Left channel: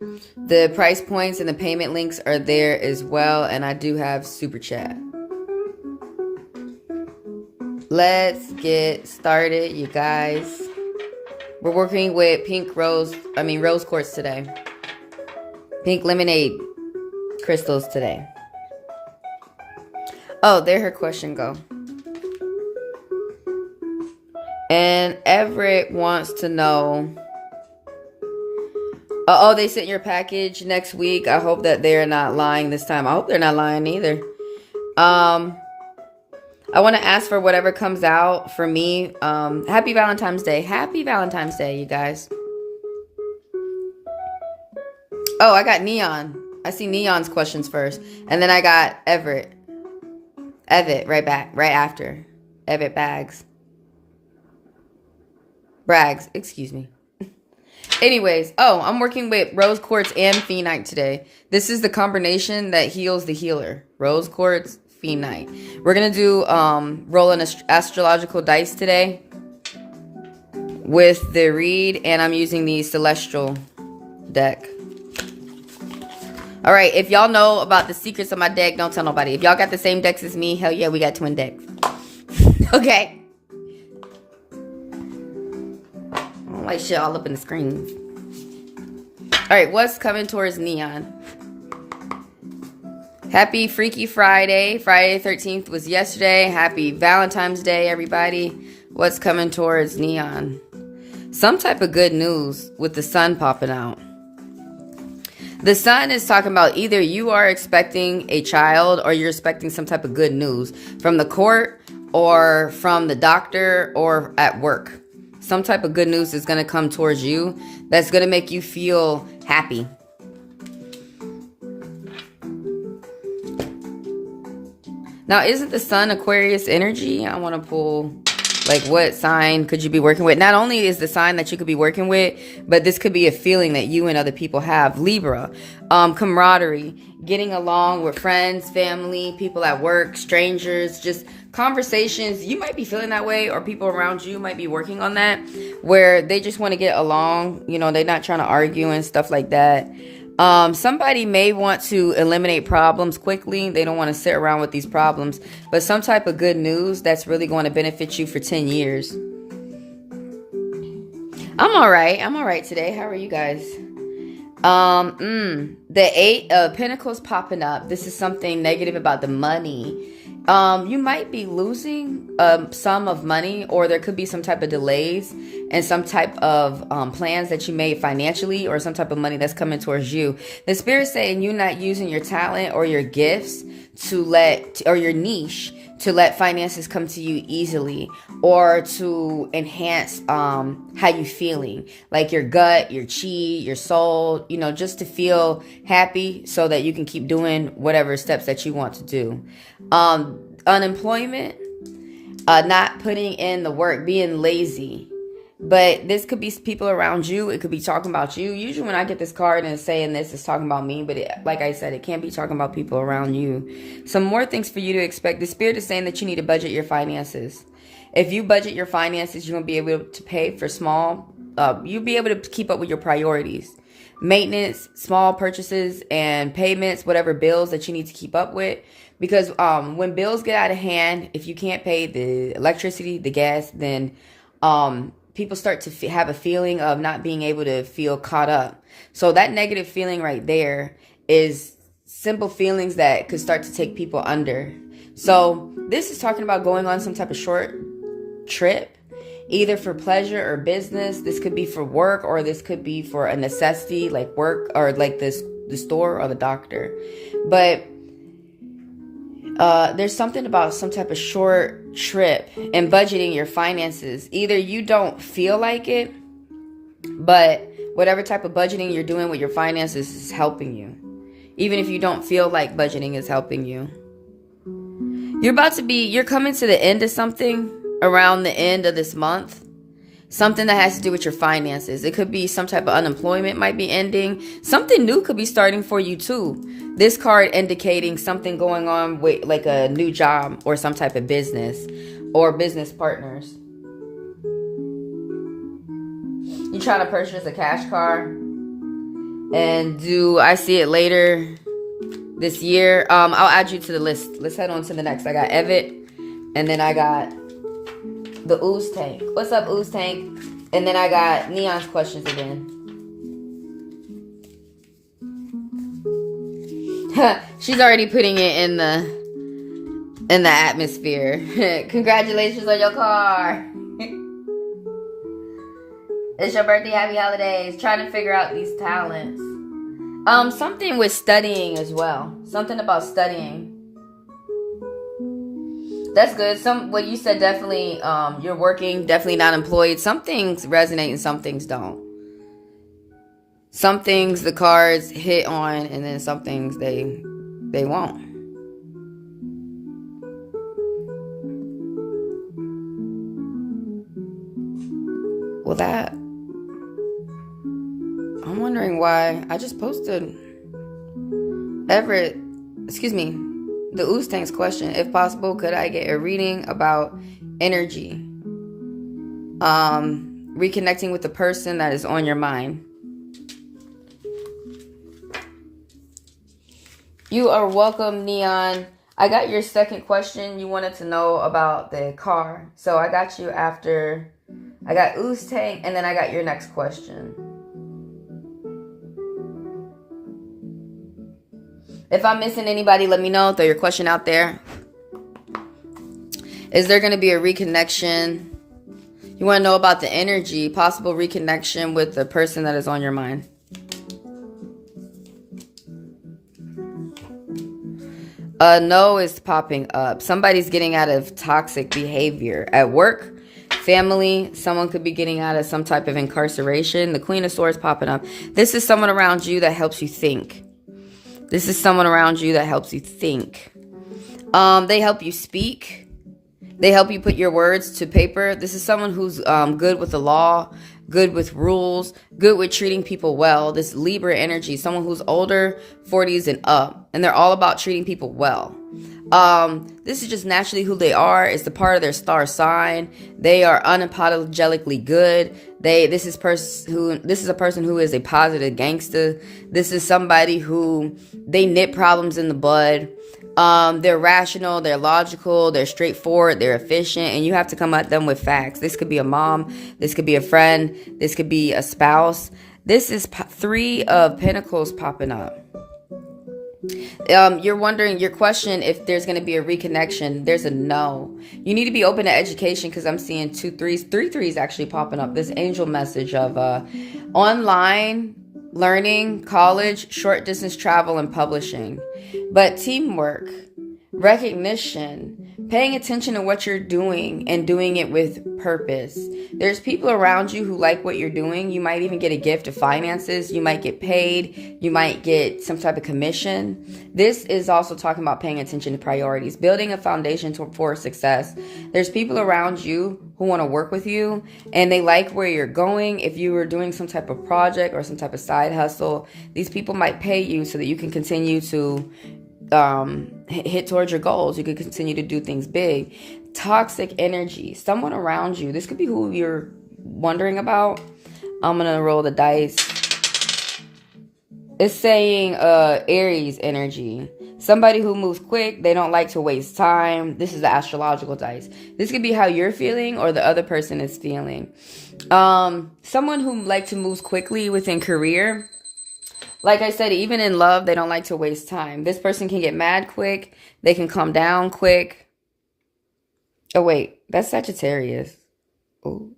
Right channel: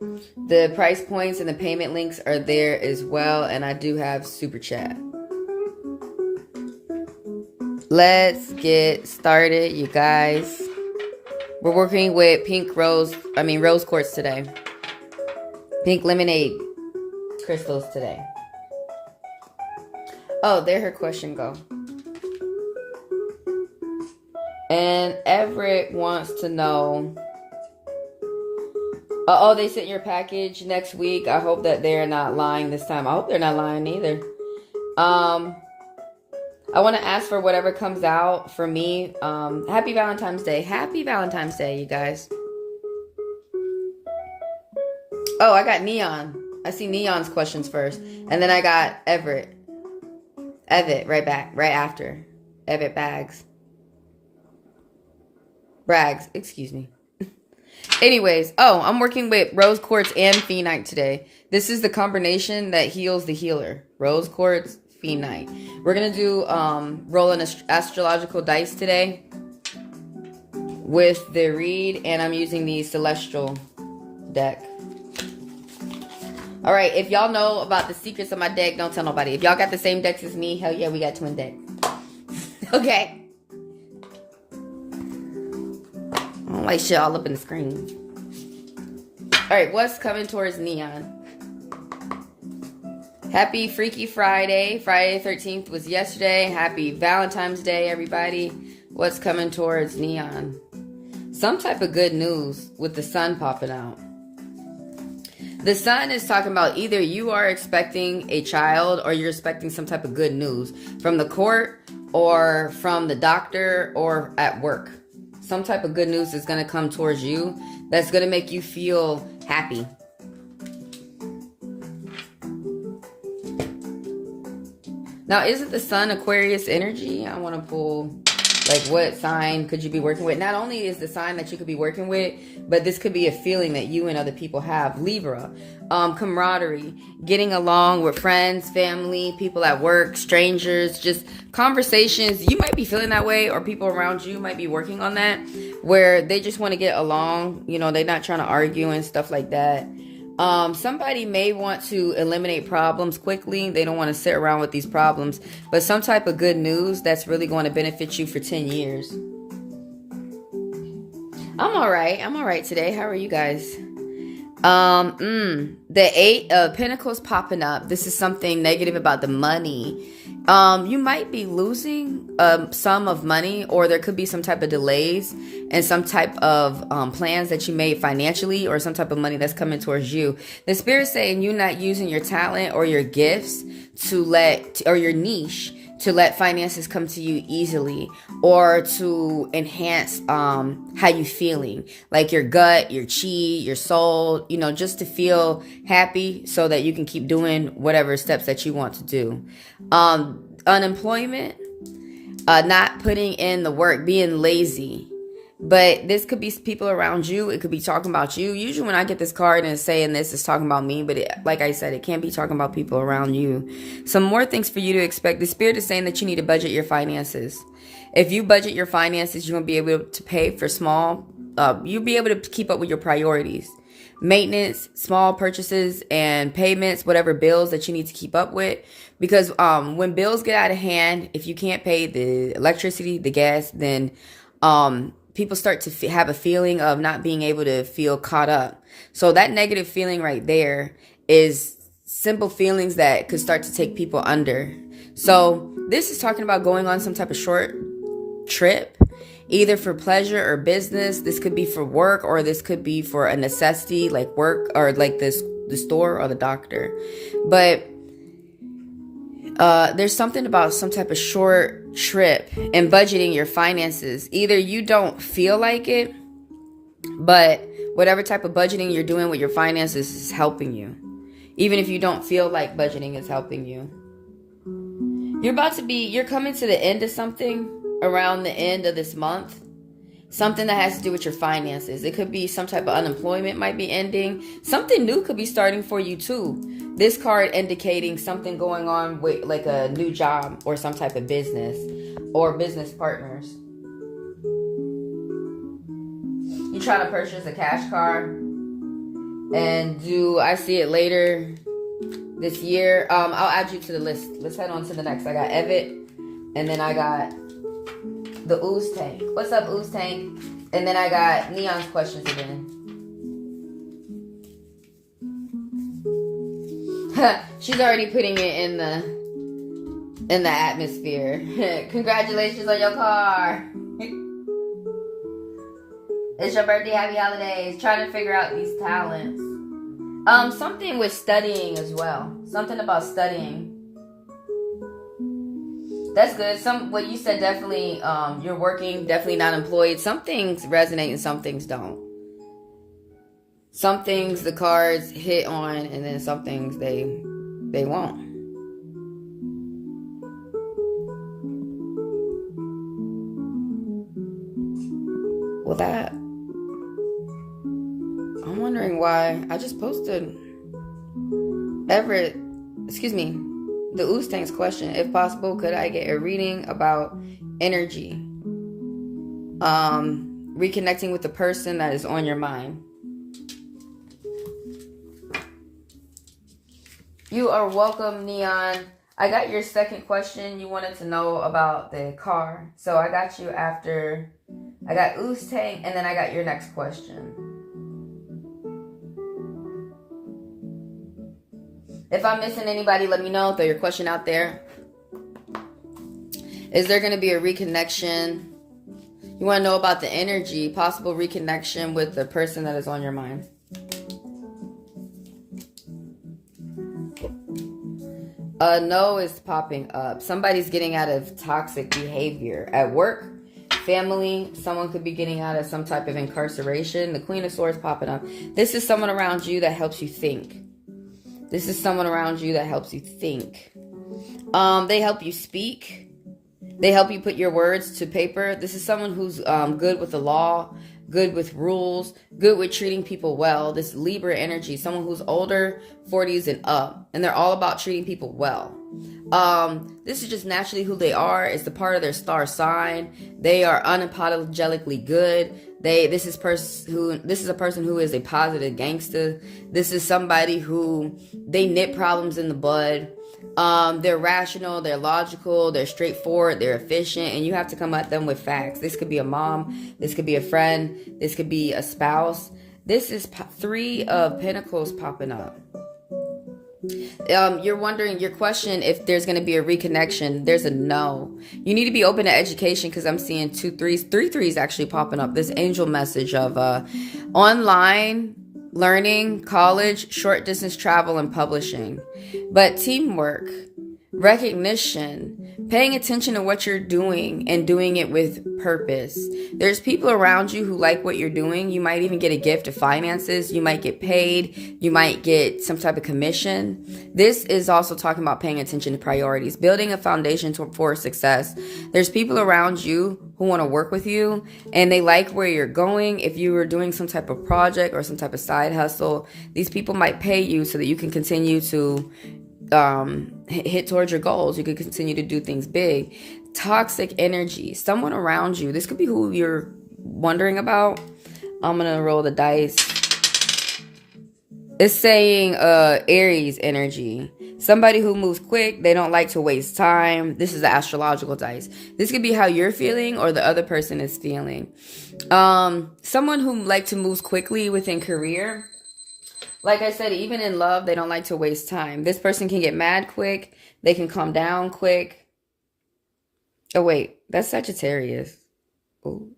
The price points and the payment links are there as well. And I do have super chat. Let's get started, you guys. We're working with rose quartz today. Pink lemonade crystals today. Oh, there her question go. And Everett wants to know. Oh, they sent your package next week. I hope that they're not lying this time. I hope they're not lying either. I want to ask for whatever comes out for me. Happy Valentine's Day. Happy Valentine's Day, you guys. Oh, I got Neon. I see Neon's questions first. And then I got Everett right after. Everett Braggs, excuse me. Anyways, I'm working with rose quartz and phenite today. This is the combination that heals the healer. Rose quartz, phenite. We're going to do rolling astrological dice today with the read, and I'm using the celestial deck. All right, if y'all know about the secrets of my deck, don't tell nobody. If y'all got the same decks as me, hell yeah, we got twin decks. Okay. I don't like shit all up in the screen. All right, what's coming towards Neon? Happy Freaky Friday. Friday the 13th was yesterday. Happy Valentine's Day, everybody. What's coming towards Neon? Some type of good news with the sun popping out. The sun is talking about either you are expecting a child or you're expecting some type of good news from the court or from the doctor or at work. Some type of good news is going to come towards you that's going to make you feel happy. Now, isn't the sun Aquarius energy? I want to pull, like, what sign could you be working with? Not only is the sign that you could be working with, but this could be a feeling that you and other people have. Libra, camaraderie, getting along with friends, family, people at work, strangers, just conversations. You might be feeling that way, or people around you might be working on that, where they just want to get along. You know, they're not trying to argue and stuff like that. Somebody may want to eliminate problems quickly. They don't want to sit around with these problems, but some type of good news that's really going to benefit you for 10 years. I'm all right today. How are you guys? The 8 of Pentacles popping up. This is something negative about the money. You might be losing sum of money, or there could be some type of delays and some type of plans that you made financially, or some type of money that's coming towards you. The Spirit's saying you're not using your talent or your gifts or your niche to let finances come to you easily, or to enhance how you feeling, like your gut, your chi, your soul, you know, just to feel happy so that you can keep doing whatever steps that you want to do. Unemployment, not putting in the work, being lazy. But this could be people around you. It could be talking about you. Usually when I get this card and it's saying this, it's talking about me. But like I said, it can't be talking about people around you. Some more things for you to expect. The Spirit is saying that you need to budget your finances. If you budget your finances, you're going to be able to pay for you'll be able to keep up with your priorities. Maintenance, small purchases, and payments, whatever bills that you need to keep up with. Because when bills get out of hand, if you can't pay the electricity, the gas, then people start to have a feeling of not being able to feel caught up. So that negative feeling right there is simple feelings that could start to take people under. So this is talking about going on some type of short trip, either for pleasure or business. This could be for work, or this could be for a necessity like work, or like the store or the doctor. But there's something about some type of short trip and budgeting your finances. Either you don't feel like it, but whatever type of budgeting you're doing with your finances is helping you. Even if you don't feel like budgeting is helping you. You're coming to the end of something around the end of this month. Something that has to do with your finances. It could be some type of unemployment might be ending. Something new could be starting for you too. This card indicating something going on with like a new job or some type of business or business partners. You trying to purchase a cash car? And do I see it later this year? I'll add you to the list. Let's head on to the next. I got Evet, and then I got the Ooze Tank. What's up, Ooze Tank? And then I got Neon's questions again. She's already putting it in the atmosphere. Congratulations on your car. It's your birthday, happy holidays. Trying to figure out these talents. Something with studying as well. Something about studying. That's good. What you said, definitely, you're working, definitely not employed. Some things resonate and some things don't. Some things the cards hit on, and then some things they won't. Well, that, I'm wondering why I just posted the Ooze Tank's question. If possible, could I get a reading about energy? Reconnecting with the person that is on your mind. You are welcome, Neon. I got your second question. You wanted to know about the car. So I got you after. I got Ooze Tank, and then I got your next question. If I'm missing anybody, let me know. Throw your question out there. Is there going to be a reconnection? You want to know about the energy, possible reconnection with the person that is on your mind. No is popping up. Somebody's getting out of toxic behavior at work, family. Someone could be getting out of some type of incarceration. The Queen of Swords popping up. This is someone around you that helps you think. This is someone around you that helps you think. They help you speak. They help you put your words to paper. This is someone who's good with the law, good with rules, good with treating people well. This Libra energy, someone who's older, 40s and up, and they're all about treating people well. This is just naturally who they are. It's the part of their star sign. They are unapologetically good. This is a person who is a positive gangster. This is somebody who they nip problems in the bud. They're rational, they're logical, they're straightforward, they're efficient, and you have to come at them with facts. This could be a mom, this could be a friend, this could be a spouse. This is Three of Pentacles popping up. You're wondering, your question, if there's going to be a reconnection. There's a no. You need to be open to education, because I'm seeing 2 3s, 3 3s actually popping up. This angel message of online learning, college, short distance travel, and publishing. But teamwork, recognition, paying attention to what you're doing and doing it with purpose. There's people around you who like what you're doing. You might even get a gift of finances. You might get paid. You might get some type of commission. This is also talking about paying attention to priorities, building a foundation for success. There's people around you who want to work with you, and they like where you're going. If you were doing some type of project or some type of side hustle, these people might pay you so that you can continue to hit towards your goals. You could continue to do things big. Toxic energy, someone around you. This could be who you're wondering about. I'm gonna roll the dice. It's saying Aries energy. Somebody who moves quick. They don't like to waste time. This is the astrological dice. This could be how you're feeling or the other person is feeling. Someone who like to move quickly within career. Like I said, even in love, they don't like to waste time. This person can get mad quick. They can calm down quick. Oh, wait. That's Sagittarius. Ooh.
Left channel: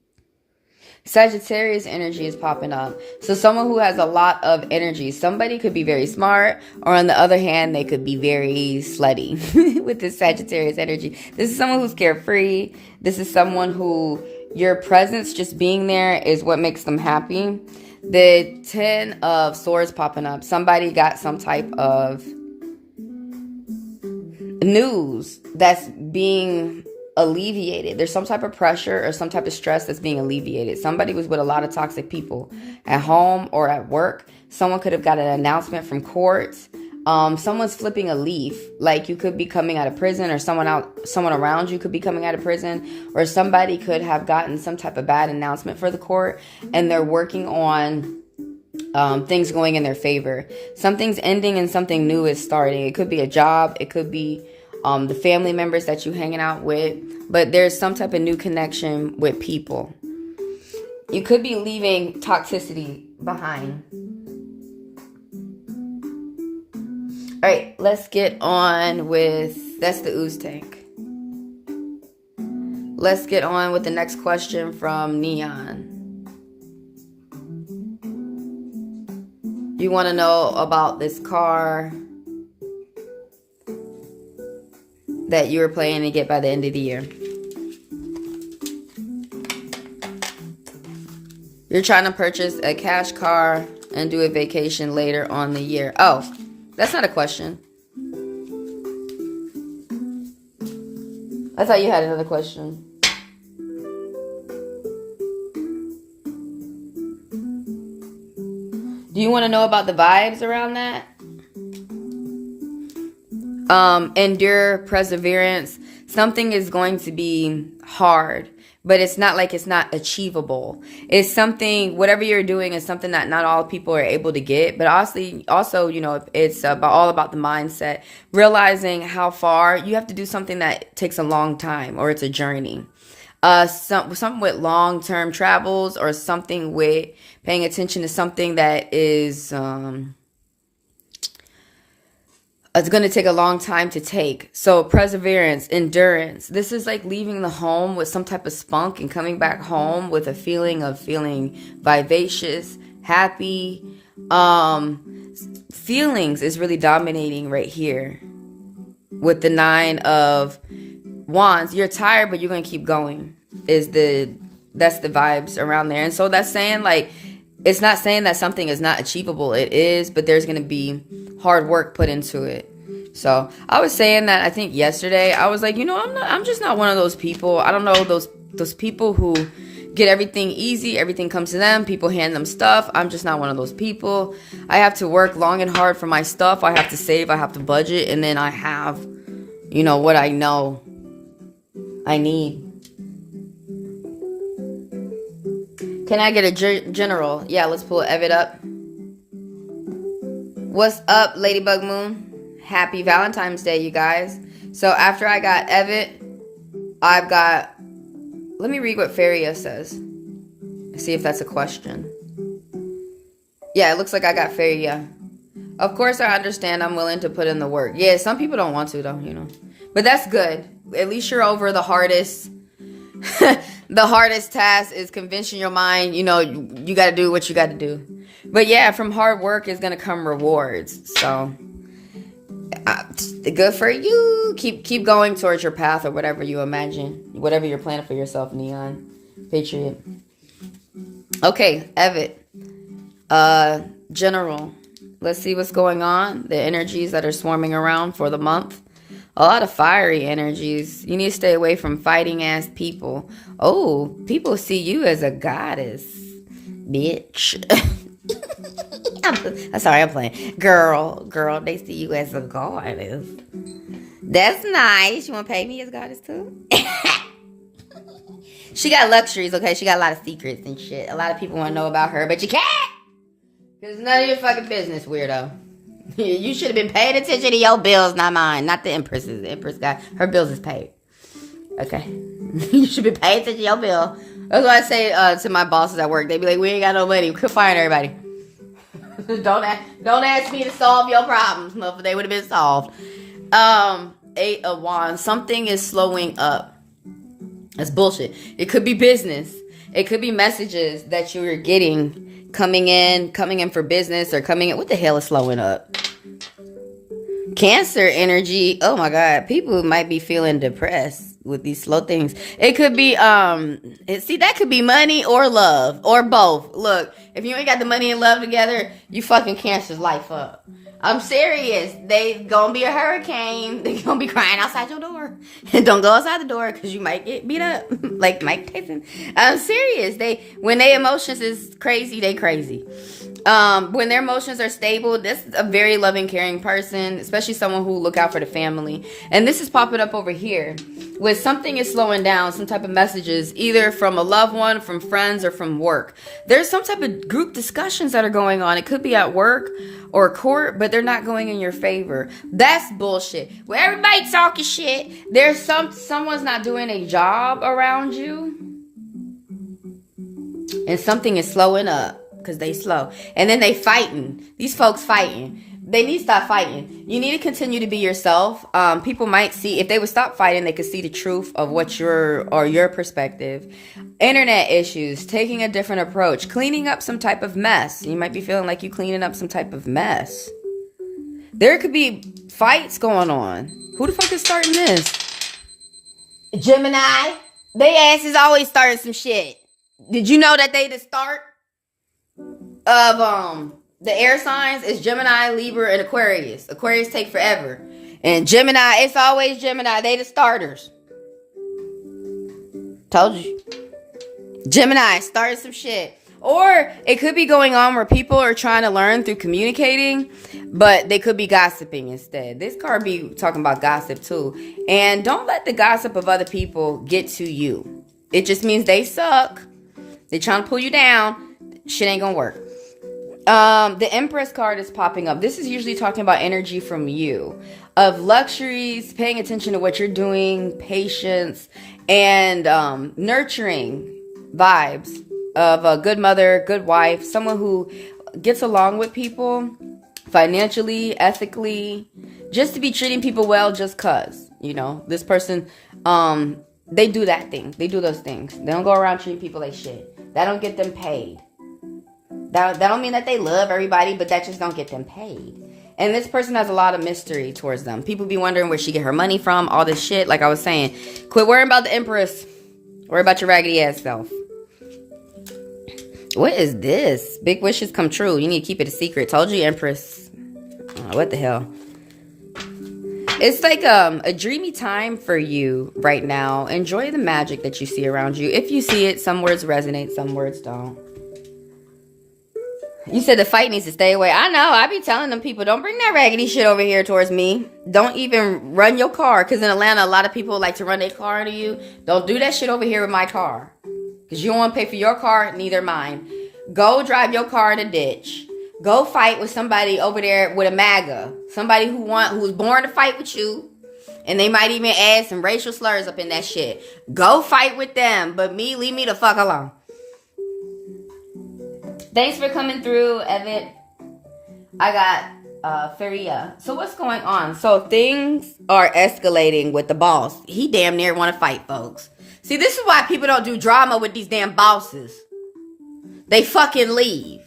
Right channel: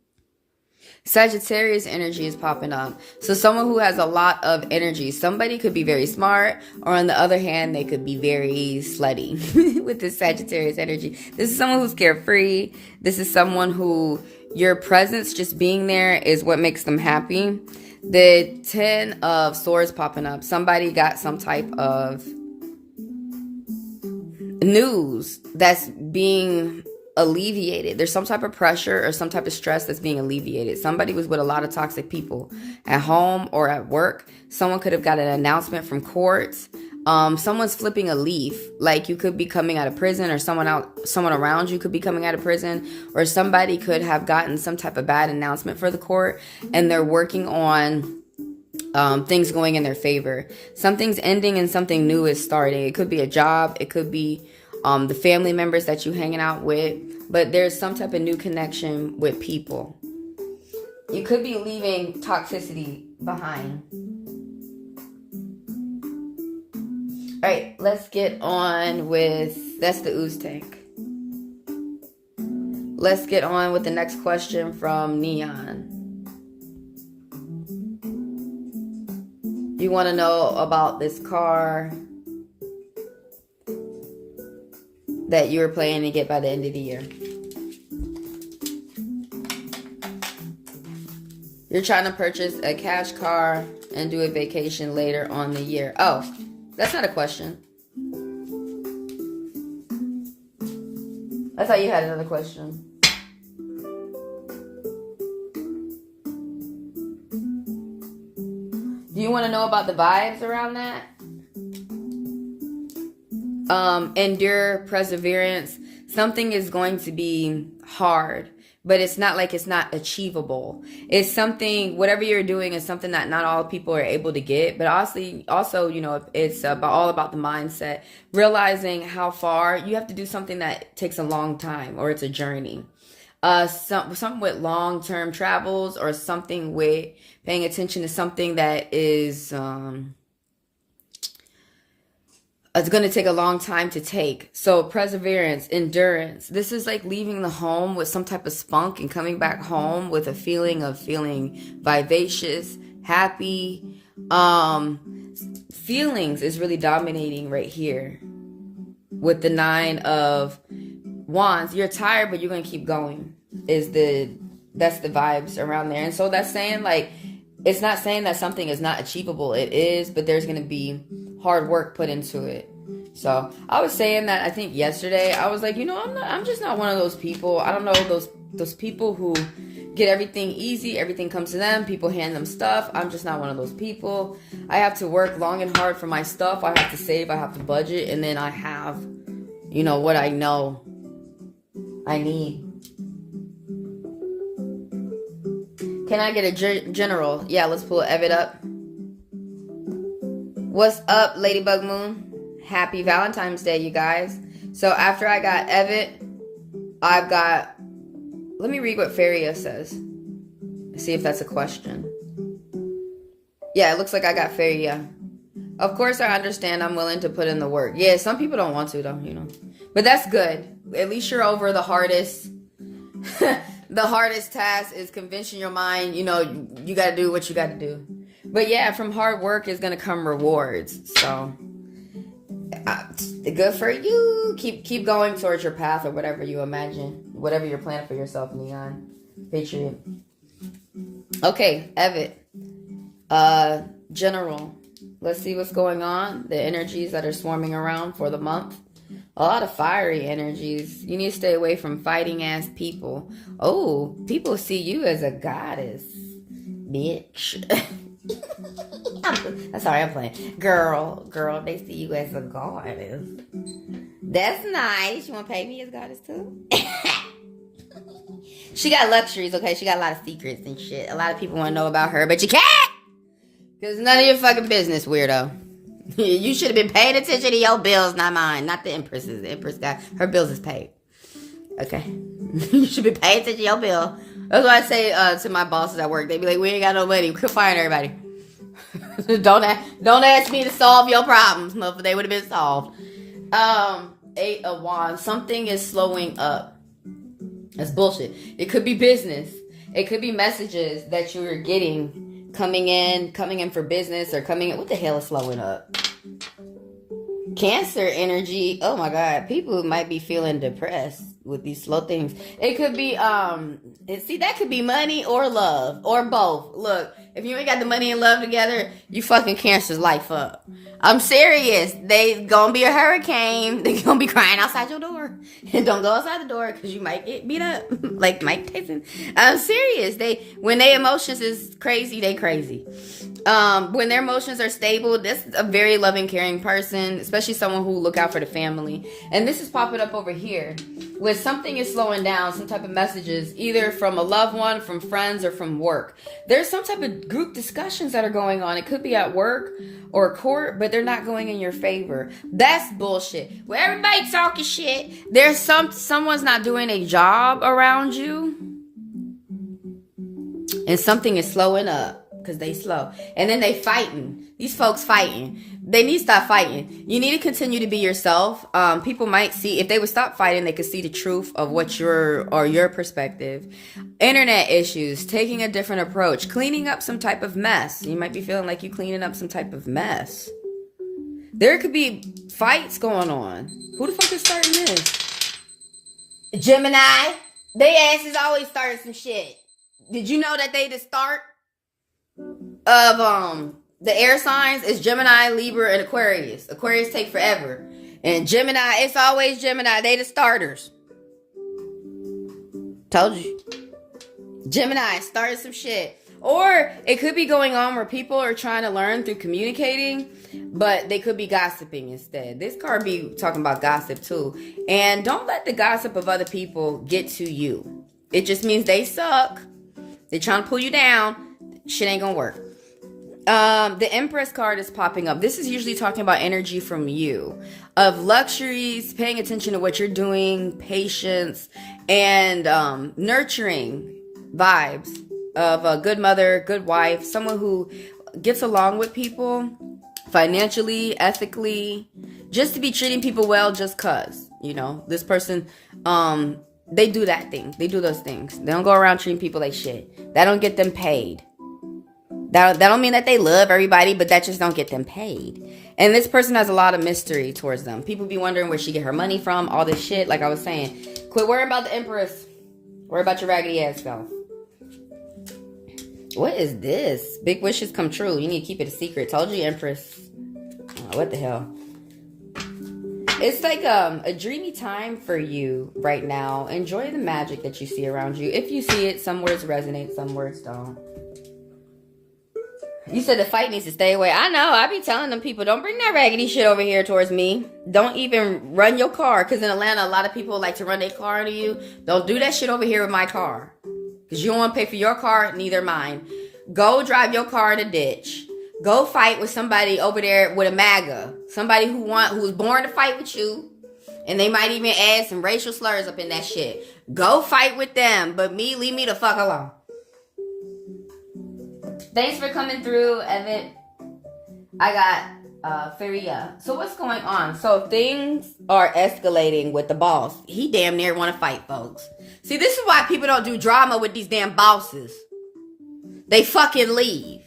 Sagittarius energy is popping up. So someone who has a lot of energy. Somebody could be very smart, or on the other hand, they could be very slutty with this Sagittarius energy. This is someone who's carefree. This is someone who your presence, just being there, is what makes them happy. The 10 of Swords popping up. Somebody got some type of news that's being alleviated. There's some type of pressure or some type of stress that's being alleviated. Somebody was with a lot of toxic people at home or at work. Someone could have got an announcement from courts. Someone's flipping a leaf. Like, you could be coming out of prison, or someone around you could be coming out of prison, or somebody could have gotten some type of bad announcement for the court, and they're working on things going in their favor. Something's ending and something new is starting. It could be a job. It could be the family members that you're hanging out with. But there's some type of new connection with people. You could be leaving toxicity behind. All right, let's get on with, that's the ooze tank. Let's get on with the next question from Neon. Do you want to know about this car that you're planning to get by the end of the year? You're trying to purchase a cash car and do a vacation later on the year. Oh, that's not a question. I thought you had another question. Do you want to know about the vibes around that? Endure, perseverance. Something is going to be hard, but it's not like it's not achievable. It's something, whatever you're doing is something that not all people are able to get. But also, you know, it's all about the mindset. Realizing how far you have to do something that takes a long time, or it's a journey. Something with long-term travels, or something with paying attention to something that is it's going to take a long time to take. So perseverance, endurance. This is like leaving the home with some type of spunk and coming back home with a feeling of feeling vivacious, happy. Feelings is really dominating right here with the 9 of Wands. You're tired, but you're going to keep going. That's the vibes around there. And so that's saying, like, it's not saying that something is not achievable. It is, but there's going to be hard work put into it. So I was saying that, I think yesterday, I was like, you know, I'm just not one of those people. I don't know those people who get everything easy. Everything comes to them. People hand them stuff. I'm just not one of those people. I have to work long and hard for my stuff. I have to save. I have to budget. And then I have, you know, what I know I need. Can I get a general? Yeah, let's pull Evet up. What's up, Ladybug Moon? Happy Valentine's Day, you guys. So after I got Evet, I've got... Let me read what Feria says. See if that's a question. Yeah, it looks like I got Feria. Of course, I understand. I'm willing to put in the work. Yeah, some people don't want to, though, you know. But that's good. At least you're over the hardest... The hardest task is convincing your mind, you know, you got to do what you got to do. But yeah, from hard work is going to come rewards. So good for you. Keep going towards your path, or whatever you imagine, whatever you're planning for yourself, Neon Patriot. Okay, Evet. General. Let's see what's going on. The energies that are swarming around for the month. A lot of fiery energies. You need to stay away from fighting ass people. Oh, people see you as a goddess, bitch. I'm sorry, I'm playing. Girl, they see you as a goddess. That's nice. You want to pay me as goddess too? She got luxuries, okay? She got a lot of secrets and shit. A lot of people want to know about her, but you can't! Because it's none of your fucking business, weirdo. You should have been paying attention to your bills, not mine. Not the Empress's. The Empress got her bills is paid. Okay. You should be paying attention to your bill. That's what I say to my bosses at work. They be like, we ain't got no money. We could fire everybody. Don't ask me to solve your problems. No, they would have been solved. 8 of Wands. Something is slowing up. That's bullshit. It could be business. It could be messages that you are getting coming in for business, or coming in. What the hell is slowing up? Cancer energy. Oh my God. People might be feeling depressed with these slow things. It could be, see, that could be money or love or both. Look, if you ain't got the money and love together, you fucking Cancer's life up. I'm serious. They gonna be a hurricane. They gonna be crying outside your door. And don't go outside the door, because you might get beat up. Like Mike Tyson. I'm serious. When they emotions is crazy, they crazy. When their emotions are stable, this is a very loving, caring person, especially someone who look out for the family. And this is popping up over here with something is slowing down, some type of messages, either from a loved one, from friends, or from work. There's some type of group discussions that are going on. It could be at work or court, but they're not going in your favor. That's bullshit. Well, everybody talking shit. There's someone's not doing a job around you, and something is slowing up. Because they slow. And then they fighting. These folks fighting. They need to stop fighting. You need to continue to be yourself. People might see, if they would stop fighting, they could see the truth of what your perspective. Internet issues, taking a different approach, cleaning up some type of mess. You might be feeling like you're cleaning up some type of mess. There could be fights going on. Who the fuck is starting this? Gemini. They asses always starting some shit. Did you know that they the start of the air signs is Gemini, Libra, and Aquarius. Aquarius take forever. And Gemini, it's always Gemini. They the starters. Told you. Gemini started some shit. Or it could be going on where people are trying to learn through communicating, but they could be gossiping instead. This card be talking about gossip too. And don't let the gossip of other people get to you. It just means they suck. They trying to pull you down. Shit ain't gonna work. The Empress card is popping up. This is usually talking about energy from you. Of luxuries, paying attention to what you're doing, patience, and nurturing vibes of a good mother, good wife, someone who gets along with people financially, ethically, just to be treating people well just cause, you know, this person, they do that thing. They do those things. They don't go around treating people like shit. That don't get them paid. That don't mean that they love everybody, but that just don't get them paid. And this person has a lot of mystery towards them. People be wondering where she get her money from, all this shit. Like I was saying, quit worrying about the Empress. Worry about your raggedy ass self. What is this? Big wishes come true. You need to keep it a secret. Told you, Empress. Oh, what the hell? It's like a dreamy time for you right now. Enjoy the magic that you see around you. If you see it, some words resonate, some words don't. You said the fight needs to stay away. I know. I be telling them people, don't bring that raggedy shit over here towards me. Don't even run your car. Because in Atlanta, a lot of people like to run their car into you. Don't do that shit over here with my car. Because you don't want to pay for your car, neither mine. Go drive your car in a ditch. Go fight with somebody over there with a MAGA. Somebody who was born to fight with you. And they might even add some racial slurs up in that shit. Go fight with them. But me, leave me the fuck alone. Thanks for coming through, Evan. I got Feria. So what's going on? So things are escalating with the boss. He damn near want to fight, folks. See, this is why people don't do drama with these damn bosses. They fucking leave.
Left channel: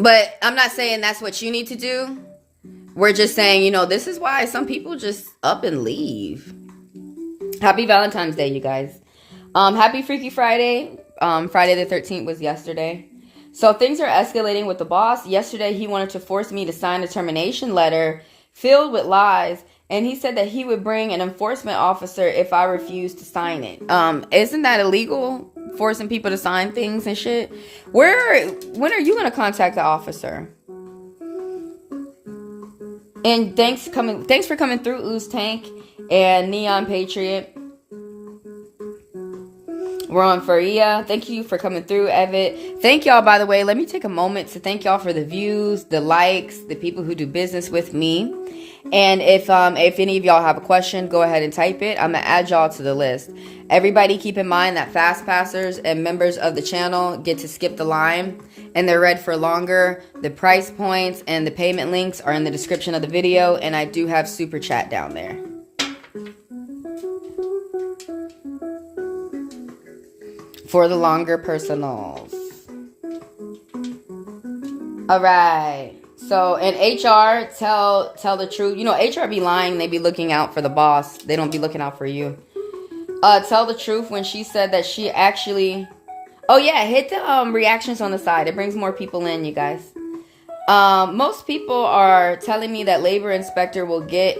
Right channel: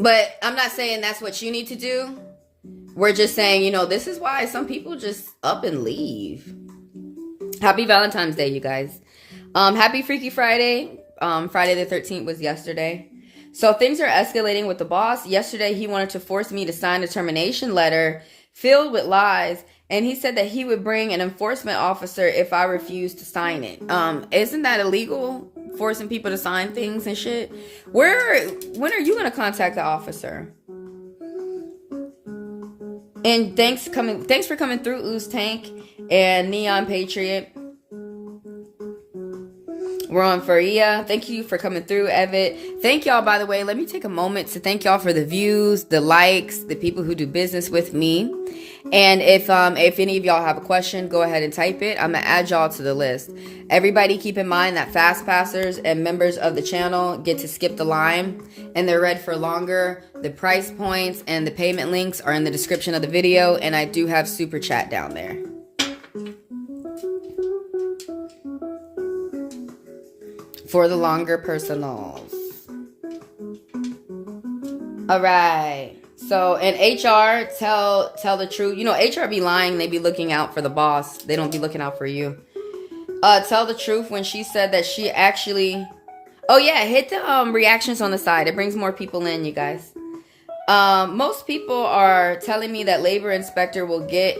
But I'm not saying that's what you need to do. We're just saying, you know, this is why some people just up and leave. Happy Valentine's Day, you guys. Happy Freaky Friday. Friday the 13th was yesterday. So things are escalating with the boss. Yesterday, he wanted to force me to sign a termination letter filled with lies. And he said that he would bring an enforcement officer if I refused to sign it. Isn't that illegal? Forcing people to sign things and shit? When are you going to contact the officer? And thanks for coming through, Ooze Tank and Neon Patriot. We're on Faria. Thank you for coming through, Evid. Thank y'all, by the way. Let me take a moment to thank y'all for the views, the likes, the people who do business with me. And if any of y'all have a question, go ahead and type it. I'm going to add y'all to the list. Everybody keep in mind that fast passers and members of the channel get to skip the line and they're read for longer. The price points and the payment links are in the description of the video. And I do have super chat down there. For the longer personals. All right. So, in HR, tell the truth. You know, HR be lying. They be looking out for the boss. They don't be looking out for you. Tell the truth when she said that she actually... Oh, yeah. Hit the reactions on the side. It brings more people in, you guys. Most people are telling me that labor inspector will get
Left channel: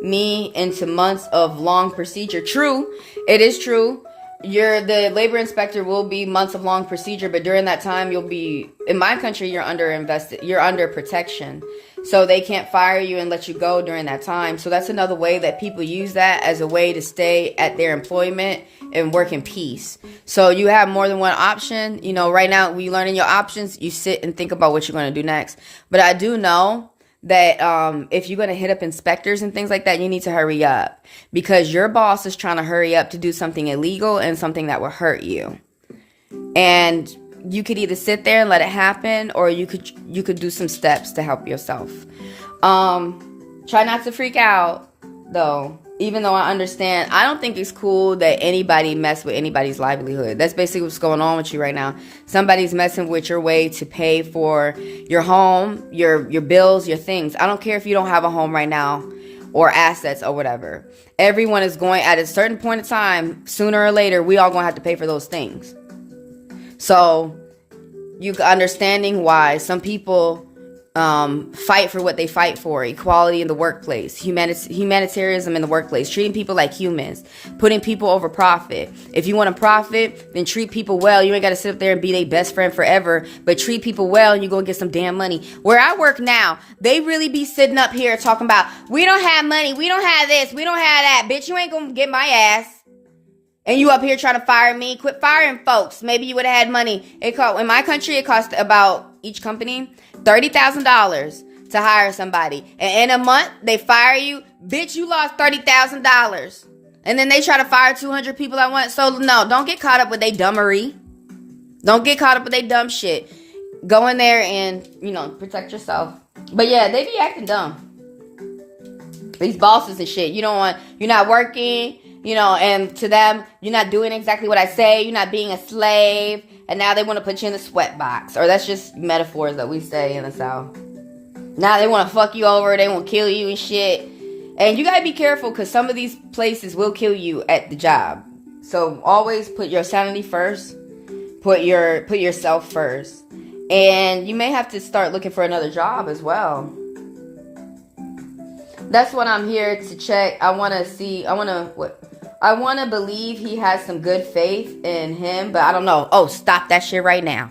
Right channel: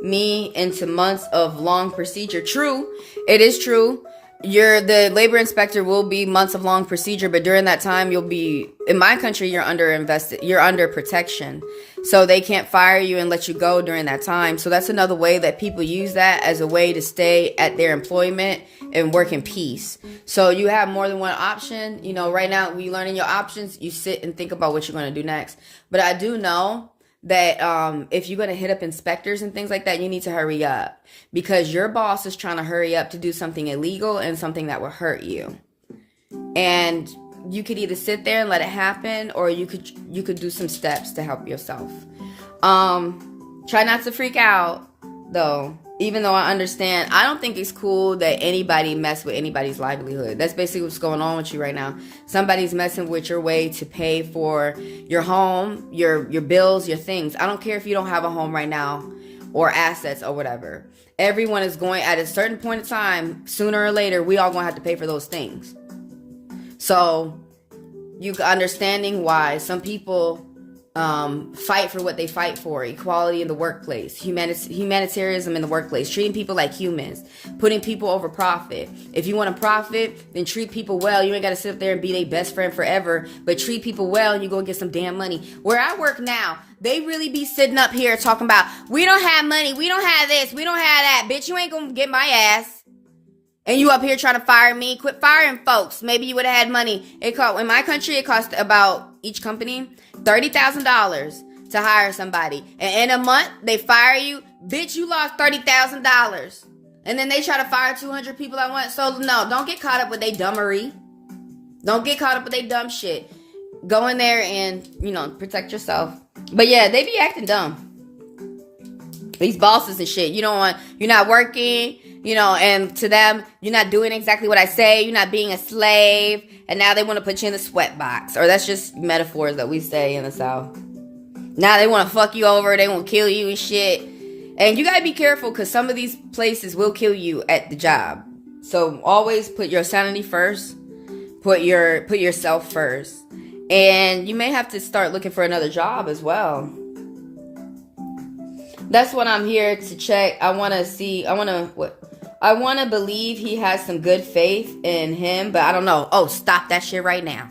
me into months of long procedure. True. It is true. the labor inspector will be months of long procedure, but during that time you'll be, in my country, you're under protection. So they can't fire you and let you go during that time. So that's another way that people use that as a way to stay at their employment and work in peace. So you have more than one option. You know, right now, when you're learning your options, you sit and think about what you're going to do next. But I do know that if you're going to hit up inspectors and things like that, you need to hurry up. Because your boss is trying to hurry up to do something illegal and something that will hurt you. And you could either sit there and let it happen, or you could do some steps to help yourself. Try not to freak out, though. Even though I understand, I don't think it's cool that anybody mess with anybody's livelihood. That's basically what's going on with you right now. Somebody's messing with your way to pay for your home, your bills, your things. I don't care if you don't have a home right now or assets or whatever. Everyone is going, at a certain point in time, sooner or later, we all going to have to pay for those things. So, you understanding why some people fight for what they fight for: equality in the workplace, humanitarianism in the workplace, treating people like humans, putting people over profit. If you want to profit, then treat people well. You ain't got to sit up there and be their best friend forever, but treat people well and you go and get some damn money. Where I work now, they really be sitting up here talking about, we don't have money, we don't have this, we don't have that. Bitch, you ain't gonna get my ass. And you up here trying to fire me? Quit firing folks. Maybe you would have had money. In my country, it cost about, each company, $30,000 to hire somebody. And in a month, they fire you. Bitch, you lost $30,000. And then they try to fire 200 people at once. So, no, don't get caught up with their dumbery. Don't get caught up with their dumb shit. Go in there and, protect yourself. But yeah, they be acting dumb. These bosses and shit. You're not working. And to them, you're not doing exactly what I say. You're not being a slave. And now they want to put you in the sweat box. Or that's just metaphors that we say in the South. Now they want to fuck you over. They want to kill you and shit. And you got to be careful, because some of these places will kill you at the job. So always put your sanity first. Put yourself first. And you may have to start looking for another job as well. That's what I'm here to check. I want to believe he has some good faith in him, but I don't know. Oh, stop that shit right now.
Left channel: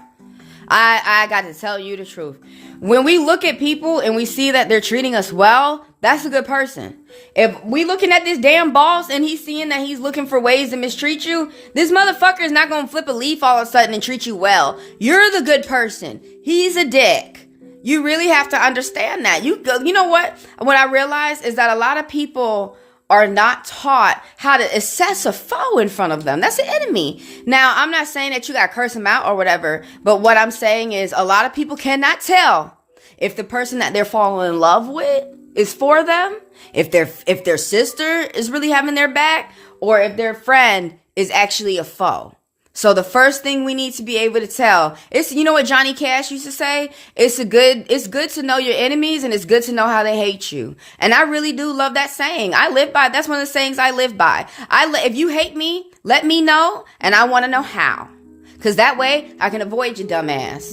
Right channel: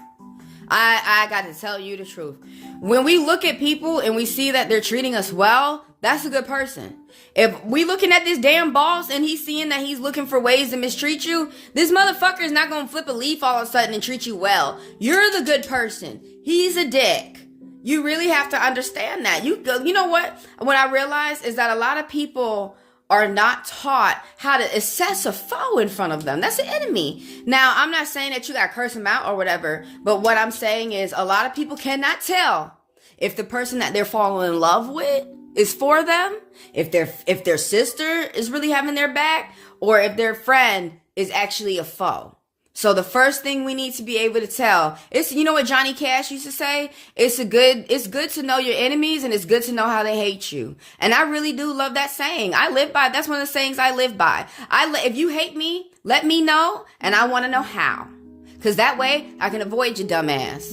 I got to tell you the truth. When we look at people and we see that they're treating us well, that's a good person. If we looking at this damn boss and he's seeing that he's looking for ways to mistreat you, this motherfucker is not going to flip a leaf all of a sudden and treat you well. You're the good person. He's a dick. You really have to understand that. You know what? What I realize is that a lot of people are not taught how to assess a foe in front of them. That's an enemy. Now, I'm not saying that you got to curse them out or whatever, but what I'm saying is a lot of people cannot tell if the person that they're falling in love with is for them, if their sister is really having their back, or if their friend is actually a foe. So the first thing we need to be able to tell is, you know what Johnny Cash used to say? It's good to know your enemies, and it's good to know how they hate you. And I really do love that saying. I live by, that's one of the sayings I live by. If you hate me, let me know, and I want to know how. Because that way I can avoid your dumb ass.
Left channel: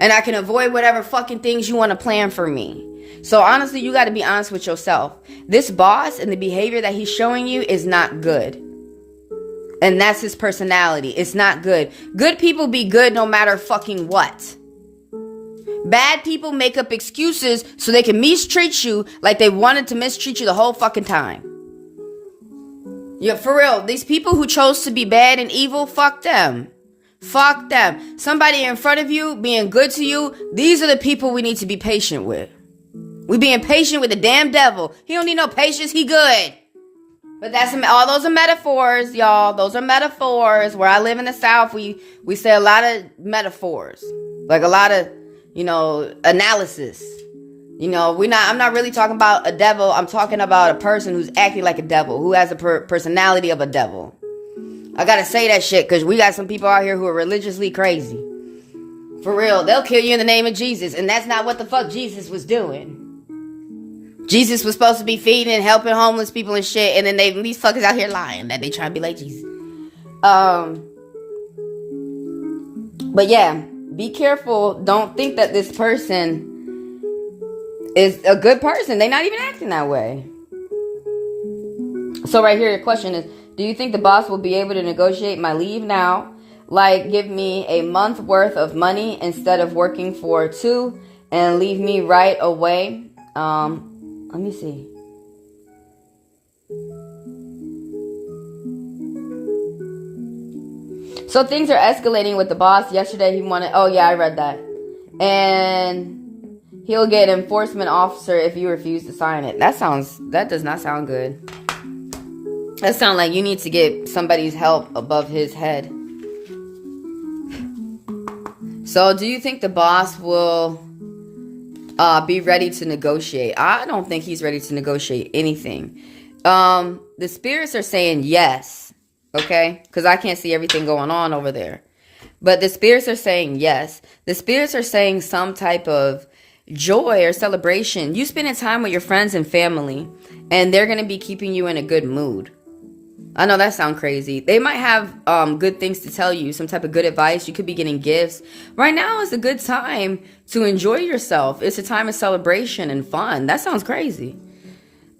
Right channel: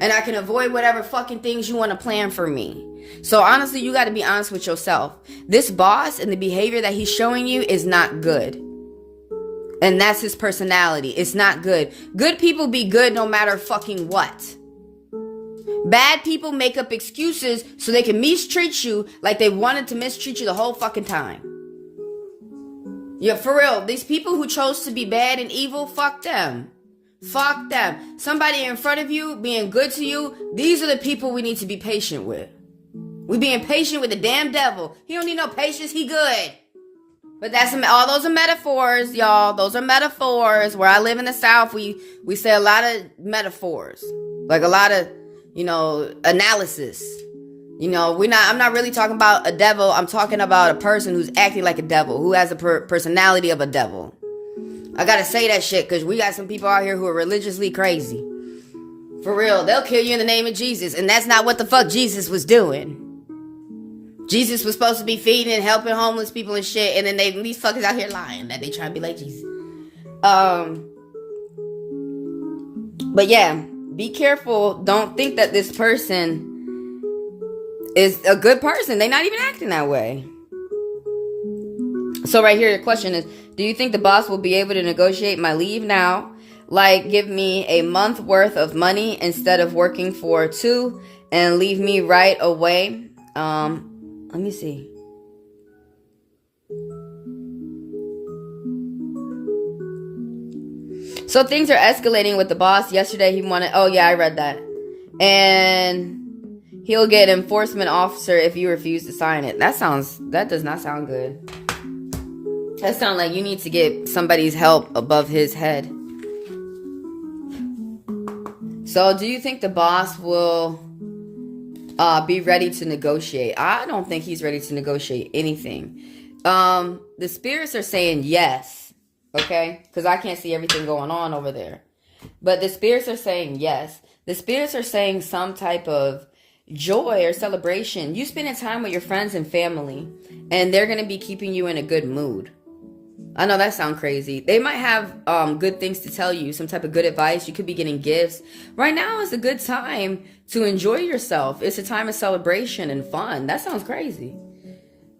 And I can avoid whatever fucking things you want to plan for me. So honestly, you got to be honest with yourself. This boss and the behavior that he's showing you is not good. And that's his personality. It's not good. Good people be good no matter fucking what. Bad people make up excuses so they can mistreat you like they wanted to mistreat you the whole fucking time. Yeah, for real. These people who chose to be bad and evil, fuck them. Fuck them. Somebody in front of you being good to you, these are the people we need to be patient with. We being patient with the damn devil. He don't need no patience. He good. But all those are metaphors, y'all. Those are metaphors. Where I live in the South, we say a lot of metaphors. Like a lot of, analysis. I'm not really talking about a devil. I'm talking about a person who's acting like a devil, who has a personality of a devil. I gotta say that shit, because we got some people out here who are religiously crazy. For real. They'll kill you in the name of Jesus. And that's not what the fuck Jesus was doing. Jesus was supposed to be feeding and helping homeless people and shit, and then these fuckers out here lying that they try to be like Jesus. But yeah, be careful. Don't think that this person is a good person. They're not even acting that way. So right here, your question is, do you think the boss will be able to negotiate my leave now? Like, give me a month worth of money instead of working for 2 and leave me right away? Let me see. So things are escalating with the boss. Yesterday he wanted, oh yeah, I read that. And he'll get an enforcement officer if you refuse to sign it. That does not sound good. That sounds like you need to get somebody's help above his head. So do you think the boss will be ready to negotiate? I don't think he's ready to negotiate anything. The spirits are saying yes. Okay, because I can't see everything going on over there. But the spirits are saying yes. The spirits are saying some type of joy or celebration. You spending time with your friends and family, and they're going to be keeping you in a good mood. I know that sounds crazy. They might have good things to tell you, some type of good advice. You could be getting gifts. Right now is a good time to enjoy yourself. It's a time of celebration and fun. That sounds crazy.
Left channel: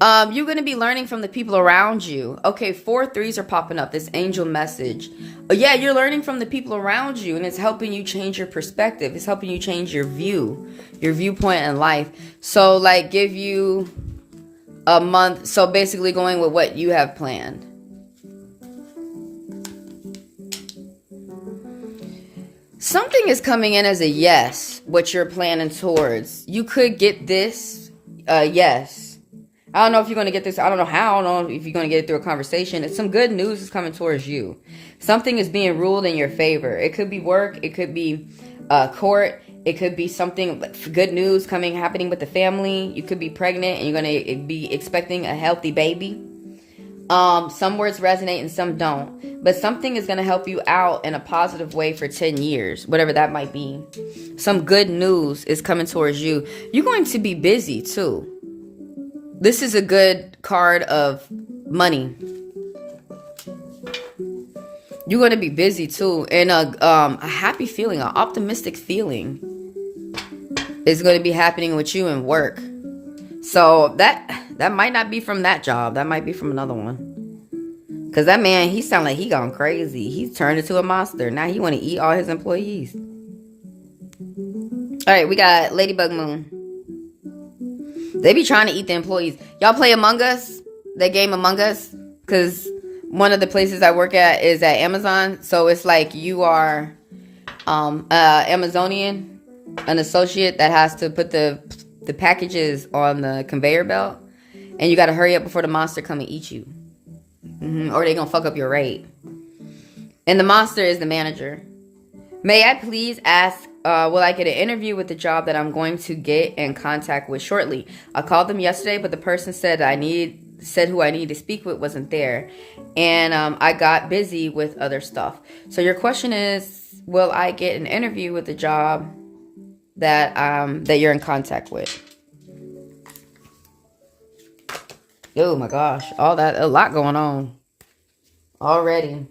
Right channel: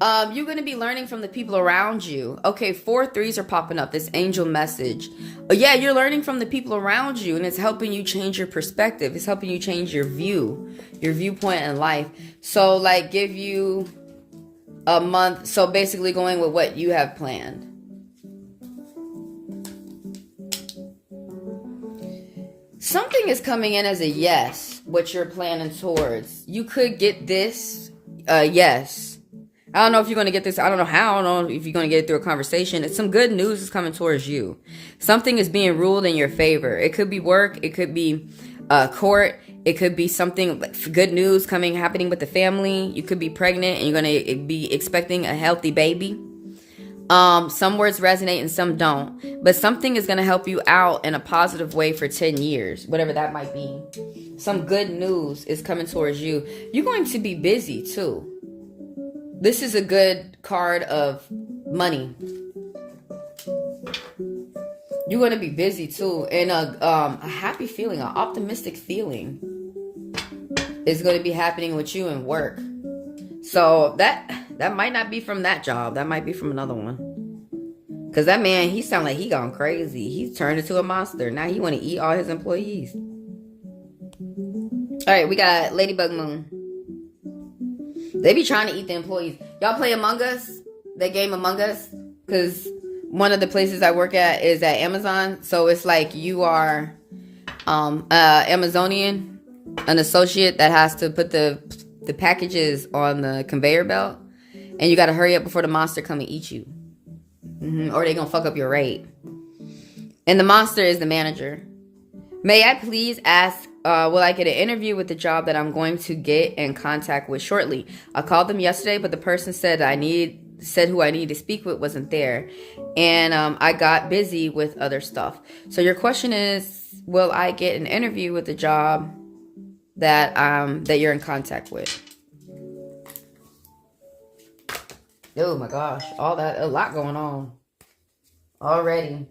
You're going to be learning from the people around you. Okay, 4 3s are popping up. This angel message. Yeah, you're learning from the people around you, and it's helping you change your perspective. It's helping you change your viewpoint in life. So, like, give you a month. So, basically going with what you have planned. Something is coming in as a yes, what you're planning towards. You could get this, yes. I don't know if you're going to get this. I don't know how. I don't know if you're going to get it through a conversation. It's some good news is coming towards you. Something is being ruled in your favor. It could be work. It could be court. It could be something, good news happening with the family. You could be pregnant and you're going to be expecting a healthy baby. Some words resonate and some don't. But something is going to help you out in a positive way for 10 years. Whatever that might be. Some good news is coming towards you. You're going to be busy too. This is a good card of money. You're going to be busy too. And a happy feeling, an optimistic feeling is going to be happening with you in work. So that might not be from that job. That might be from another one. Because that man, he sound like he gone crazy. He's turned into a monster. Now he want to eat all his employees. All right, we got Ladybug Moon. They be trying to eat the employees. Y'all play Among Us? That game Among Us? Because one of the places I work at is at Amazon. So it's like you are Amazonian, an associate that has to put the packages on the conveyor belt. And you got to hurry up before the monster come and eat you. Or they going to fuck up your rate. And the monster is the manager. May I please ask, will I get an interview with the job that I'm going to get in contact with shortly? I called them yesterday, but the person said who I need to speak with wasn't there. And I got busy with other stuff. So your question is, will I get an interview with the job that you're in contact with? Oh my gosh, a lot going on already.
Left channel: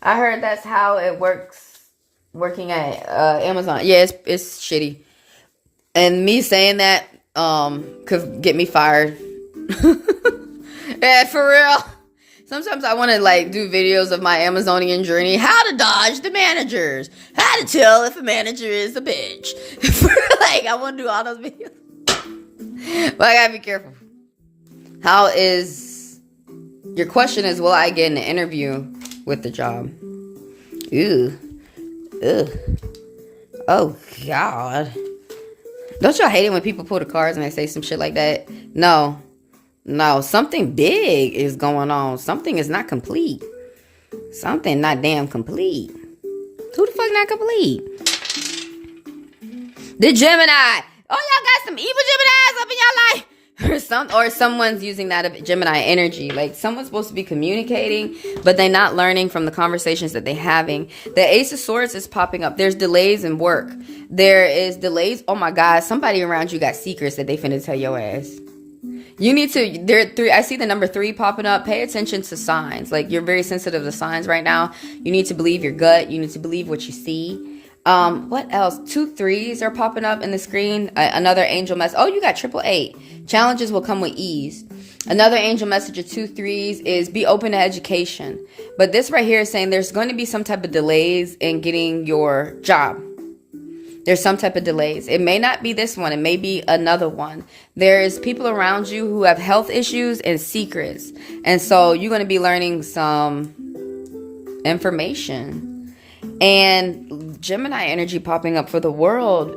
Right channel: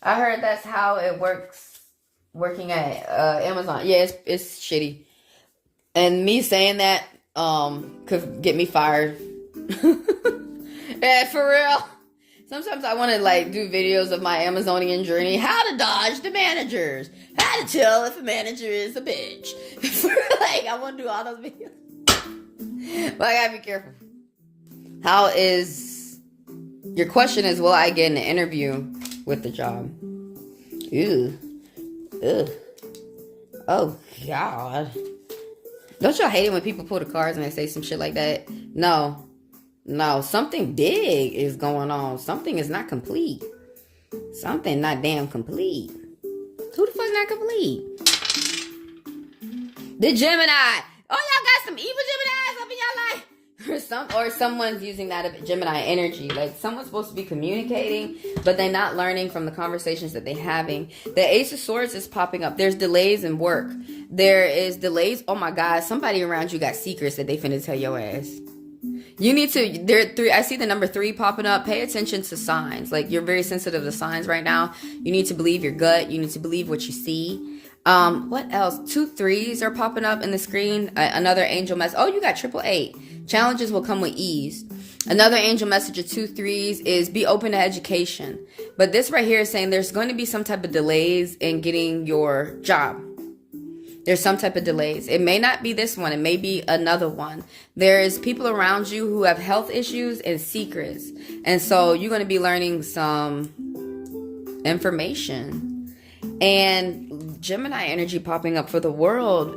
I heard that's how it works working at Amazon. Yeah, it's shitty. And me saying that could get me fired. Yeah, for real. Sometimes I want to like do videos of my Amazonian journey. How to dodge the managers. How to tell if a manager is a bitch. Like, I want to do all those videos. But I gotta be careful. Your question is, will I get an interview with the job? Ew. Oh, God. Don't y'all hate it when people pull the cards and they say some shit like that? No. Something big is going on. Something is not complete. Something not damn complete. Who the fuck not complete? The Gemini. Oh, y'all got some evil Geminis up in your life. Or someone's using that Gemini energy. Like, someone's supposed to be communicating, but they're not learning from the conversations that they're having. The Ace of Swords is popping up. There's delays in work. There is delays. Oh my God, somebody around you got secrets that they finna tell your ass. You need to, I see the number 3 popping up. Pay attention to signs. Like, you're very sensitive to signs right now. You need to believe your gut. You need to believe what you see. What else? 2 3s are popping up in the screen. Another angel mess. Oh, you got 888. Challenges will come with ease. Another angel message of 2 3s is be open to education. But this right here is saying there's going to be some type of delays in getting your job. There's some type of delays. It may not be this one. It may be another one. There is people around you who have health issues and secrets. And so you're going to be learning some information. And Gemini energy popping up for the world.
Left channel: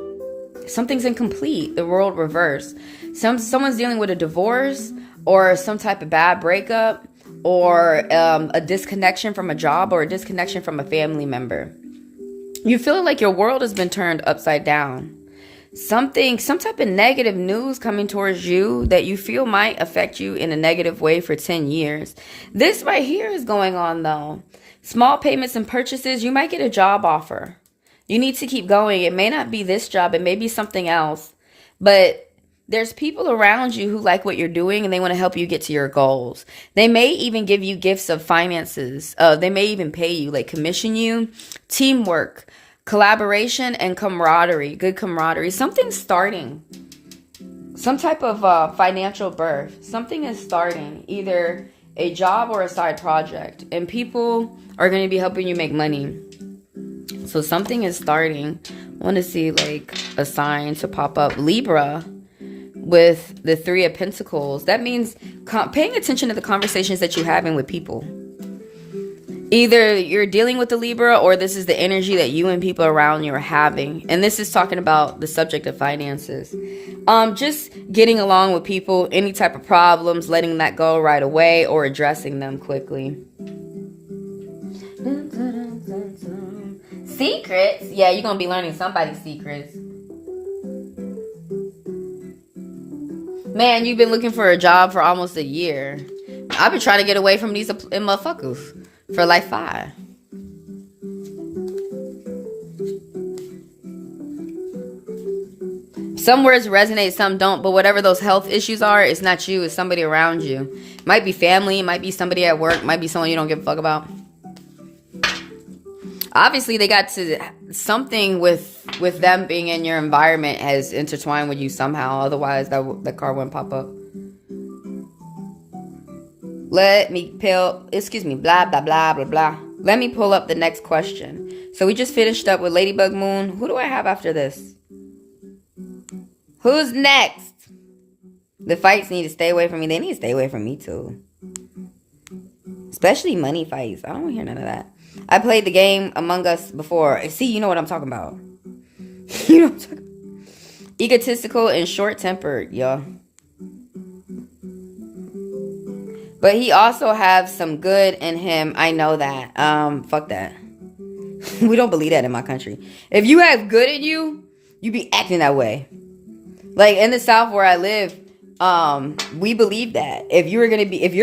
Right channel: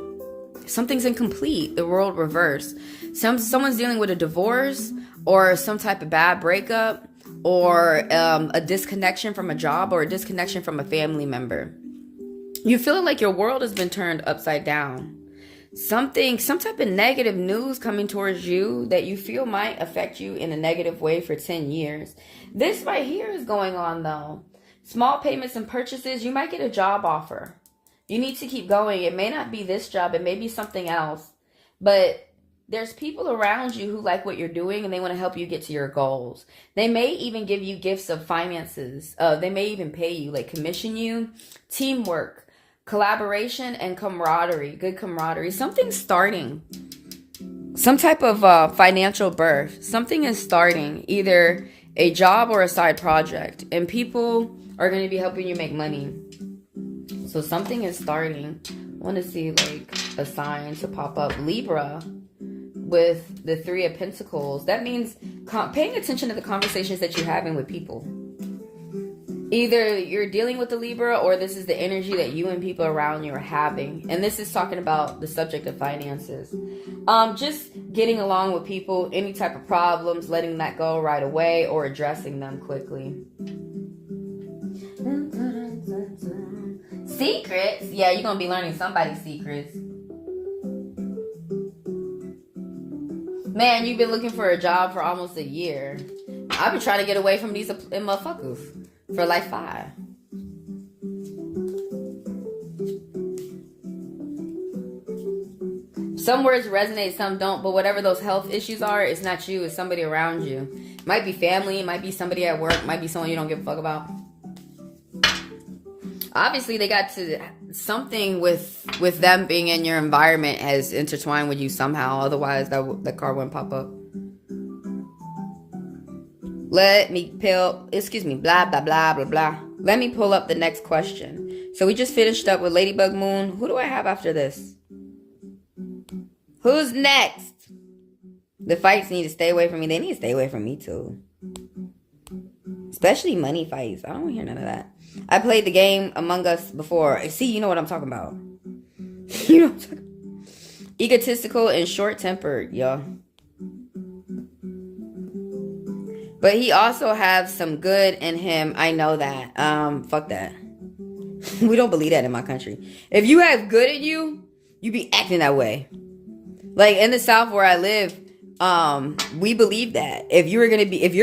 Something's incomplete. The world reversed. Someone's dealing with a divorce or some type of bad breakup or a disconnection from a job or a disconnection from a family member. You feel like your world has been turned upside down. Some type of negative news coming towards you that you feel might affect you in a negative way for 10 years. This right here is going on though. Small payments and purchases. You might get a job offer. You need to keep going. It may not be this job. It may be something else. But there's people around you who like what you're doing and they want to help you get to your goals. They may even give you gifts of finances. They may even pay you, like commission you. Teamwork. Collaboration and camaraderie, good camaraderie. Something's starting. Some type of financial birth. Something is starting, either a job or a side project. And people are going to be helping you make money. So something is starting. I want to see like a sign to pop up. Libra with the 3 of Pentacles. That means paying attention to the conversations that you're having with people. Either you're dealing with the Libra or this is the energy that you and people around you are having. And this is talking about the subject of finances. Just getting along with people, any type of problems, letting that go right away or addressing them quickly. Secrets? Yeah, you're going to be learning somebody's secrets. Man, you've been looking for a job for almost a year. I've been trying to get away from these motherfuckers. For like 5. Some words resonate, some don't. But whatever those health issues are, it's not you. It's somebody around you. It might be family. It might be somebody at work. It might be someone you don't give a fuck about. Obviously, they got to something with them being in your environment has intertwined with you somehow. Otherwise, that card wouldn't pop up. Blah, blah, blah, blah, blah. Let me pull up the next question. So we just finished up with Ladybug Moon. Who do I have after this? Who's next? The fights need to stay away from me. They need to stay away from me too. Especially money fights. I don't want to hear none of that. I played the game Among Us before. See, you know what I'm talking about. You know what I'm talking about. Egotistical and short-tempered, y'all. But he also has some good in him. I know that. Fuck that. We don't believe that in my country. If you have good in you, you be acting that way. Like in the South where I live, we believe that. If you're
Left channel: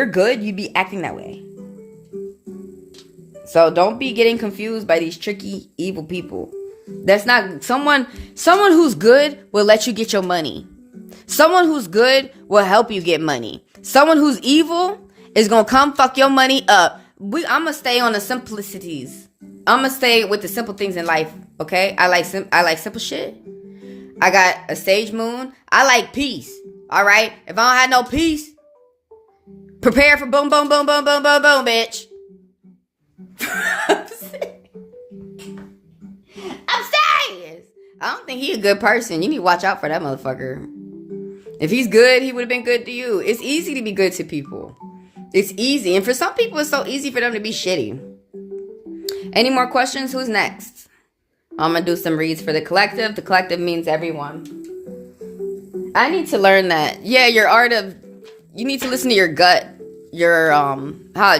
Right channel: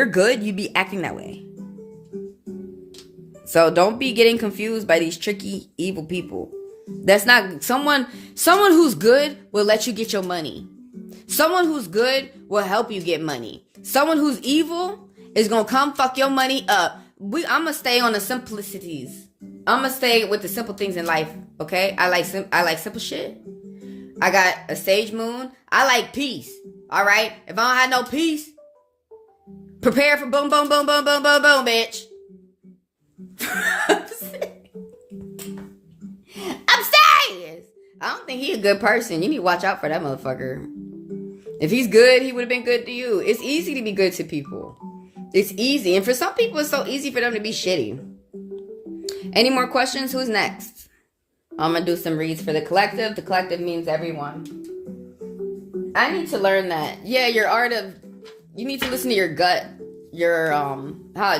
good, you be acting that way. So don't be getting confused by these tricky, evil people. That's not someone who's good will let you get your money. Someone who's good will help you get money. Someone who's evil is going to come fuck your money up. I'm going to stay on the simplicities. I'm going to stay with the simple things in life, okay? I like simple shit. I got a sage moon. I like peace, all right? If I don't have no peace, prepare for boom, boom, boom, boom, boom, boom, boom, bitch. I'm serious. I don't think he's a good person. You need to watch out for that motherfucker. If he's good, he would have been good to you. It's easy to be good to people. It's easy. And for some people, it's so easy for them to be shitty. Any more questions? Who's next? I'm going to do some reads for the collective. The collective means everyone. I need to learn that. Yeah, you need to listen to your gut. Your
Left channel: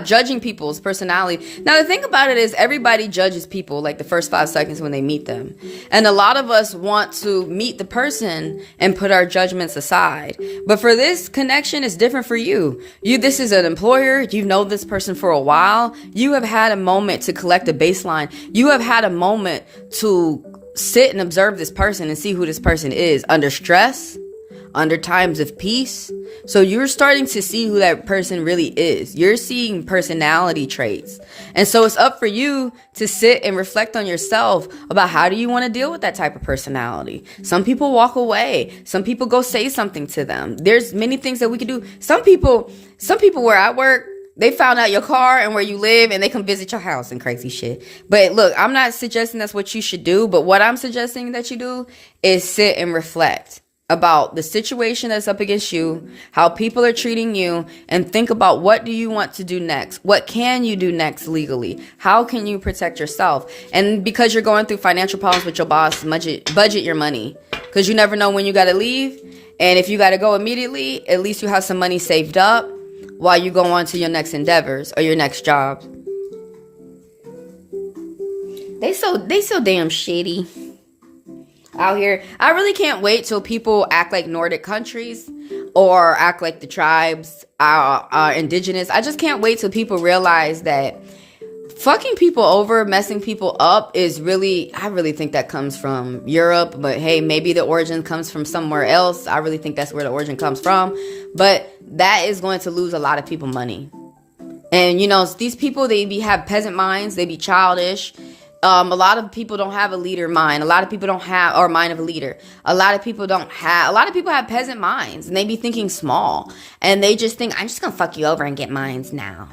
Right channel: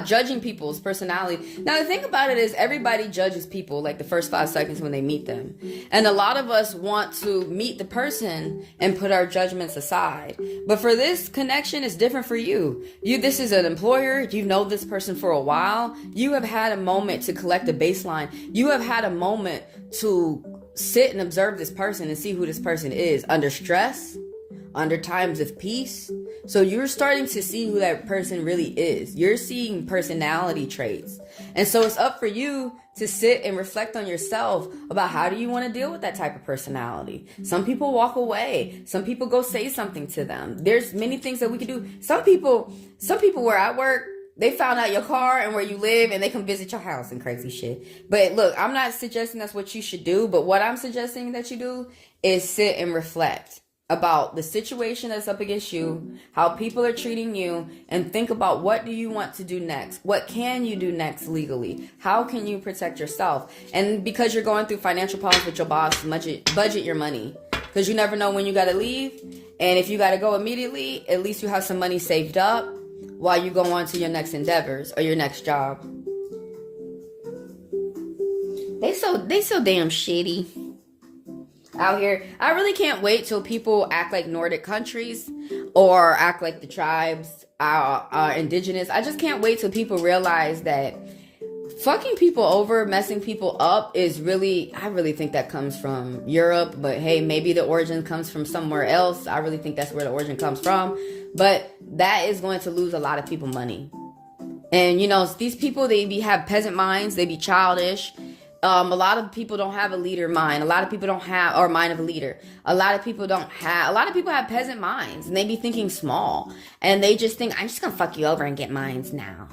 judging people's personality. Now the thing about it is everybody judges people like the first 5 seconds when they meet them. And a lot of us want to meet the person and put our judgments aside. But for this connection, it's different for you. This is an employer. You know this person for a while. You have had a moment to collect a baseline. You have had a moment to sit and observe this person and see who this person is under stress, under times of peace. So you're starting to see who that person really is. You're seeing personality traits. And so it's up for you to sit and reflect on yourself about how do you want to deal with that type of personality. Some people walk away. Some people go say something to them. There's many things that we can do. Some people where I work, they found out your car and where you live and they come visit your house and crazy shit. But look, I'm not suggesting that's what you should do. But what I'm suggesting that you do is sit and reflect about the situation that's up against you, how people are treating you, and think about what do you want to do next? What can you do next legally? How can you protect yourself? And because you're going through financial problems with your boss, budget your money. Because you never know when you got to leave. And if you got to go immediately, at least you have some money saved up while you go on to your next endeavors or your next job. They so damn shitty out here. I really can't wait till people act like Nordic countries or act like the tribes are indigenous. I just can't wait till people realize that fucking people over, messing people up is really, I really think that comes from Europe. But hey, maybe the origin comes from somewhere else. I really think that's where the origin comes from. But that is going to lose a lot of people money. And you know, these people, have peasant minds. They be childish. A lot of people don't have a leader mind. A lot of people don't have, or mind of a leader. A lot of people have peasant minds, and they be thinking small. And they just think, I'm just gonna fuck you over and get mines now.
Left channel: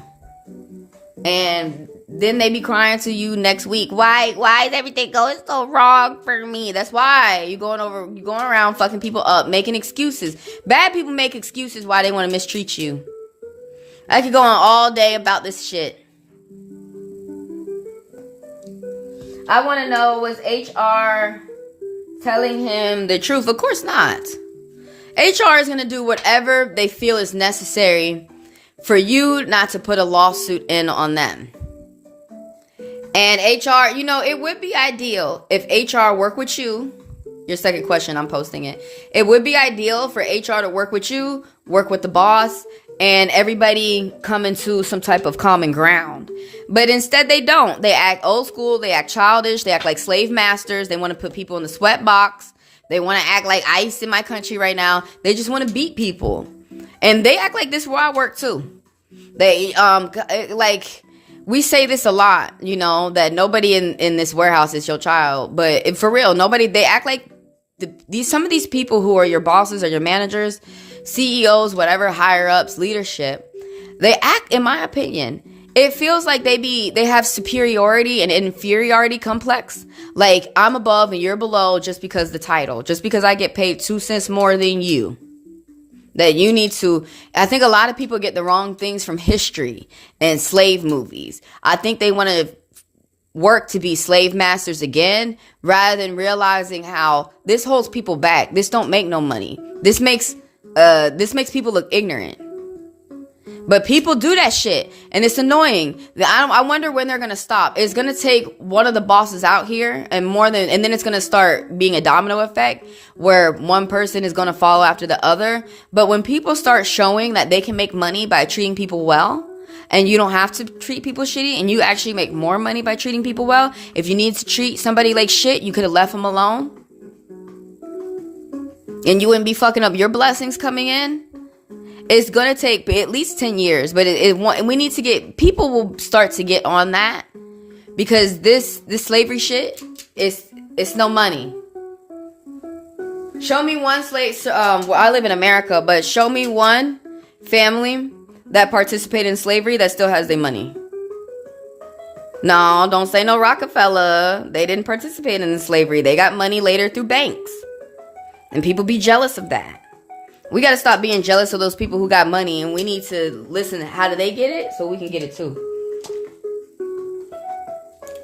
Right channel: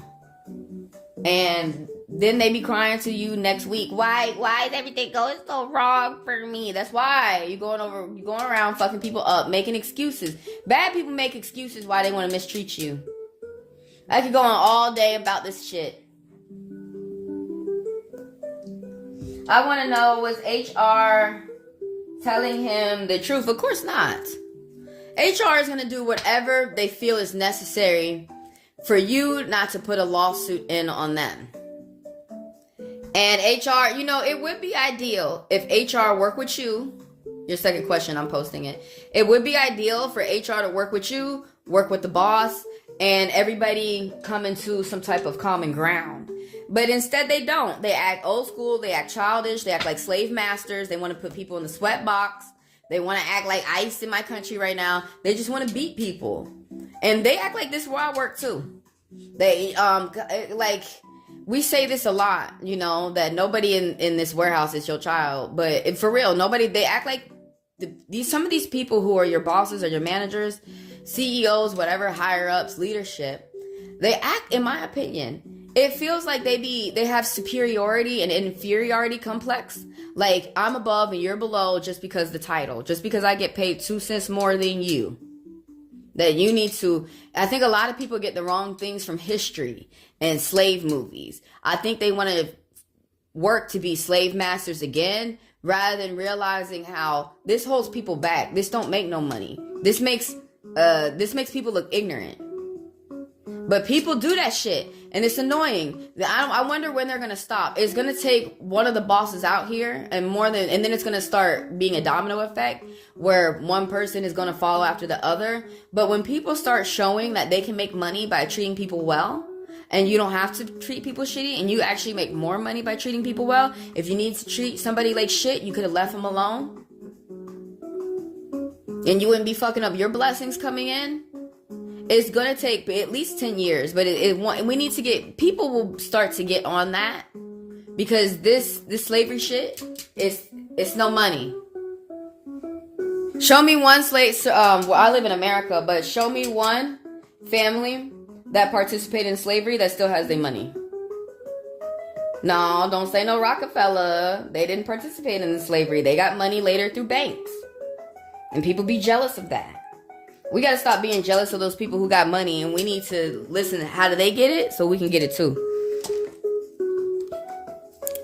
And then they be crying to you next week. Why is everything going so wrong for me? That's why you're going around fucking people up, making excuses. Bad people make excuses why they want to mistreat you. I could go on all day about this shit. I want to know, was HR telling him the truth? Of course not. HR is going to do whatever they feel is necessary for you not to put a lawsuit in on them. And HR, you know, it would be ideal if HR work with you. Your second question, I'm posting it. It would be ideal for HR to work with you, work with the boss, and everybody come into some type of common ground. But instead they don't. They act old school. They act childish. They act like slave masters. They want to put people in the sweat box. They want to act like ICE in my country right now. They just want to beat people. And they act like this where I work too. They, we say this a lot, you know, that nobody in this warehouse is your child. But for real, they act like some of these people who are your bosses or your managers, CEOs, whatever, higher ups, leadership, they act, in my opinion, it feels like they have superiority and inferiority complex. Like, I'm above and you're below just because the title, just because I get paid 2 cents more than you. That you need to, I think a lot of people get the wrong things from history and slave movies. I think they want to work to be slave masters again, rather than realizing how this holds people back. This don't make no money. This makes people look ignorant. But people do that shit, and it's annoying. I wonder when they're gonna stop. It's gonna take one of the bosses out here, and then it's gonna start being a domino effect where one person is gonna follow after the other. But when people start showing that they can make money by treating people well, and you don't have to treat people shitty, and you actually make more money by treating people well. If you need to treat somebody like shit, you could have left them alone, and you wouldn't be fucking up your blessings coming in. It's going to take at least 10 years, but we need to people will start to get on that, because this slavery shit it's no money. Show me one slave, well, I live in America, but show me one family that participated in slavery that still has their money. No, don't say no Rockefeller. They didn't participate in slavery. They got money later through banks. And people be jealous of that. We got to stop being jealous of those people who got money, and we need to listen to how do they get it so we can get it too.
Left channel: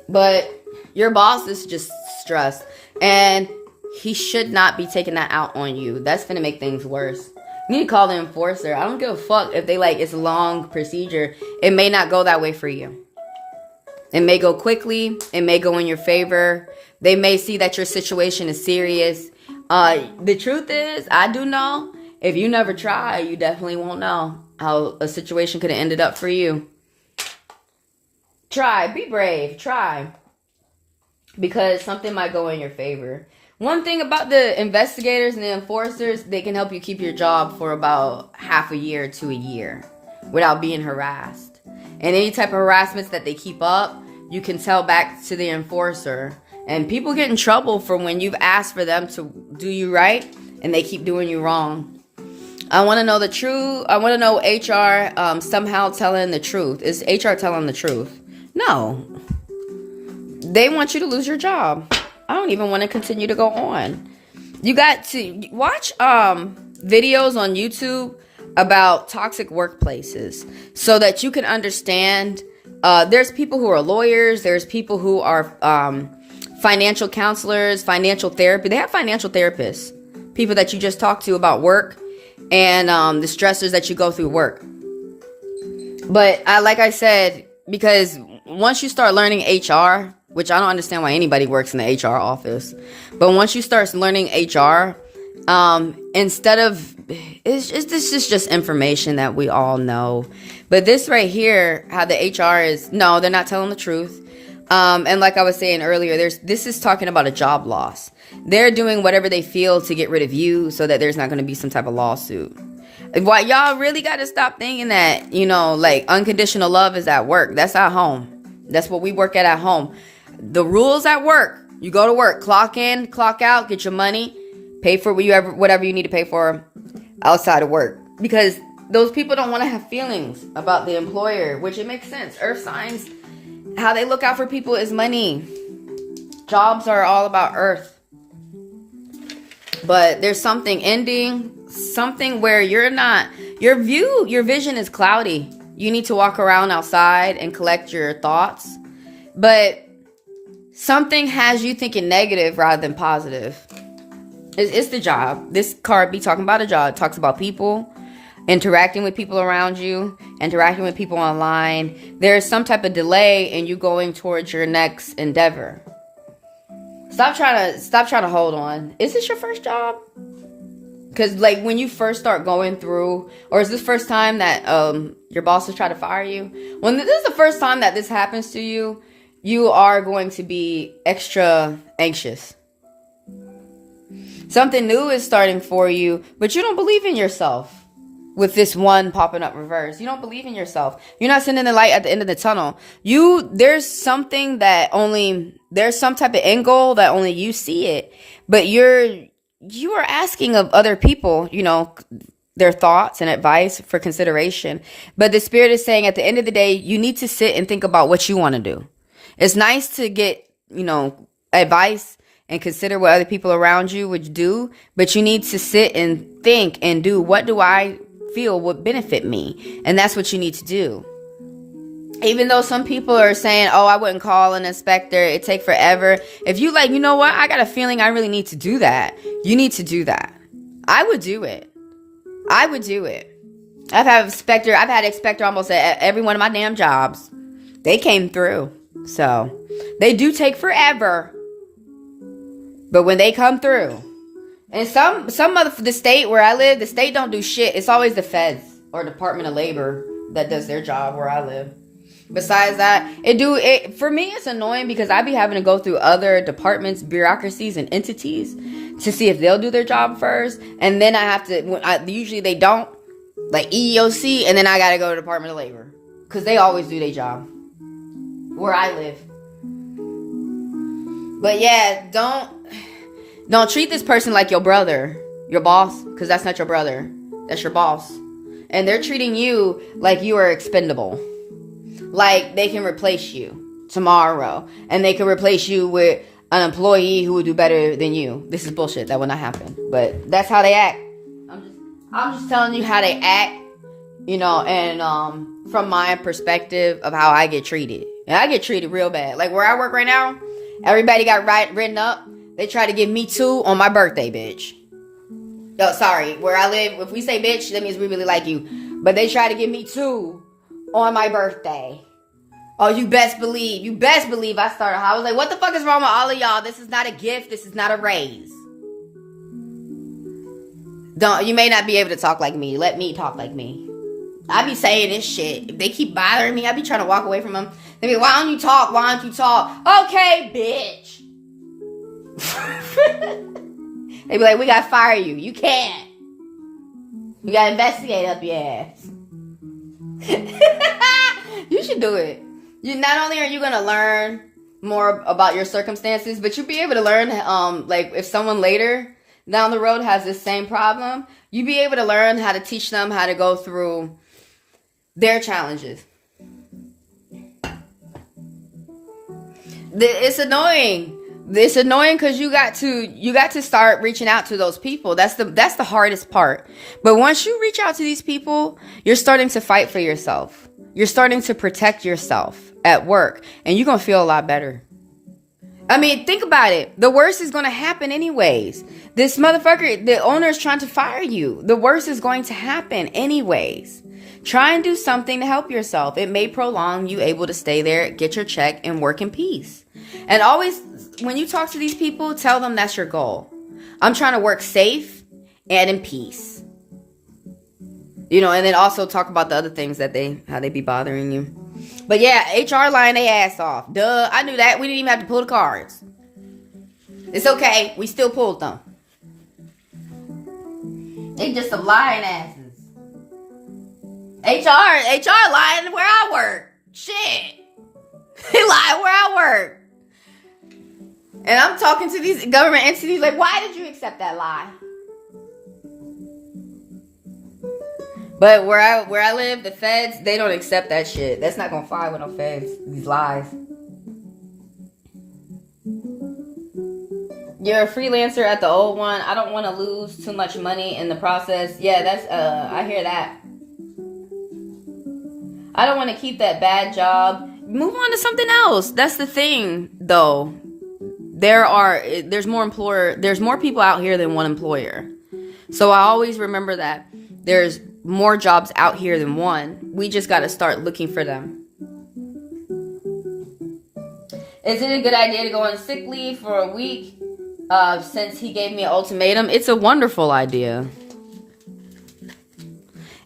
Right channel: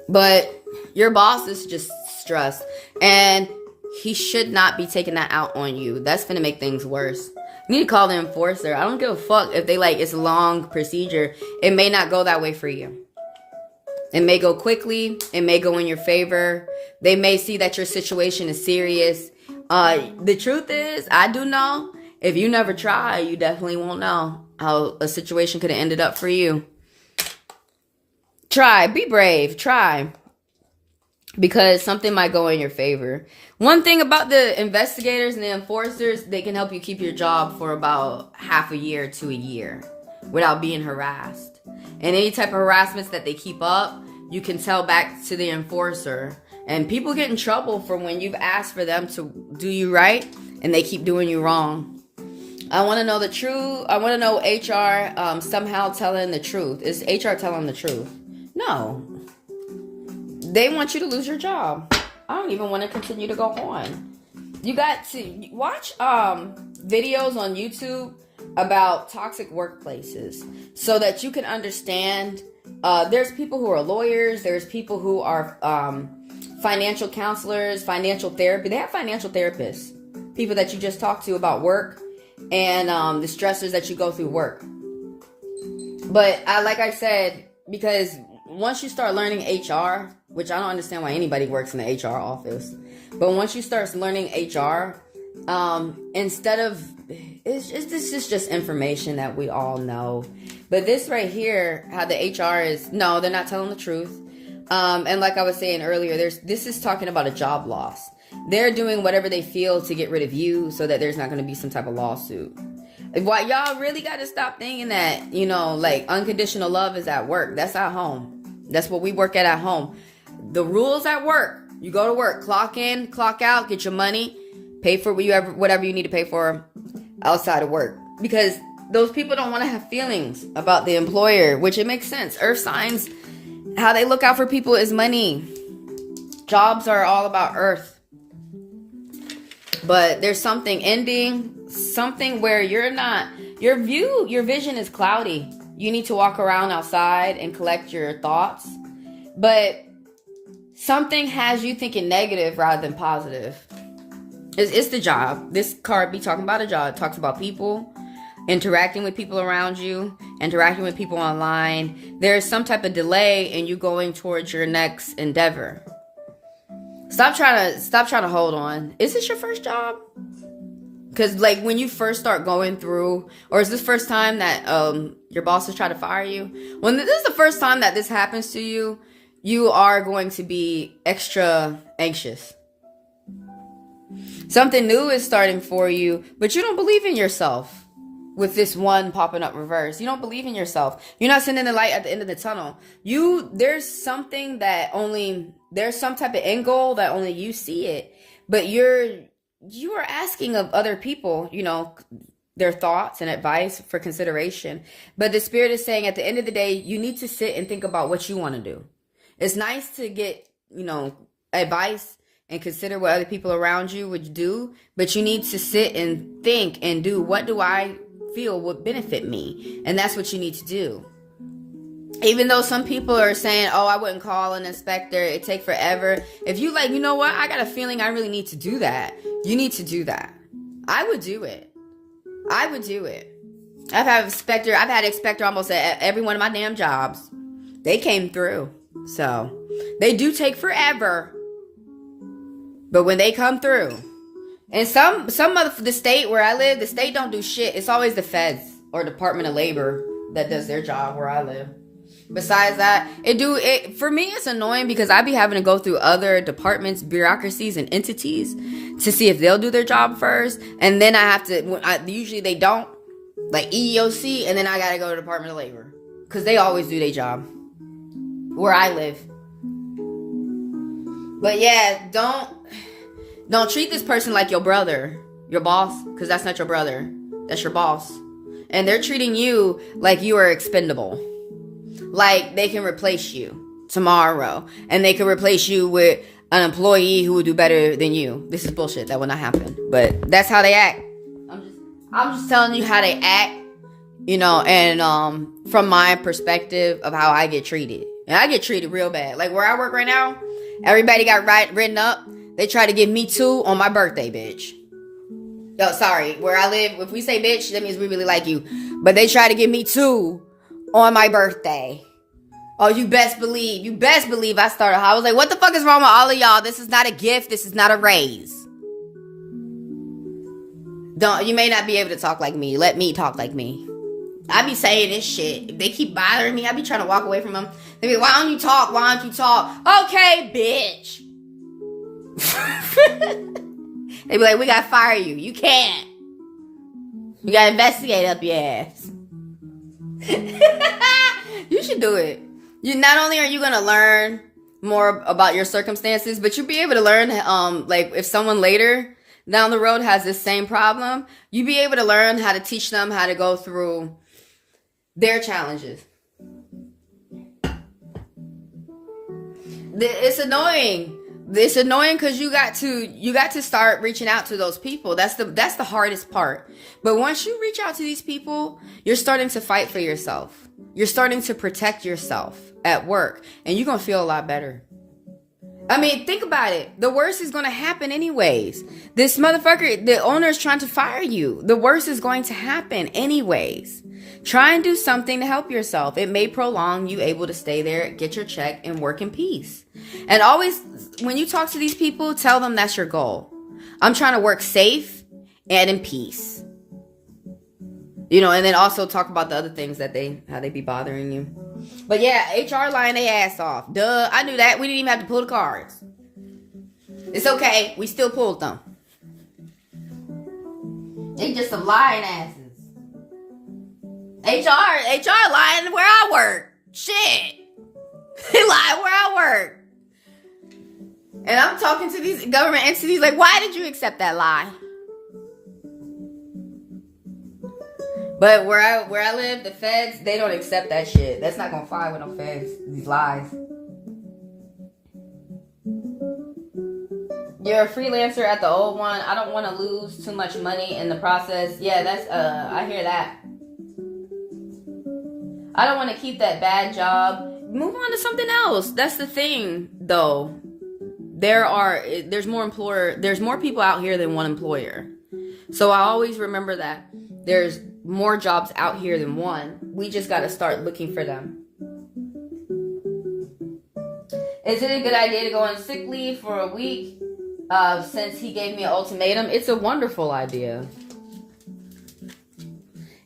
But your boss is just stressed, and he should not be taking that out on you. That's finna make things worse. You need to call the enforcer. I don't give a fuck if they it's a long procedure. It may not go that way for you. It may go quickly. It may go in your favor. They may see that your situation is serious. The truth is, I do know, if you never try, you definitely won't know how a situation could have ended up for you. Try. Be brave. Try. Because something might go in your favor. One thing about the investigators and the enforcers, they can help you keep your job for about half a year to a year without being harassed. And any type of harassments that they keep up, you can tell back to the enforcer. And people get in trouble for when you've asked for them to do you right and they keep doing you wrong. I want to know the truth. I want to know HR somehow telling the truth. Is HR telling the truth? No. They want you to lose your job. I don't even want to continue to go on. You got to watch videos on YouTube about toxic workplaces so that you can understand. There's people who are lawyers. There's people who are financial counselors, financial therapy. They have financial therapists, people that you just talk to about work and the stressors that you go through work. But like I said, because once you start learning HR, which I don't understand why anybody works in the HR office, but once you start learning HR, instead of, this is just information that we all know. But this right here, how the HR is, no, they're not telling the truth. And like I was saying earlier, this is talking about a job loss. They're doing whatever they feel to get rid of you so that there's not going to be some type of lawsuit. Why y'all really got to stop thinking that, like unconditional love is at work. That's at home. That's what we work at home. The rules at work, you go to work, clock in, clock out, get your money, pay for whatever you need to pay for outside of work. Because those people don't want to have feelings about the employer, which it makes sense. Earth signs, how they look out for people is money. Jobs are all about earth. But there's something ending, something where your vision is cloudy. You need to walk around outside and collect your thoughts. But something has you thinking negative rather than positive. It's the job. This card be talking about a job. It talks about people, interacting with people around you, interacting with people online. There's some type of delay in you going towards your next endeavor. Stop trying to hold on. Is this your first job? Because like when you first start going through, or is this first time that your boss has tried to fire you? When this is the first time that this happens to you, you are going to be extra anxious. Something new is starting for you, but you don't believe in yourself. With this one popping up reverse, you don't believe in yourself. You're not seeing the light at the end of the tunnel. There's some type of end goal that only you see it, but you are asking of other people, their thoughts and advice for consideration. But the spirit is saying at the end of the day, you need to sit and think about what you want to do. It's nice to get, advice and consider what other people around you would do, but you need to sit and think and do, what do I feel would benefit me? And that's what you need to do. Even though some people are saying, oh, I wouldn't call an inspector, it take forever. If you like, you know what, I got a feeling I really need to do that. You need to do that. I would do it. I've had inspector almost at every one of my damn jobs. They came through. So they do take forever. But when they come through, and some of the state where I live, the state don't do shit. It's always the feds or Department of Labor that does their job where I live. Besides that, for me, it's annoying because I be having to go through other departments, bureaucracies, and entities to see if they'll do their job first. And then I have to, usually they don't, like EEOC, and then I got to go to Department of Labor because they always do their job where I live. But yeah, don't treat this person like your brother, your boss, because that's not your brother. That's your boss. And they're treating you like you are expendable. Like they can replace you tomorrow. And they can replace you with an employee who will do better than you. This is bullshit. That will not happen. But that's how they act. I'm just telling you how they act, and from my perspective of how I get treated. And I get treated real bad. Like where I work right now, everybody got written up. They try to give me 2 on my birthday, bitch. No, sorry. Where I live, if we say bitch, that means we really like you. But they try to give me 2 on my birthday. Oh, you best believe I started. I was like, what the fuck is wrong with all of y'all? This is not a gift. This is not a raise. You may not be able to talk like me. Let me talk like me. I be saying this shit. If they keep bothering me, I be trying to walk away from them. They be, why don't you talk? Okay, bitch. They be like, we gotta fire you. You can't. We gotta investigate up your ass. You should do it. You not only are you gonna learn more about your circumstances, but you'll be able to learn, like if someone later down the road has this same problem, you'll be able to learn how to teach them how to go through their challenges. It's annoying. It's annoying because you got to start reaching out to those people. That's the hardest part. But once you reach out to these people, you're starting to fight for yourself. You're starting to protect yourself at work, and you're gonna feel a lot better. I mean, think about it. The worst is gonna happen anyways. This motherfucker, the owner is trying to fire you. The worst is going to happen anyways. Try and do something to help yourself. It may prolong you able to stay there, get your check, and work in peace. And always, when you talk to these people, tell them that's your goal. I'm trying to work safe and in peace. You know, and then also talk about the other things that how they be bothering you. But yeah, HR lying their ass off. Duh, I knew that. We didn't even have to pull the cards. It's okay. We still pulled them. They just some lying asses. HR lying where I work. Shit. They lying where I work. And I'm talking to these government entities like, why did you accept that lie? But where I live, the feds, they don't accept that shit. That's not gonna fly with no feds. These lies. You're a freelancer at the old one. I don't want to lose too much money in the process. Yeah, that's I hear that. I don't want to keep that bad job. Move on to something else. That's the thing, though. There's more people out here than one employer. So I always remember that. There's more jobs out here than one. We just got to start looking for them. Is it a good idea to go on sick leave for a week since he gave me an ultimatum? It's a wonderful idea.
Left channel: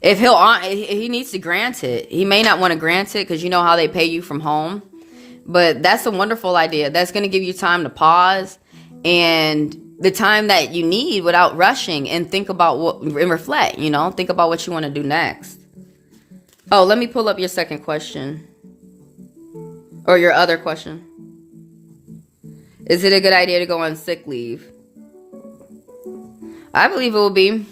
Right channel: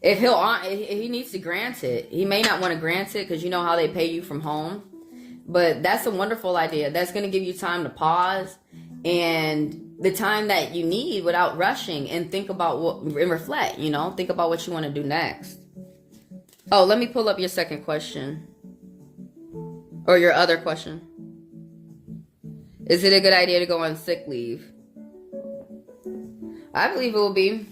If he needs to grant it. He may not want to grant it because you know how they pay you from home. But that's a wonderful idea. That's going to give you time to pause and the time that you need without rushing and think about and reflect, you know, think about what you want to do next. Oh, let me pull up your second question or your other question. Is it a good idea to go on sick leave? I believe it will be.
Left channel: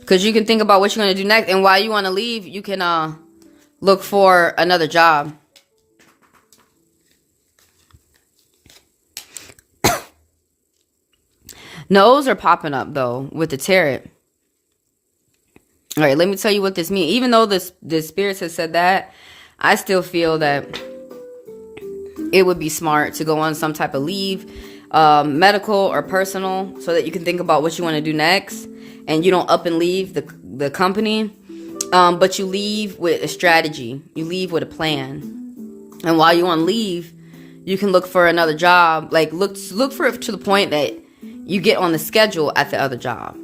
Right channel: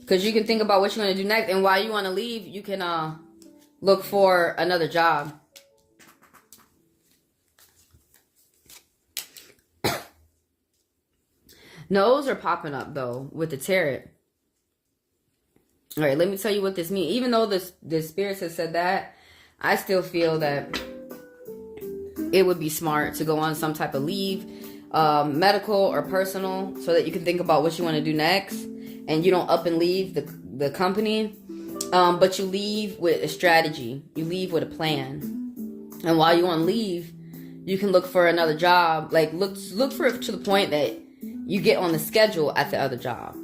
Because you can think about what you're going to do next. And while you want to leave, you can look for another job. No's are popping up, though, with the tarot. All right, let me tell you what this means. Even though the spirits have said that, I still feel that it would be smart to go on some type of leave, medical or personal, so that you can think about what you want to do next. And you don't up and leave the company, but you leave with a strategy. You leave with a plan. And while you're on leave, you can look for another job. Like look for it to the point that you get on the schedule at the other job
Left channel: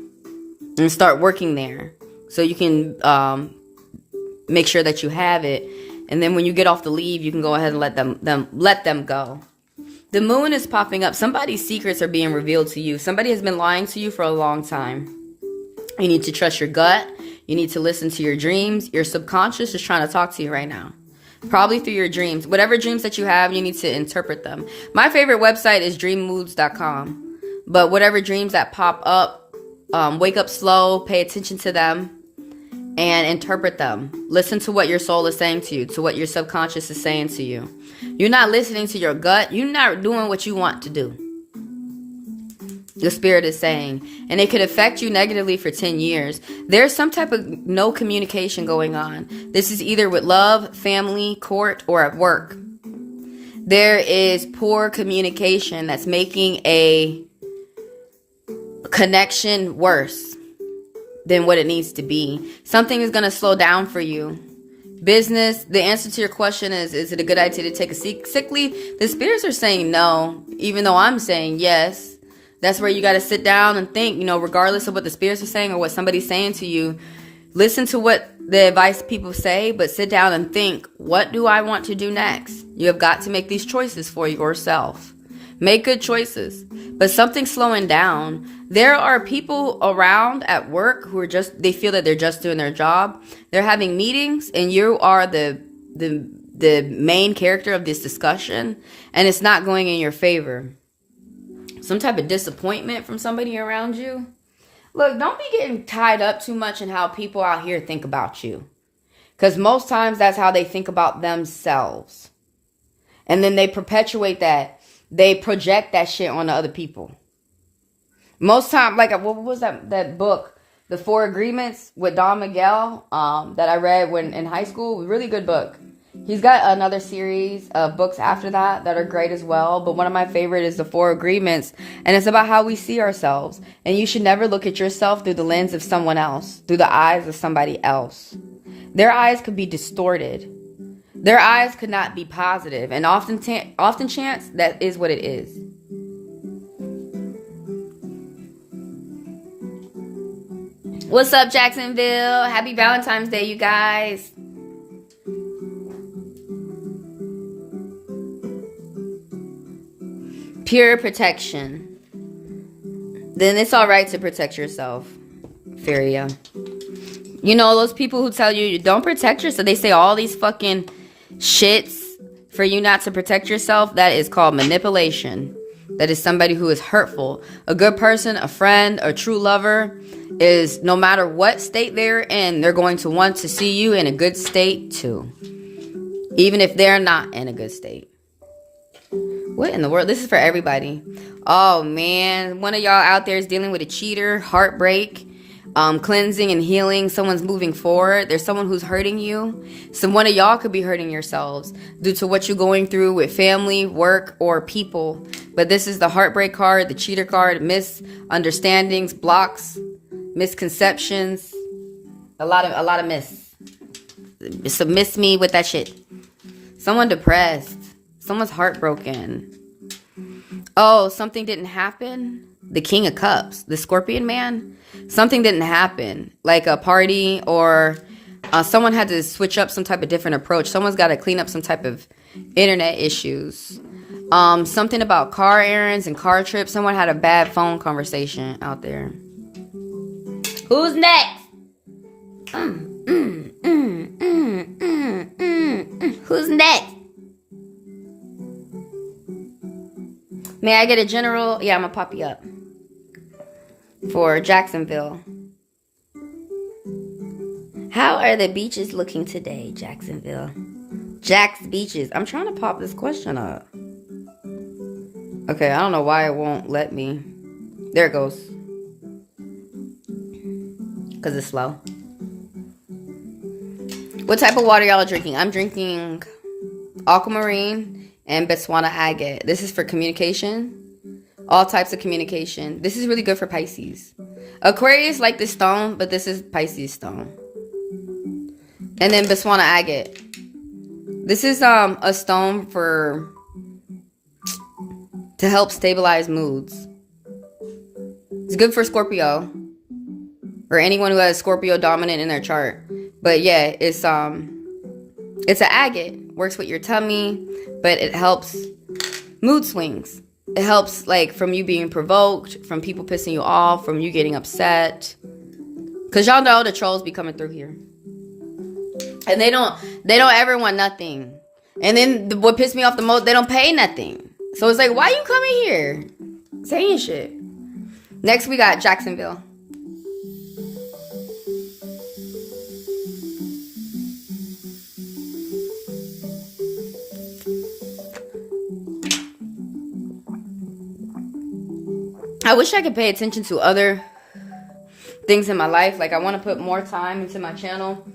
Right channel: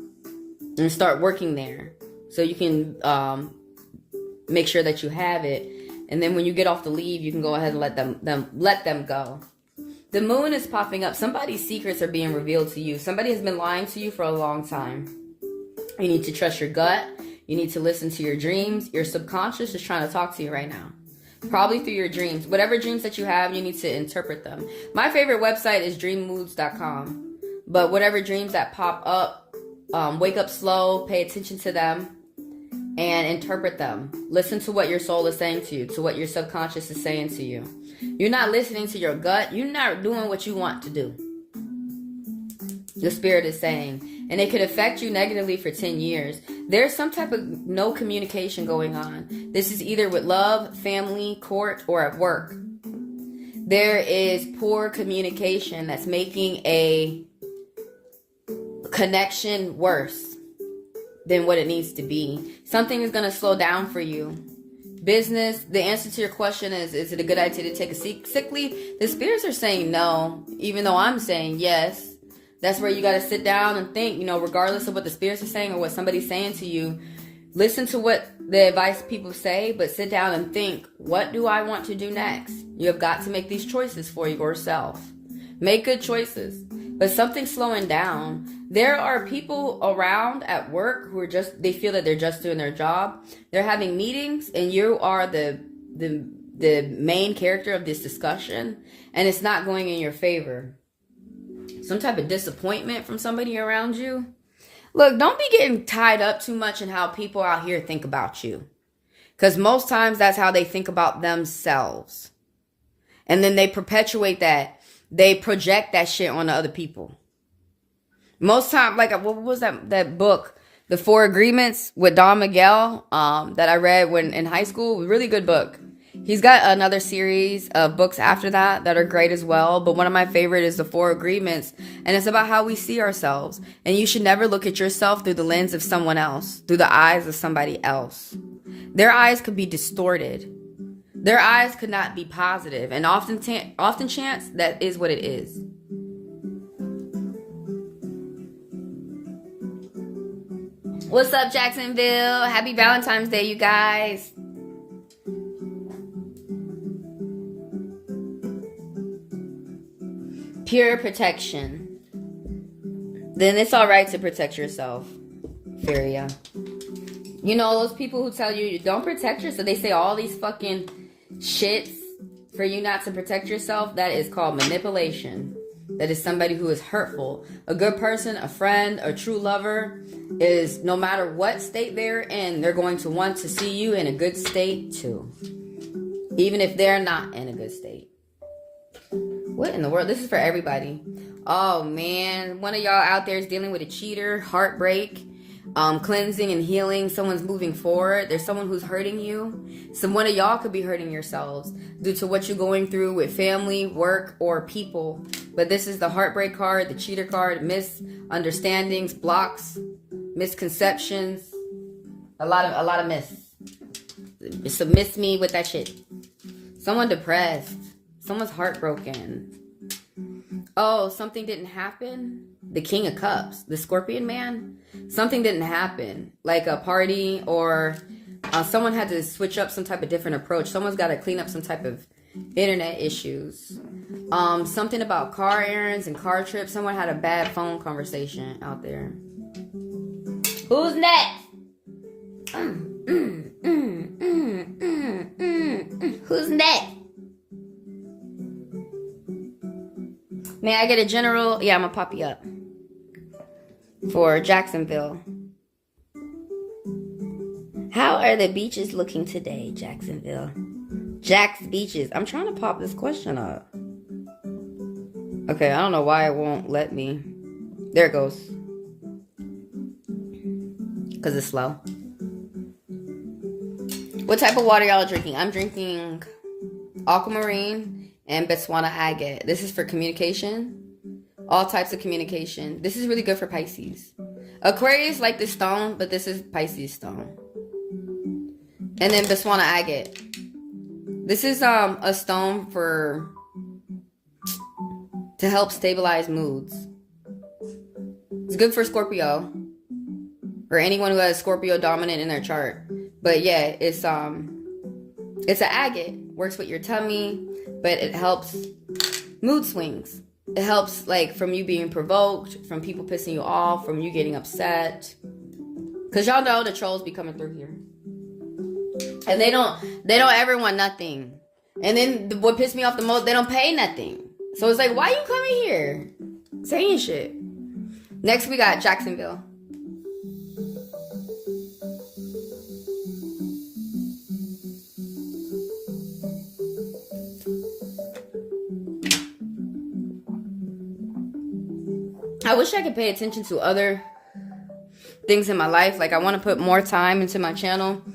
and start working there, so you can make sure that you have it. And then when you get off the leave, you can go ahead and let them go. The moon is popping up. Somebody's secrets are being revealed to you. Somebody has been lying to you for a long time. You need to trust your gut. You need to listen to your dreams. Your subconscious is trying to talk to you right now. Probably through your dreams. Whatever dreams that you have, you need to interpret them. My favorite website is dreammoods.com. But whatever dreams that pop up, wake up slow, pay attention to them, and interpret them. Listen to what your soul is saying to you, to what your subconscious is saying to you. You're not listening to your gut. You're not doing what you want to do. The spirit is saying, and it could affect you negatively for 10 years. There's some type of no communication going on. This is either with love, family, court, or at work. There is poor communication that's making a connection worse than what it needs to be. Something is going to slow down for you. Business, the answer to your question is it a good idea to take a sick leave? The spirits are saying no, even though I'm saying yes. That's where you got to sit down and think, you know, regardless of what the spirits are saying or what somebody's saying to you, listen to what the advice people say, but sit down and think, what do I want to do next? You have got to make these choices for yourself. Make good choices. But something's slowing down. There are people around at work who are they feel that they're just doing their job. They're having meetings and you are the main character of this discussion and it's not going in your favor. Some type of disappointment from somebody around you. Look, don't be getting tied up too much in how people out here think about you. Because most times that's how they think about themselves. And then they perpetuate that. They project that shit on other people. Most time, like, what was that book? The Four Agreements with Don Miguel that I read when in high school. Really good book. He's got another series of books after that are great as well. But one of my favorite is The Four Agreements. And it's about how we see ourselves. And you should never look at yourself through the lens of someone else. Through the eyes of somebody else. Their eyes could be distorted. Their eyes could not be positive. And often chance, that is what it is. What's up, Jacksonville? Happy Valentine's Day, you guys. Pure protection. Then it's all right to protect yourself. Feria. You know, those people who tell you don't protect yourself, they say all these fucking shits for you not to protect yourself. That is called manipulation. That is somebody who is hurtful. A good person, a friend, a true lover is, no matter what state they're in, they're going to want to see you in a good state too. Even if they're not in a good state. What in the world? This is for everybody. Oh man, one of y'all out there is dealing with a cheater, heartbreak, cleansing and healing. Someone's moving forward. There's someone who's hurting you. So one of y'all could be hurting yourselves due to what you're going through with family, work, or people. But this is the heartbreak card, the cheater card, misunderstandings, blocks, misconceptions, a lot of miss. So miss me with that shit. Someone depressed. Someone's heartbroken. Oh, something didn't happen. The King of Cups, the Scorpion man. Something didn't happen. Like a party or someone had to switch up some type of different approach. Someone's got to clean up some type of internet issues. Something about car errands and car trips. Someone had a bad phone conversation out there. Who's next? Who's next? May I get a general? Yeah, I'm going to pop you up. For Jacksonville. How are the beaches looking today, Jacksonville? Jack's Beaches. I'm trying to pop this question up. Okay, I don't know why it won't let me. There it goes. Because it's slow. What type of water y'all are drinking? I'm drinking aquamarine and Botswana agate. This is for communication. All types of communication. This is really good for Pisces. Aquarius like this stone, but this is Pisces stone. And then Botswana agate. This is a stone to help stabilize moods. It's good for Scorpio. Or anyone who has Scorpio dominant in their chart. But yeah, it's an agate. Works with your tummy, but it helps mood swings. It helps like from you being provoked, from people pissing you off, from you getting upset. Cause y'all know the trolls be coming through here. And they don't ever want nothing. And then what pissed me off the most, they don't pay nothing. So it's like, why you coming here? Saying shit. Next we got Jacksonville. I wish I could pay attention to other things in my life. Like I want to put more time into my channel,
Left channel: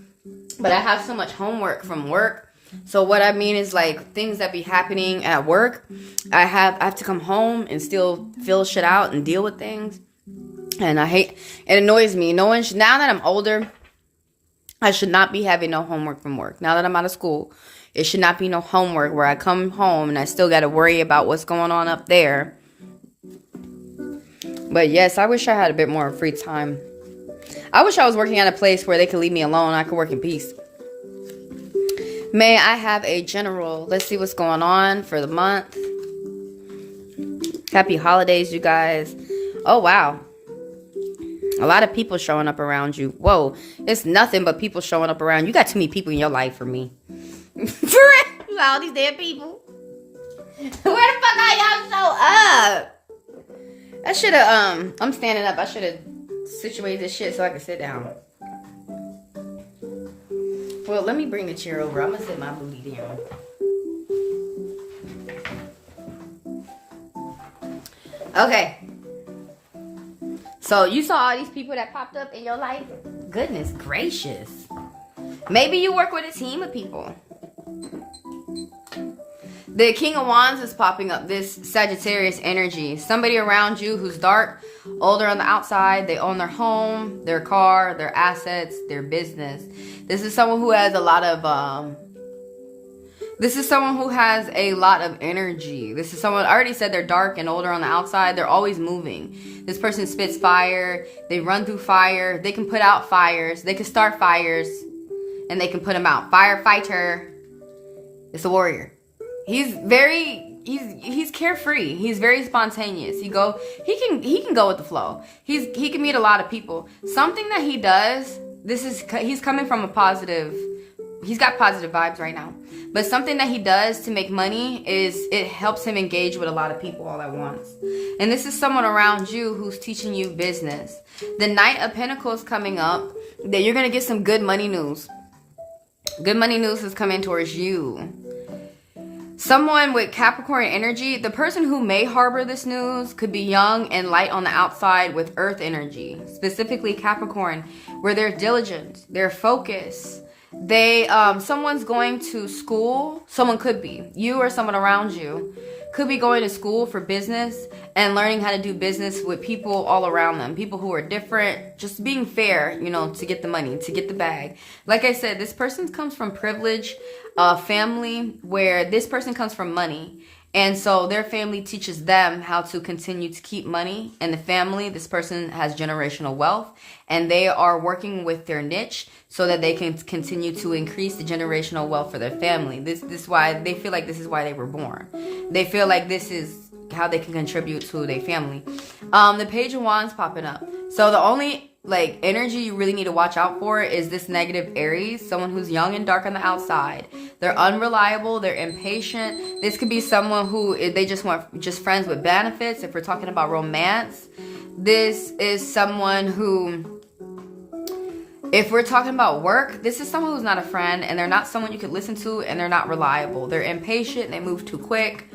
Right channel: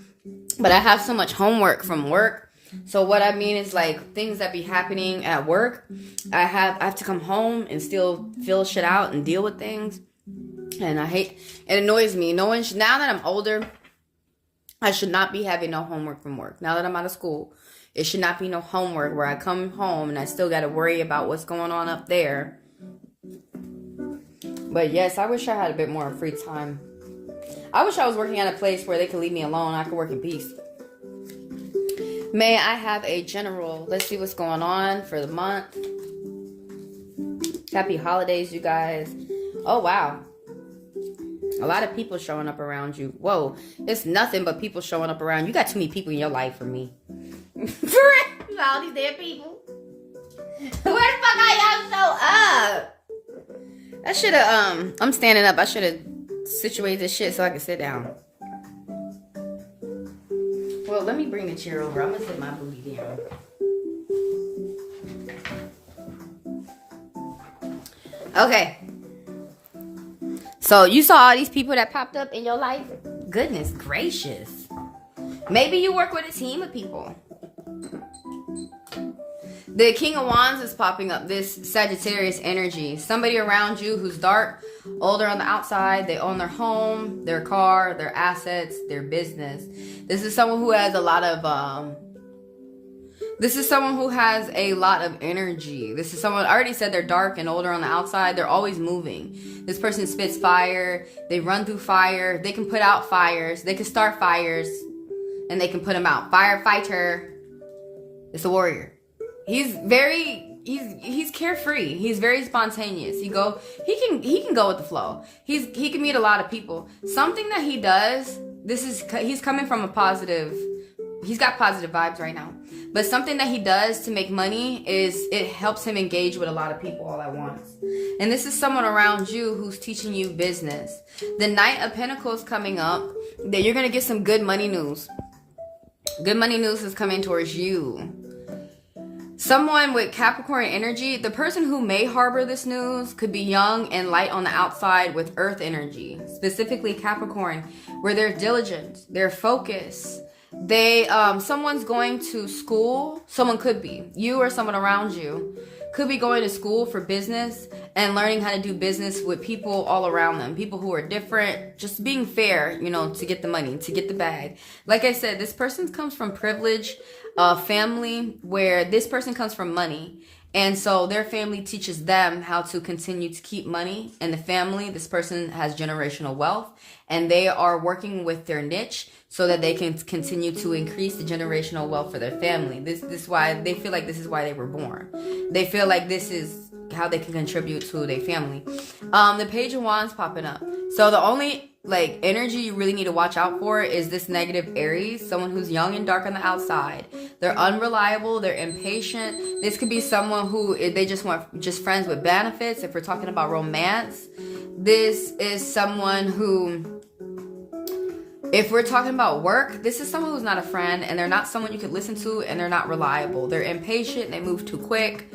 but I have so much homework from work. So what I mean is like things that be happening at work. I have to come home and still fill shit out and deal with things. And it annoys me. Now that I'm older, I should not be having no homework from work. Now that I'm out of school, it should not be no homework where I come home and I still got to worry about what's going on up there. But yes, I wish I had a bit more free time. I wish I was working at a place where they could leave me alone and I could work in peace. May I have a general? Let's see what's going on for the month. Happy holidays, you guys. Oh, wow. A lot of people showing up around you. Whoa, it's nothing but people showing up around you. You got too many people in your life for me. For real, all these damn people. Where the fuck are y'all show up? I should have, I'm standing up. I should have situated this shit so I could sit down. Well, let me bring the chair over. I'm gonna sit my booty down. Okay. So you saw all these people that popped up in your life? Goodness gracious. Maybe you work with a team of people. The King of Wands is popping up, this Sagittarius energy. Somebody around you who's dark, older on the outside. They own their home, their car, their assets, their business. This is someone who has a lot of energy. This is someone, I already said they're dark and older on the outside. They're always moving. This person spits fire. They run through fire. They can put out fires. They can start fires and they can put them out. Firefighter. It's a warrior. He's carefree. He's very spontaneous. He can go with the flow. He can meet a lot of people. Something that he does, he's coming from a positive, he's got positive vibes right now. But something that he does to make money is it helps him engage with a lot of people all at once. And this is someone around you who's teaching you business. The Knight of Pentacles coming up, that you're going to get some good money news. Good money news is coming towards you. Someone with Capricorn energy, the person who may harbor this news could be young and light on the outside with Earth energy, specifically Capricorn, where they're diligent, they're focused. Someone's going to school. Someone could be, you or someone around you, could be going to school for business and learning how to do business with people all around them. People who are different, just being fair, to get the money, to get the bag. Like I said, this person comes from privilege, family where this person comes from money. And so their family teaches them how to continue to keep money. And the family, this person has generational wealth and they are working with their niche so that they can continue to increase the generational wealth for their family. This is why they feel like this is why they were born. They feel like this is how they can contribute to their family. The Page of Wands popping up. So the only energy you really need to watch out for is this negative Aries, someone who's young and dark on the outside. They're unreliable, they're impatient. This could be someone who they just want friends with benefits. If we're talking about romance, this is someone who, if we're talking about work, this is someone who's not a friend and they're not someone you could listen to and they're not reliable. They're impatient, they move too quick.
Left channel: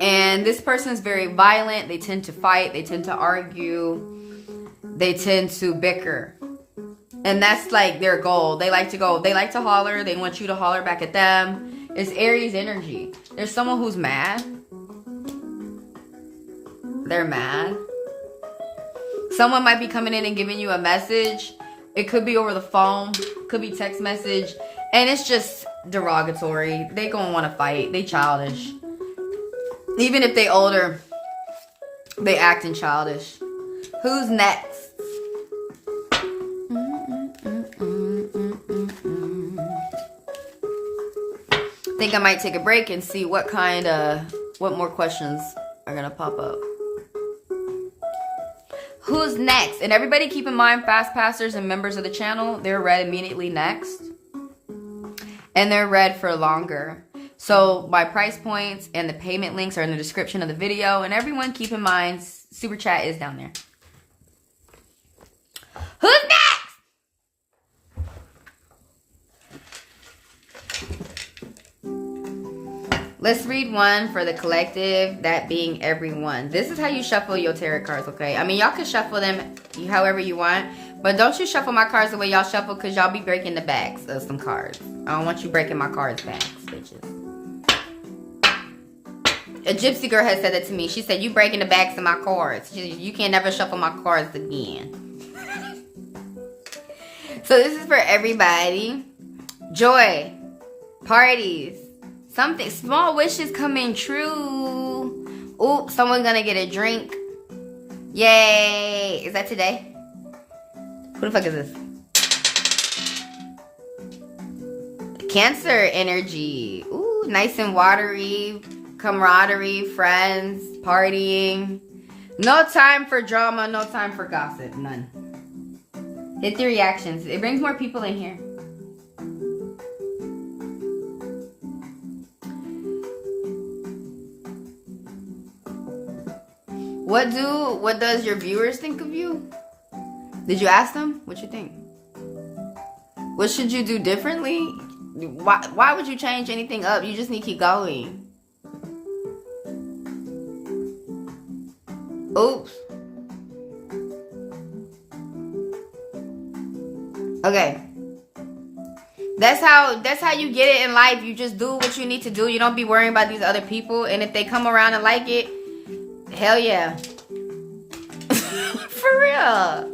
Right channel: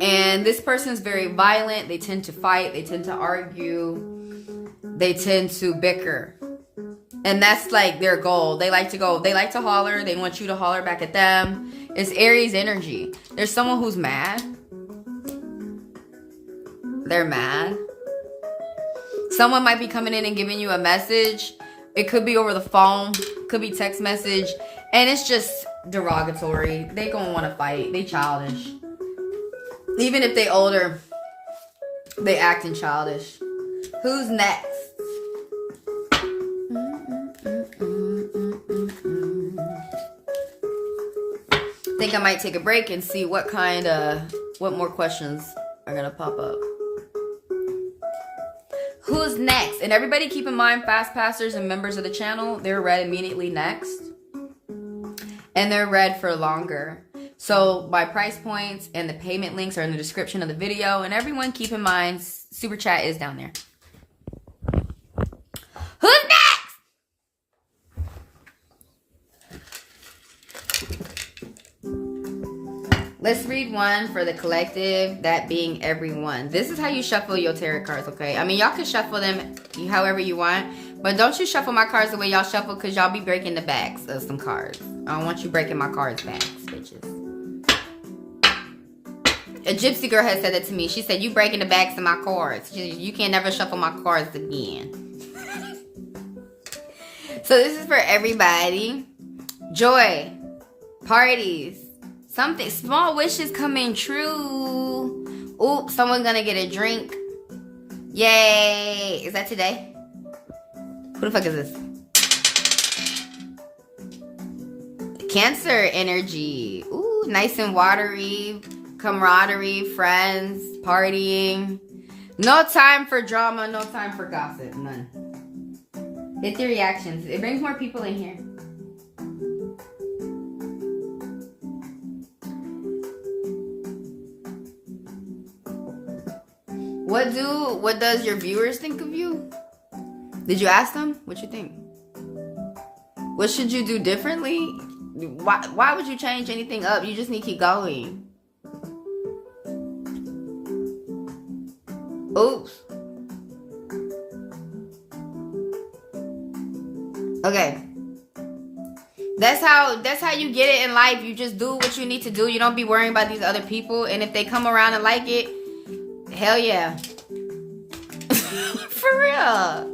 And this person is very violent. They tend to fight, they tend to argue. They tend to bicker. And that's their goal. They like to holler. They want you to holler back at them. It's Aries energy. There's someone who's mad. They're mad. Someone might be coming in and giving you a message. It could be over the phone. Could be text message. And it's just derogatory. They gonna want to fight. They childish. Even if they older, they acting childish. Who's next? I think I might take a break and see what more questions are gonna pop up. Who's next? And everybody keep in mind, fast passers and members of the channel, they're read immediately next. And they're read for longer. So my price points and the payment links are in the description of the video. And everyone keep in mind, Super Chat is down there. Who's next? Let's read one for the collective, that being everyone. This is how you shuffle your tarot cards, okay? I mean, y'all can shuffle them however you want, but don't you shuffle my cards the way y'all shuffle, because y'all be breaking the backs of some cards. I don't want you breaking my cards backs, bitches. A gypsy girl has said that to me. She said, you breaking the backs of my cards. You can never shuffle my cards again. So this is for everybody. Joy. Parties. Something. Small wishes coming true. Ooh, someone's gonna get a drink. Yay. Is that today? Who the fuck is this? Cancer energy. Ooh, nice and watery. Camaraderie, friends. partying. No time for drama, no time for gossip, none. Hit the reactions. It brings more people in here. What does your viewers think of you? Did you ask them? What you think? What should you do differently? Why would you change anything up? You just need to keep going. Oops. Okay. That's how you get it in life. You just do what you need to do. You don't be worrying about these other people. And if they come around and like it, hell yeah. For real.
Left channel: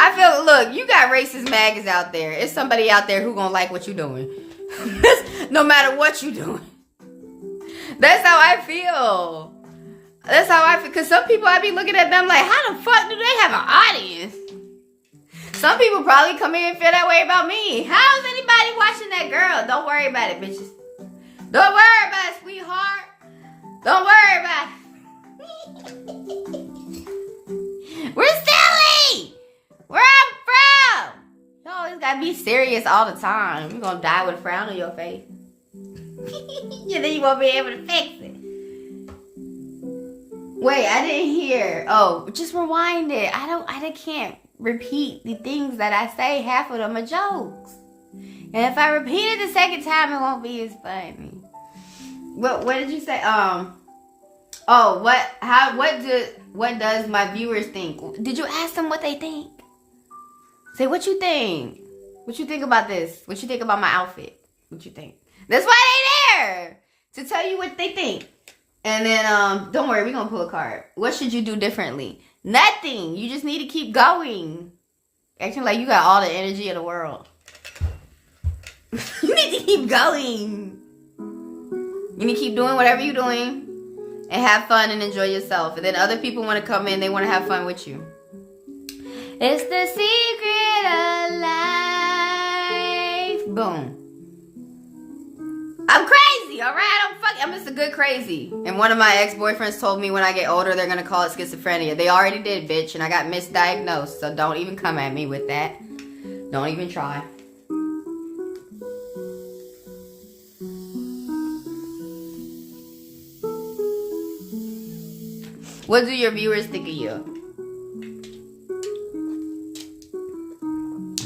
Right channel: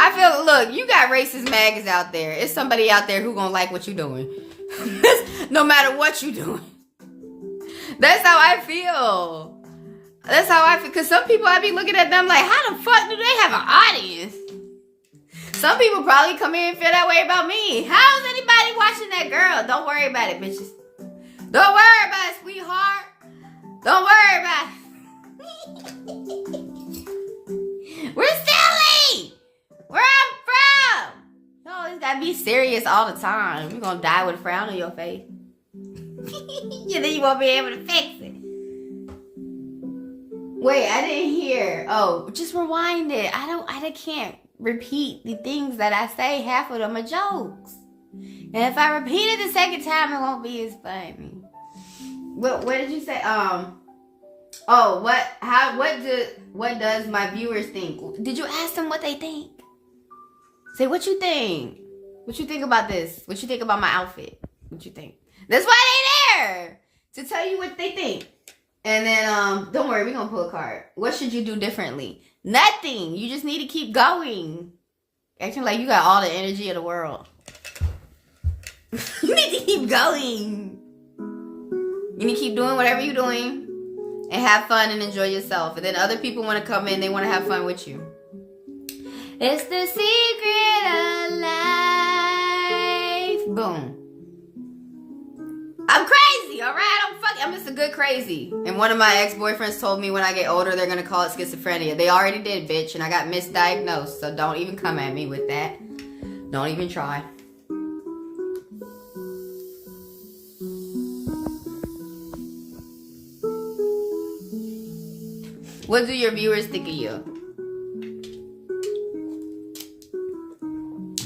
I feel, look, you got racist maggots out there. It's somebody out there who gonna like what you doing. No matter what you doing. That's how I feel. That's how I feel. Because some people, I be looking at them like, how the fuck do they have an audience? Some people probably come in and feel that way about me. How's anybody watching that girl? Don't worry about it, bitches. Don't worry about it, sweetheart. Don't worry about it. We're silly. Where I'm from. You always gotta be serious all the time. You're gonna die with a frown on your face. And then you won't be able to fix it. Wait, I didn't hear. Oh, just rewind it. I can't repeat the things that I say. Half of them are jokes. And if I repeat it the second time, it won't be as funny. What did you say? Oh, what does my viewers think? Did you ask them what they think? Say, what you think? What you think about this? What you think about my outfit? What you think? That's why they there! To tell you what they think. And then, don't worry, we're gonna pull a card. What should you do differently? Nothing. You just need to keep going. Acting like you got all the energy in the world. You need to keep going. You need to keep doing whatever you're doing. And have fun and enjoy yourself. And then other people want to come in, they want to have fun with you. It's the secret of life. Boom. I'm crazy, alright? I'm just a good crazy. And one of my ex-boyfriends told me when I get older, they're going to call it schizophrenia. They already did, bitch. And I got misdiagnosed. So don't even come at me with that. Don't even try. What do your viewers think of you?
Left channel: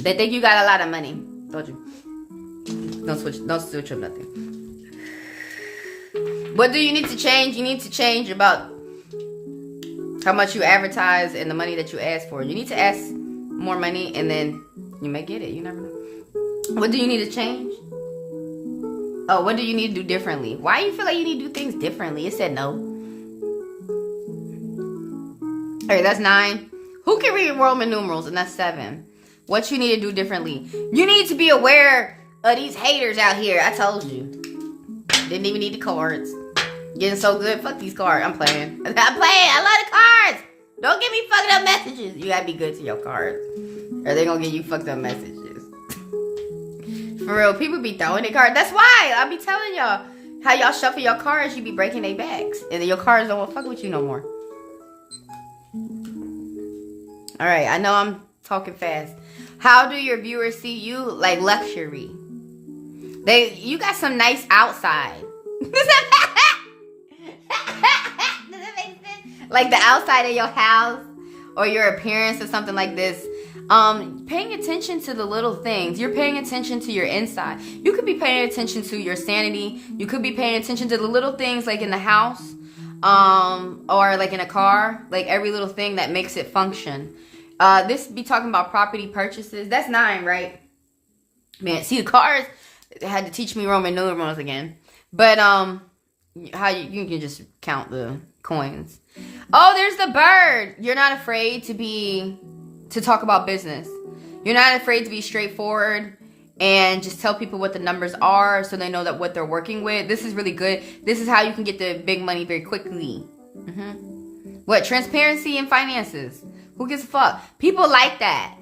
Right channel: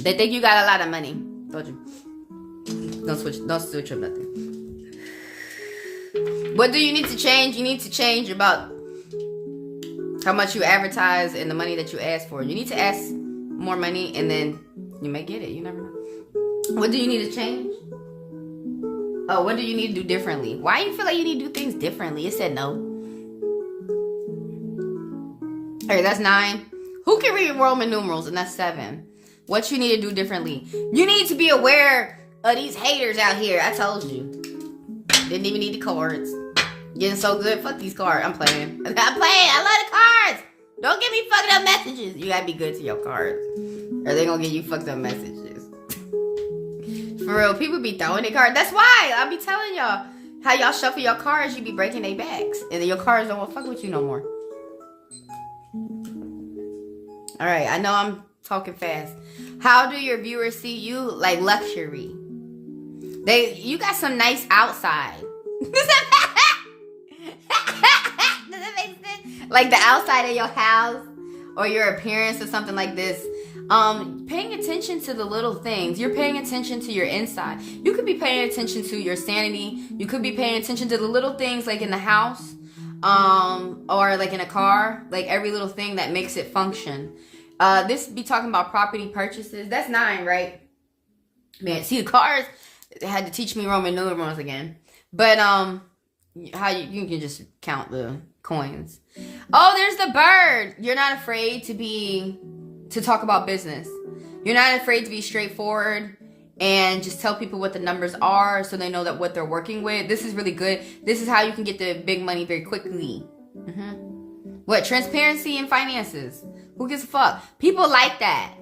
They think you got a lot of money. Told you. Don't switch up nothing. What do you need to change? You need to change about how much you advertise and the money that you ask for. You need to ask more money and then you may get it. You never know. What do you need to change? Oh, what do you need to do differently? Why do you feel like you need to do things differently? It said no. Alright, that's 9. Who can read Roman numerals? And that's 7. What you need to do differently? You need to be aware of these haters out here. I told you. Didn't even need the cards. Getting so good. Fuck these cards. I'm playing. I love the cards. Don't give me fucked up messages. You gotta be good to your cards. Or they gonna give you fucked up messages. For real, people be throwing their cards. That's why I be telling y'all how y'all shuffle your cards, you be breaking their backs. And then your cards don't want to fuck with you no more. Alright, I know I'm talking fast. How do your viewers see you? Like luxury. You got some nice outside. Does that make sense? Like the outside of your house or your appearance or something like this. Paying attention to the little things. You're paying attention to your inside. You could be paying attention to your sanity. You could be paying attention to the little things like in the house. Or like in a car. Like every little thing that makes it function. This be talking about property purchases. That's 9, right? Man, see the cars had to teach me Roman numerals again. But how you can just count the coins. Oh, there's the bird. You're not afraid to talk about business. You're not afraid to be straightforward and just tell people what the numbers are so they know that what they're working with. This is really good. This is how you can get the big money very quickly. What? Transparency in finances. Who gives a fuck? People like that.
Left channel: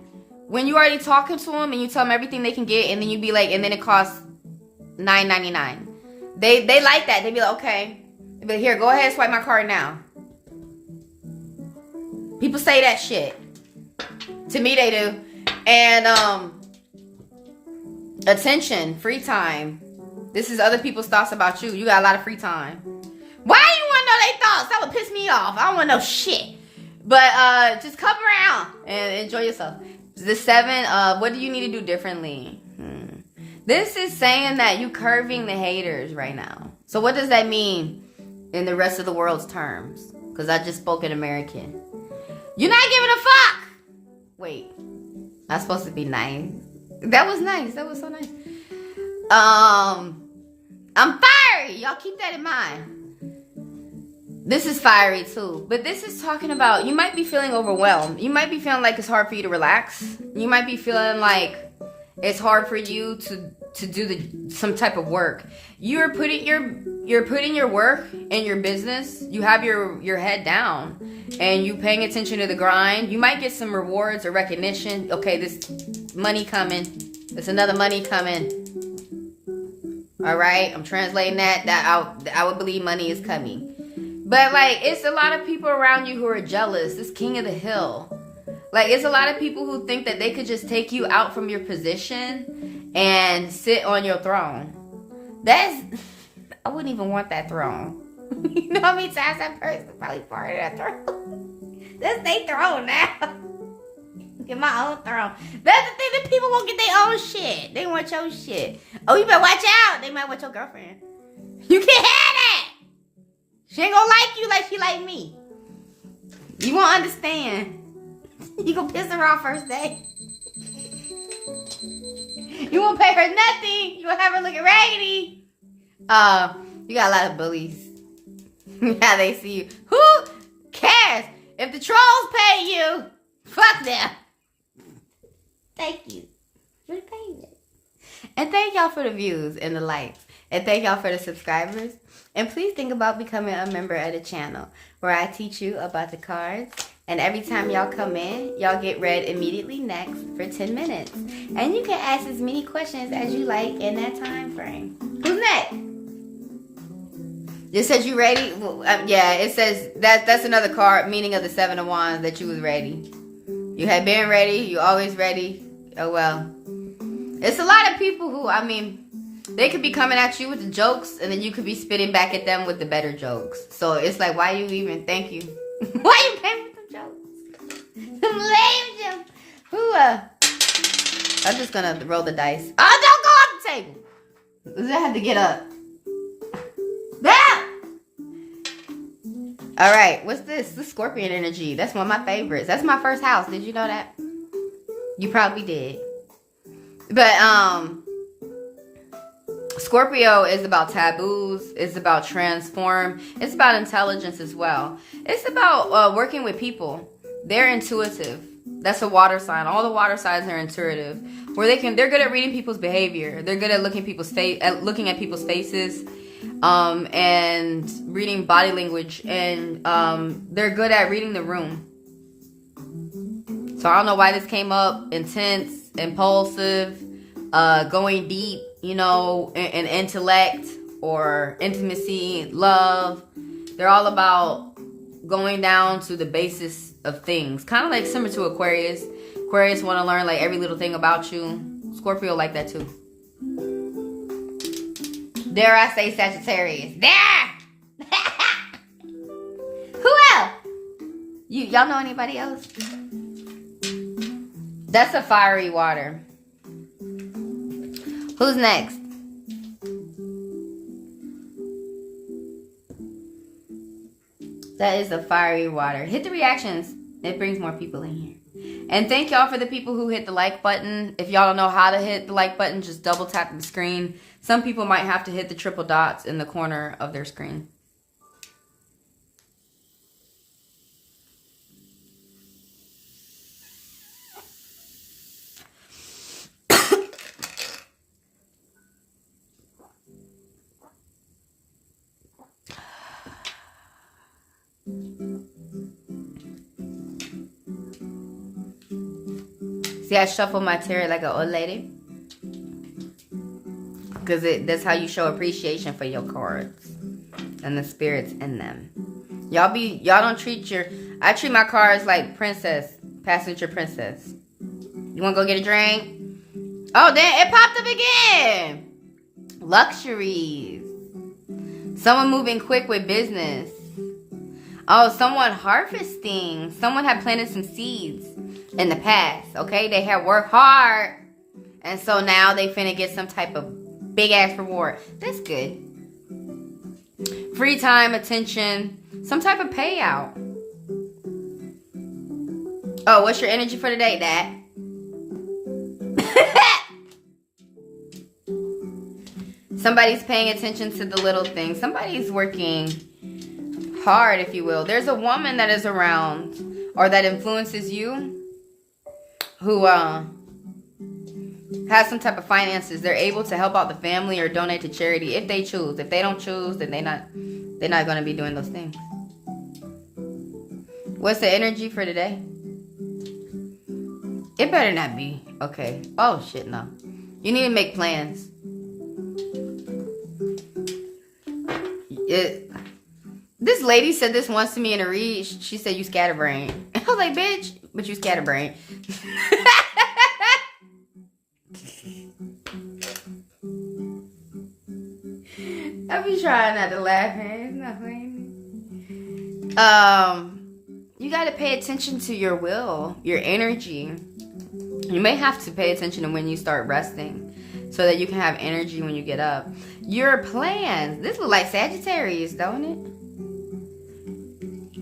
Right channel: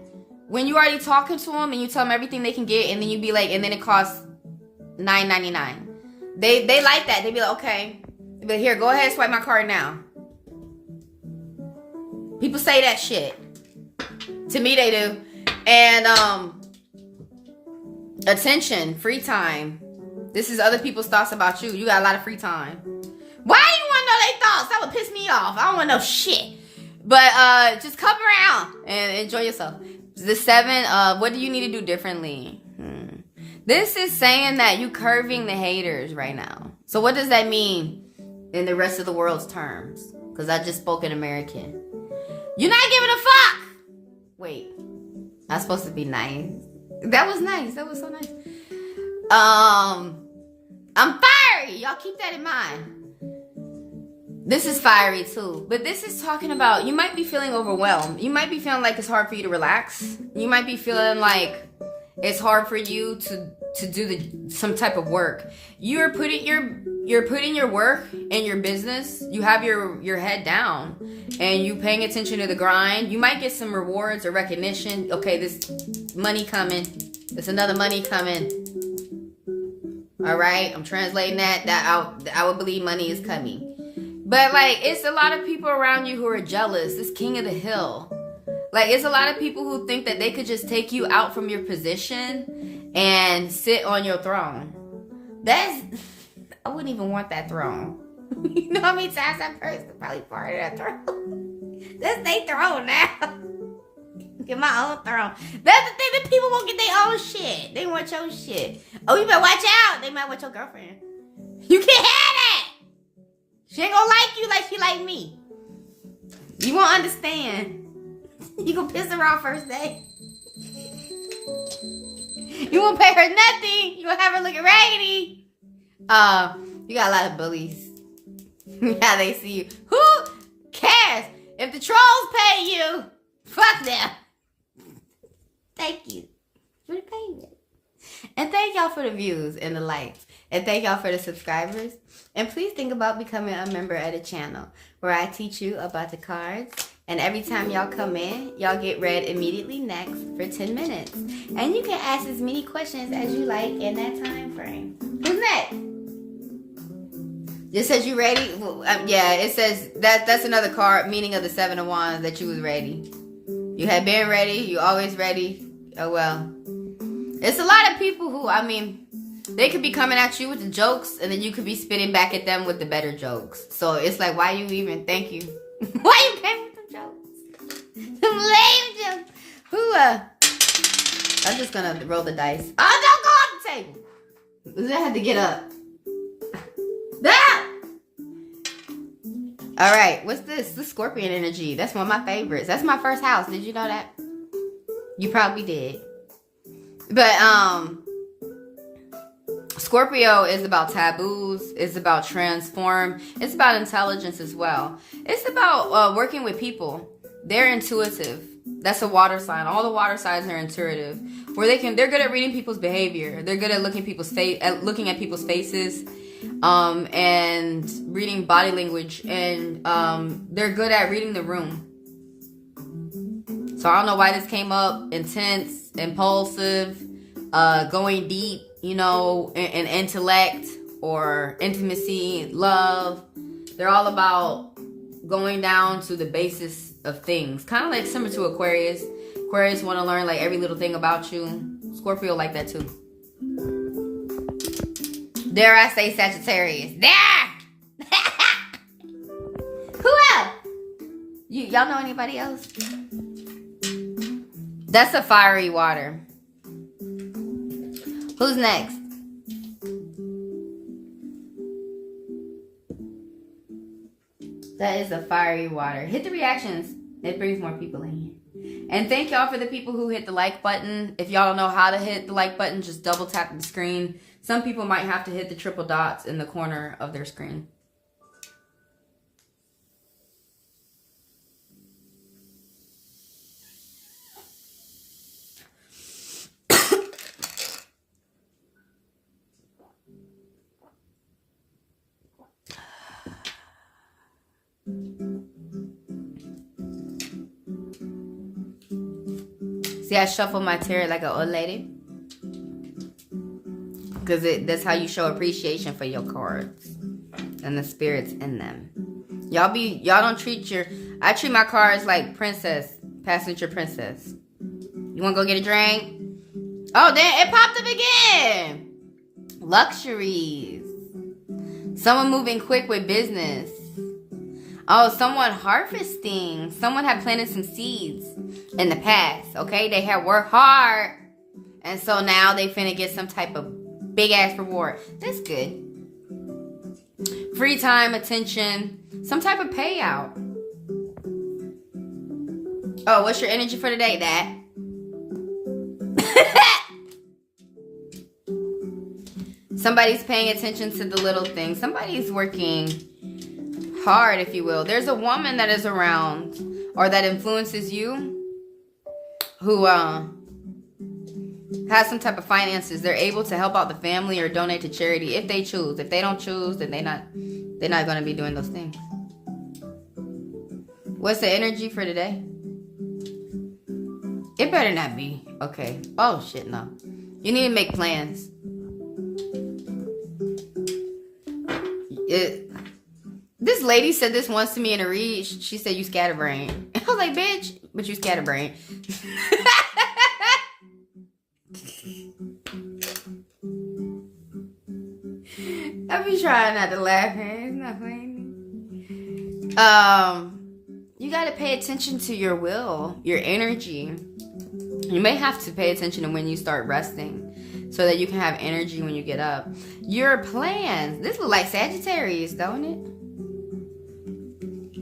When you already talking to them and you tell them everything they can get and then you be like, and then it costs $9.99. They like that. They be like, okay. But here, go ahead and swipe my card now. People say that shit. To me, they do. And, attention, free time. This is other people's thoughts about you. You got a lot of free time. Why do you want to know their thoughts? That would piss me off. I don't want to know shit. But, just come around and enjoy yourself. The 7, what do you need to do differently? This is saying that you curving the haters right now. So what does that mean in the rest of the world's terms? Because I just spoke in American. You're not giving a fuck. Wait, that's supposed to be nice. That was nice. That was so nice. I'm fiery. Y'all keep that in mind. This is fiery too. But this is talking about, you might be feeling overwhelmed. You might be feeling like it's hard for you to relax. You might be feeling like it's hard for you to do some type of work. You're putting your work and your business. You have your head down and you paying attention to the grind. You might get some rewards or recognition. Okay, this money coming. There's another money coming. All right, I'm translating that I would believe money is coming. But like, it's a lot of people around you who are jealous. It's king of the hill. Like, it's a lot of people who think that they could just take you out from your position and sit on your throne. I wouldn't even want that throne. You know how many times that person probably part of that throne? That's their throne now. Get my own throne. That's the thing, that people won't get their own shit. They want your shit. Oh, you better watch out. They might want your girlfriend. You can't have that. She ain't gonna like you like she like me. You won't understand. You gonna piss her off first day. You won't pay her nothing. You gonna have her looking raggedy. You got a lot of bullies. How they see you. Who cares? If the trolls pay you, fuck them. Thank you for the payment. And thank y'all for the views and the likes. And thank y'all for the subscribers. And please think about becoming a member of the channel where I teach you about the cards. And every time y'all come in, y'all get read immediately next for 10 minutes. And you can ask as many questions as you like in that time frame. Who's next? It says you ready? Yeah, it says that's another card, meaning of the 7 of Wands, that you was ready. You had been ready. You always ready. Oh, well. It's a lot of people who, I mean, they could be coming at you with the jokes, and then you could be spitting back at them with the better jokes. So it's like, why you even, thank you. Why you came with them jokes? Some lame jokes. I'm just going to roll the dice. Oh, don't go off the table. I have to get up. Ah! All right, what's this? This Scorpion energy. That's one of my favorites. That's my first house. Did you know that? You probably did. But, Scorpio is about taboos. It's about transform. It's about intelligence as well. It's about working with people. They're intuitive. That's a water sign. All the water signs are intuitive. They're good at reading people's behavior. They're good at looking at people's faces, and reading body language. And they're good at reading the room. So I don't know why this came up. Intense, impulsive, going deep. You know, in intellect or intimacy, love. They're all about going down to the basis of things. Kind of like similar to Aquarius. Aquarius want to learn like every little thing about you. Scorpio like that too. Dare I say Sagittarius. There! Who else? Y'all know anybody else? That's a fiery water. Who's next? That is a fiery water. Hit the reactions. It brings more people in here. And thank y'all for the people who hit the like button. If y'all don't know how to hit the like button, just double tap the screen. Some people might have to hit the triple dots in the corner of their screen. See, I shuffle my tarot like an old lady. Because that's how you show appreciation for your cards. and the spirits in them. Y'all don't treat I treat my cards like princess, passenger princess. You want to go get a drink? Oh, then it popped up again. Luxuries. Someone moving quick with business. Oh, someone harvesting. Someone had planted some seeds in the past, okay? They had worked hard. And so now they finna get some type of big-ass reward. That's good. Free time, attention, some type of payout. Oh, what's your energy for today, Dad? Somebody's paying attention to the little things. Somebody's working hard, if you will. There's a woman that is around or that influences you who has some type of finances. They're able to help out the family or donate to charity if they choose. If they don't choose, then they're not going to be doing those things. What's the energy for today? It better not be. Okay. Oh, shit, no. You need to make plans. This lady said this once to me in a read. She said, you scatterbrain. I was like, bitch, but you scatterbrain. I be trying not to laugh, man. It's not funny. You got to pay attention to your will, your energy. You may have to pay attention to when you start resting so that you can have energy when you get up. Your plans. This looks like Sagittarius, don't it?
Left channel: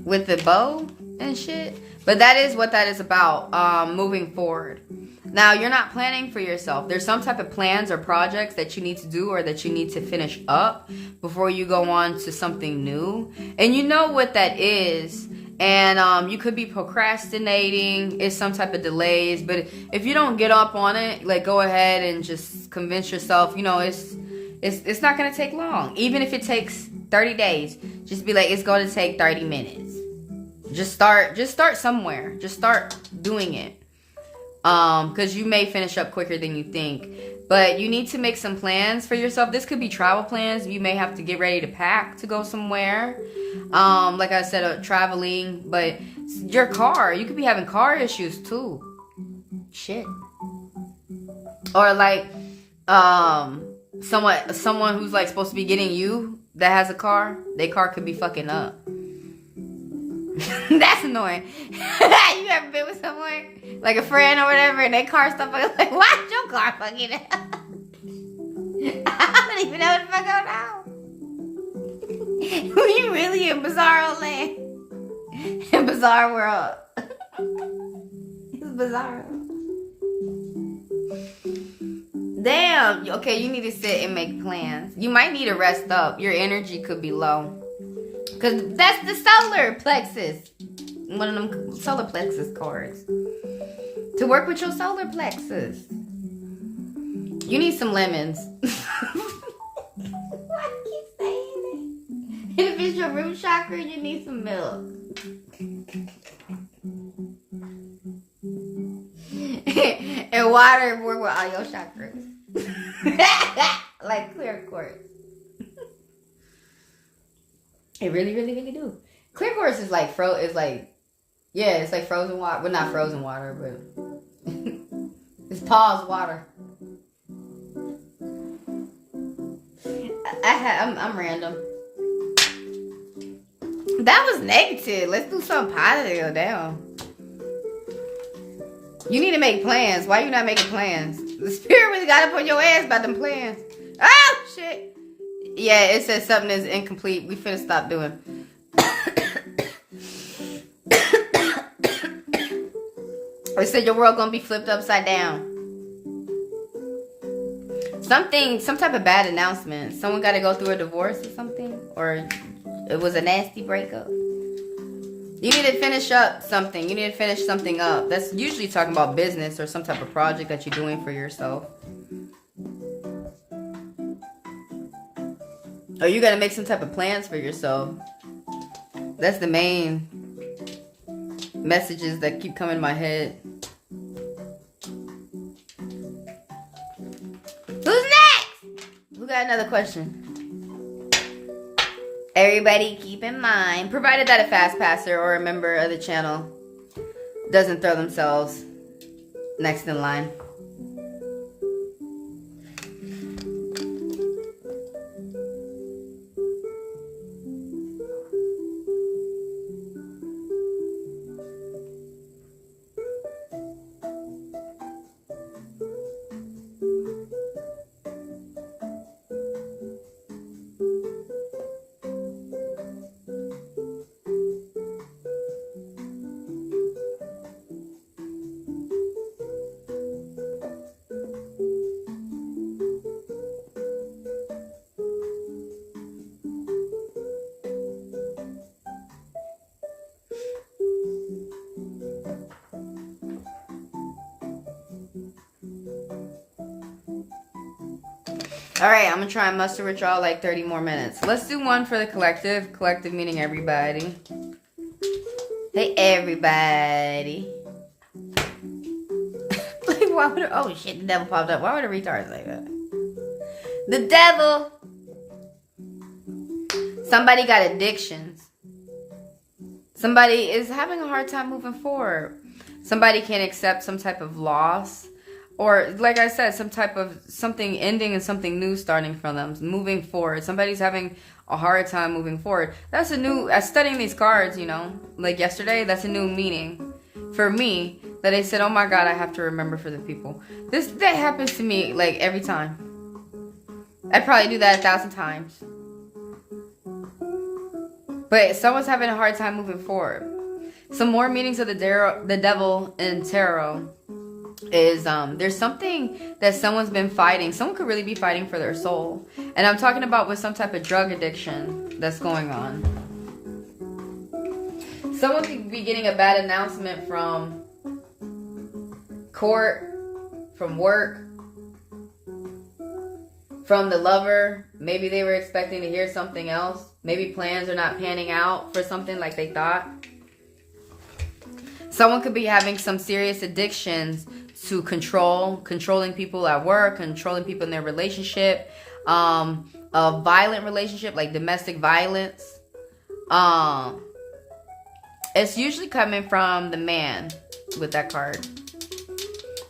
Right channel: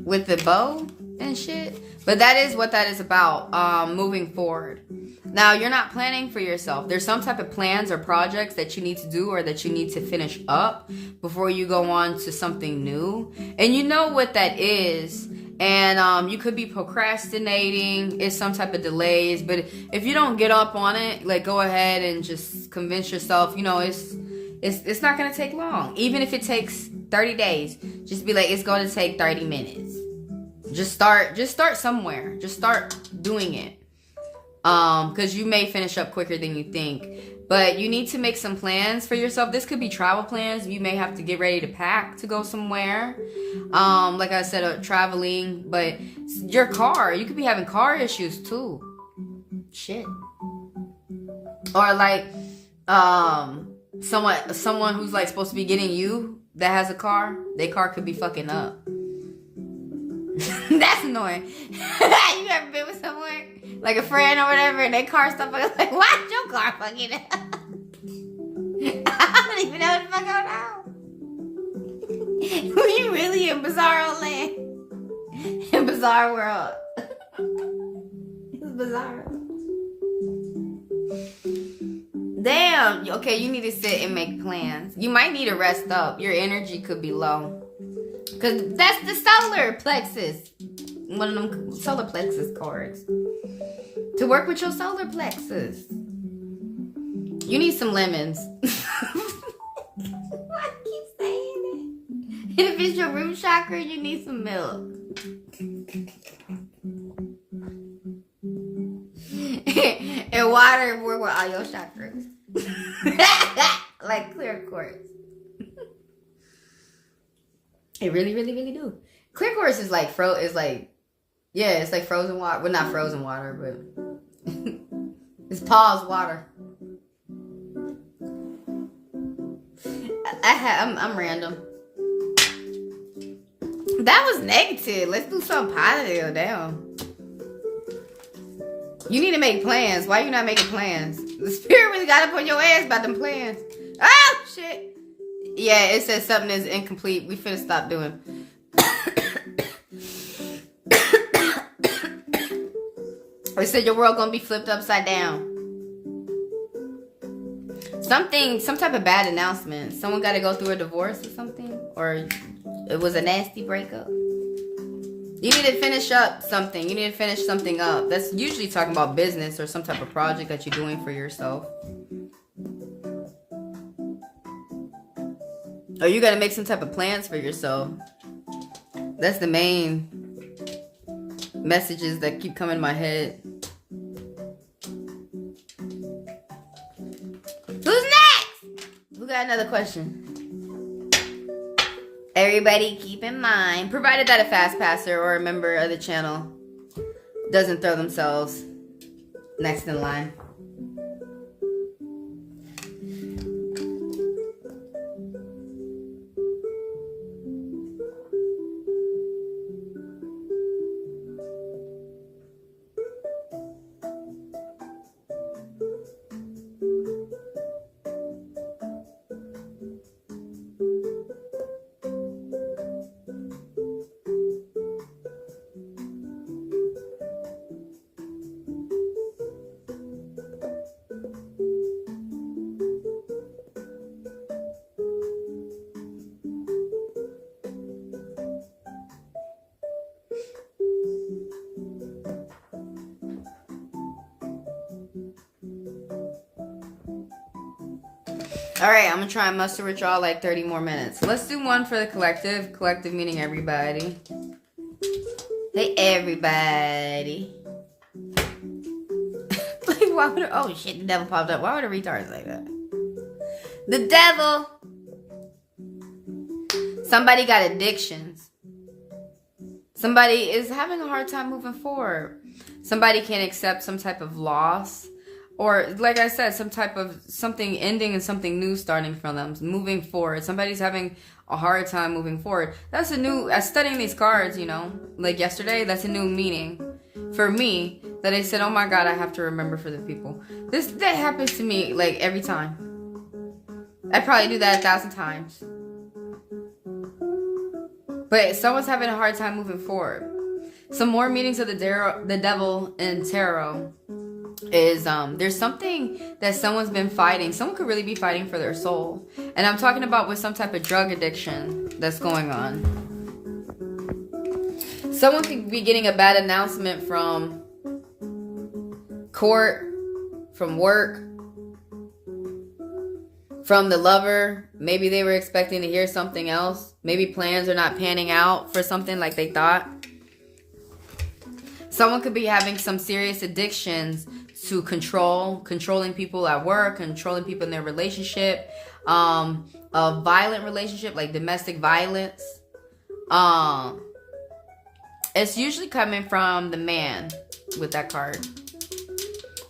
With the bow and shit. But that is what that is about, moving forward. Now, you're not planning for yourself. There's some type of plans or projects that you need to do or that you need to finish up before you go on to something new. And you know what that is. And you could be procrastinating. It's some type of delays. But if you don't get up on it, like, go ahead and just convince yourself, you know, it's not going to take long. Even if it takes 30 days, just be like, it's going to take 30 minutes. Just start somewhere. Just start doing it. Because you may finish up quicker than you think. But you need to make some plans for yourself. This could be travel plans. You may have to get ready to pack to go somewhere. Like I said, traveling. But your car, you could be having car issues too. Shit. Or like someone who's like supposed to be getting you that has a car, their car could be fucking up. That's annoying. You ever been with someone, like a friend or whatever, and their car stuff like, why is your car fucking up? I don't even know what the fuck going on. We really in bizarro land. In bizarre world. It's bizarre. Damn. Okay, you need to sit and make plans. You might need to rest up. Your energy could be low. Because that's the solar plexus. One of them solar plexus cards. To work with your solar plexus. You need some lemons. Why do you keep saying it? If it's your root chakra, you need some milk. And water work with all your chakras. Like clear quartz. It really, really, really do. Clear quartz is like it's like frozen water. Well, not frozen water, but it's paused water. I'm random. That was negative. Let's do something positive. Damn. You need to make plans. Why you not making plans? The spirit really got up on your ass about them plans. Oh shit. Yeah, it says something is incomplete. We finna stop doing. It said your world gonna be flipped upside down. Some type of bad announcement. Someone got to go through a divorce or something, or it was a nasty breakup. You need to finish up something. You need to finish something up. That's usually talking about business or some type of project that you're doing for yourself. Or you got to make some type of plans for yourself. That's the main messages that keep coming in my head. Who's next? Who got another question? Everybody keep in mind, provided that a fast passer or a member of the channel doesn't throw themselves next in line. All right, I'm going to try and muster with y'all like 30 more minutes. Let's do one for the collective. Collective meaning everybody. Hey, everybody. Like, why would oh, shit, the devil popped up. Why would a retard say that? The devil. Somebody got addictions. Somebody is having a hard time moving forward. Somebody can't accept some type of loss. Or, like I said, some type of something ending and something new starting from them. Moving forward. Somebody's having a hard time moving forward. That's a new, as studying these cards, you know, like yesterday, that's a new meaning for me. That I said, oh my God, I have to remember for the people. That happens to me, like, every time. I probably do that 1,000 times. But someone's having a hard time moving forward. Some more meanings of the devil in tarot is there's something that someone's been fighting. Someone could really be fighting for their soul. And I'm talking about with some type of drug addiction that's going on. Someone could be getting a bad announcement from court, from work, from the lover. Maybe they were expecting to hear something else. Maybe plans are not panning out for something like they thought. Someone could be having some serious addictions to controlling people at work, controlling people in their relationship, a violent relationship, like domestic violence. It's usually coming from the man with that card.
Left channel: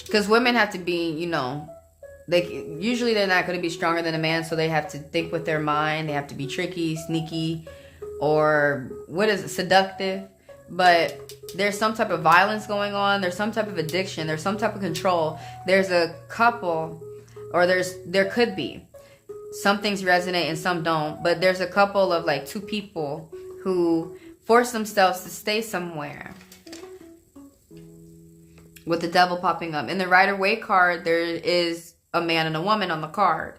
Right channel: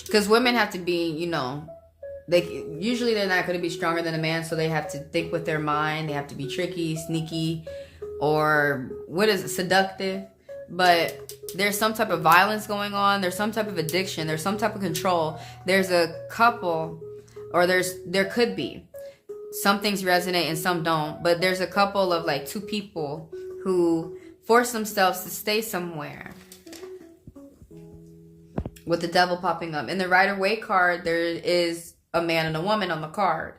Because women have to be, you know, usually they're not going to be stronger than a man, so they have to think with their mind. They have to be tricky, sneaky, or seductive. But there's some type of violence going on. There's some type of addiction. There's some type of control. There's a couple, or there could be. Some things resonate and some don't. But there's a couple of like two people who force themselves to stay somewhere. With the devil popping up. In the Rider-Waite card, there is a man and a woman on the card.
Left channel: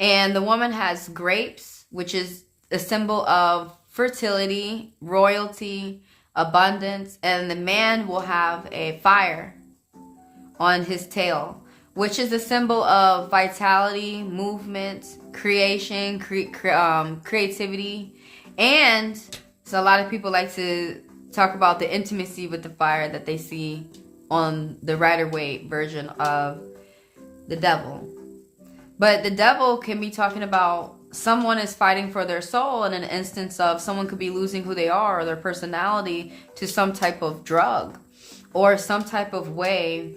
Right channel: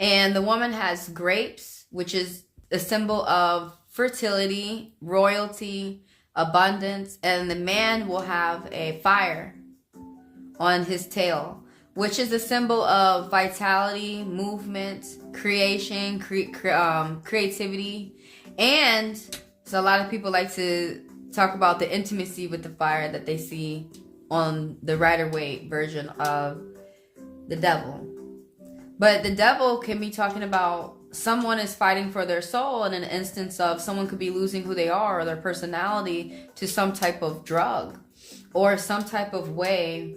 And the woman has grapes, which is a symbol of fertility, royalty, abundance, and the man will have a fire on his tail, which is a symbol of vitality, movement, creation, creativity. And so a lot of people like to talk about the intimacy with the fire that they see on the Rider-Waite version of the devil. But the devil can be talking about someone is fighting for their soul, in an instance of someone could be losing who they are or their personality to some type of drug or some type of way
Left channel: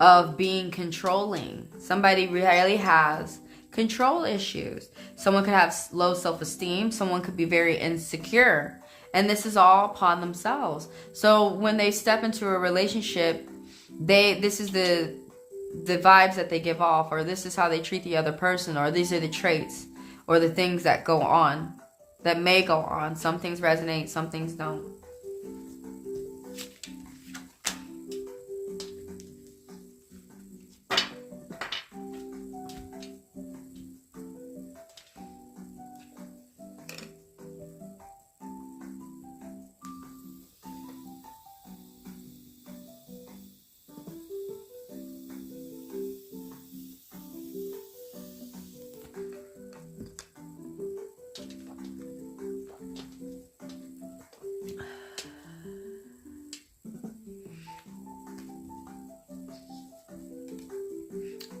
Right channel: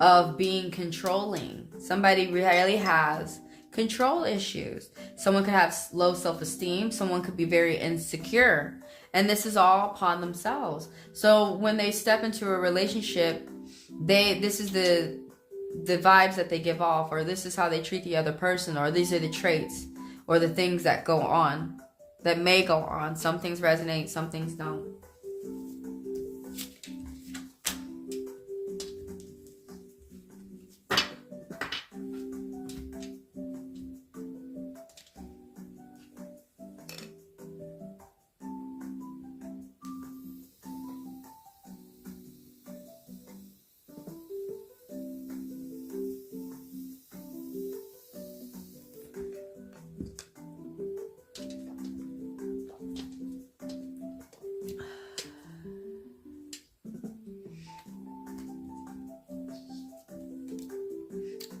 of being controlling. Somebody really has control issues. Someone could have low self-esteem. Someone could be very insecure. And this is all upon themselves. So when they step into a relationship, this is the vibes that they give off, or this is how they treat the other person, or these are the traits or the things that go on, that may go on. Some things resonate, some things don't.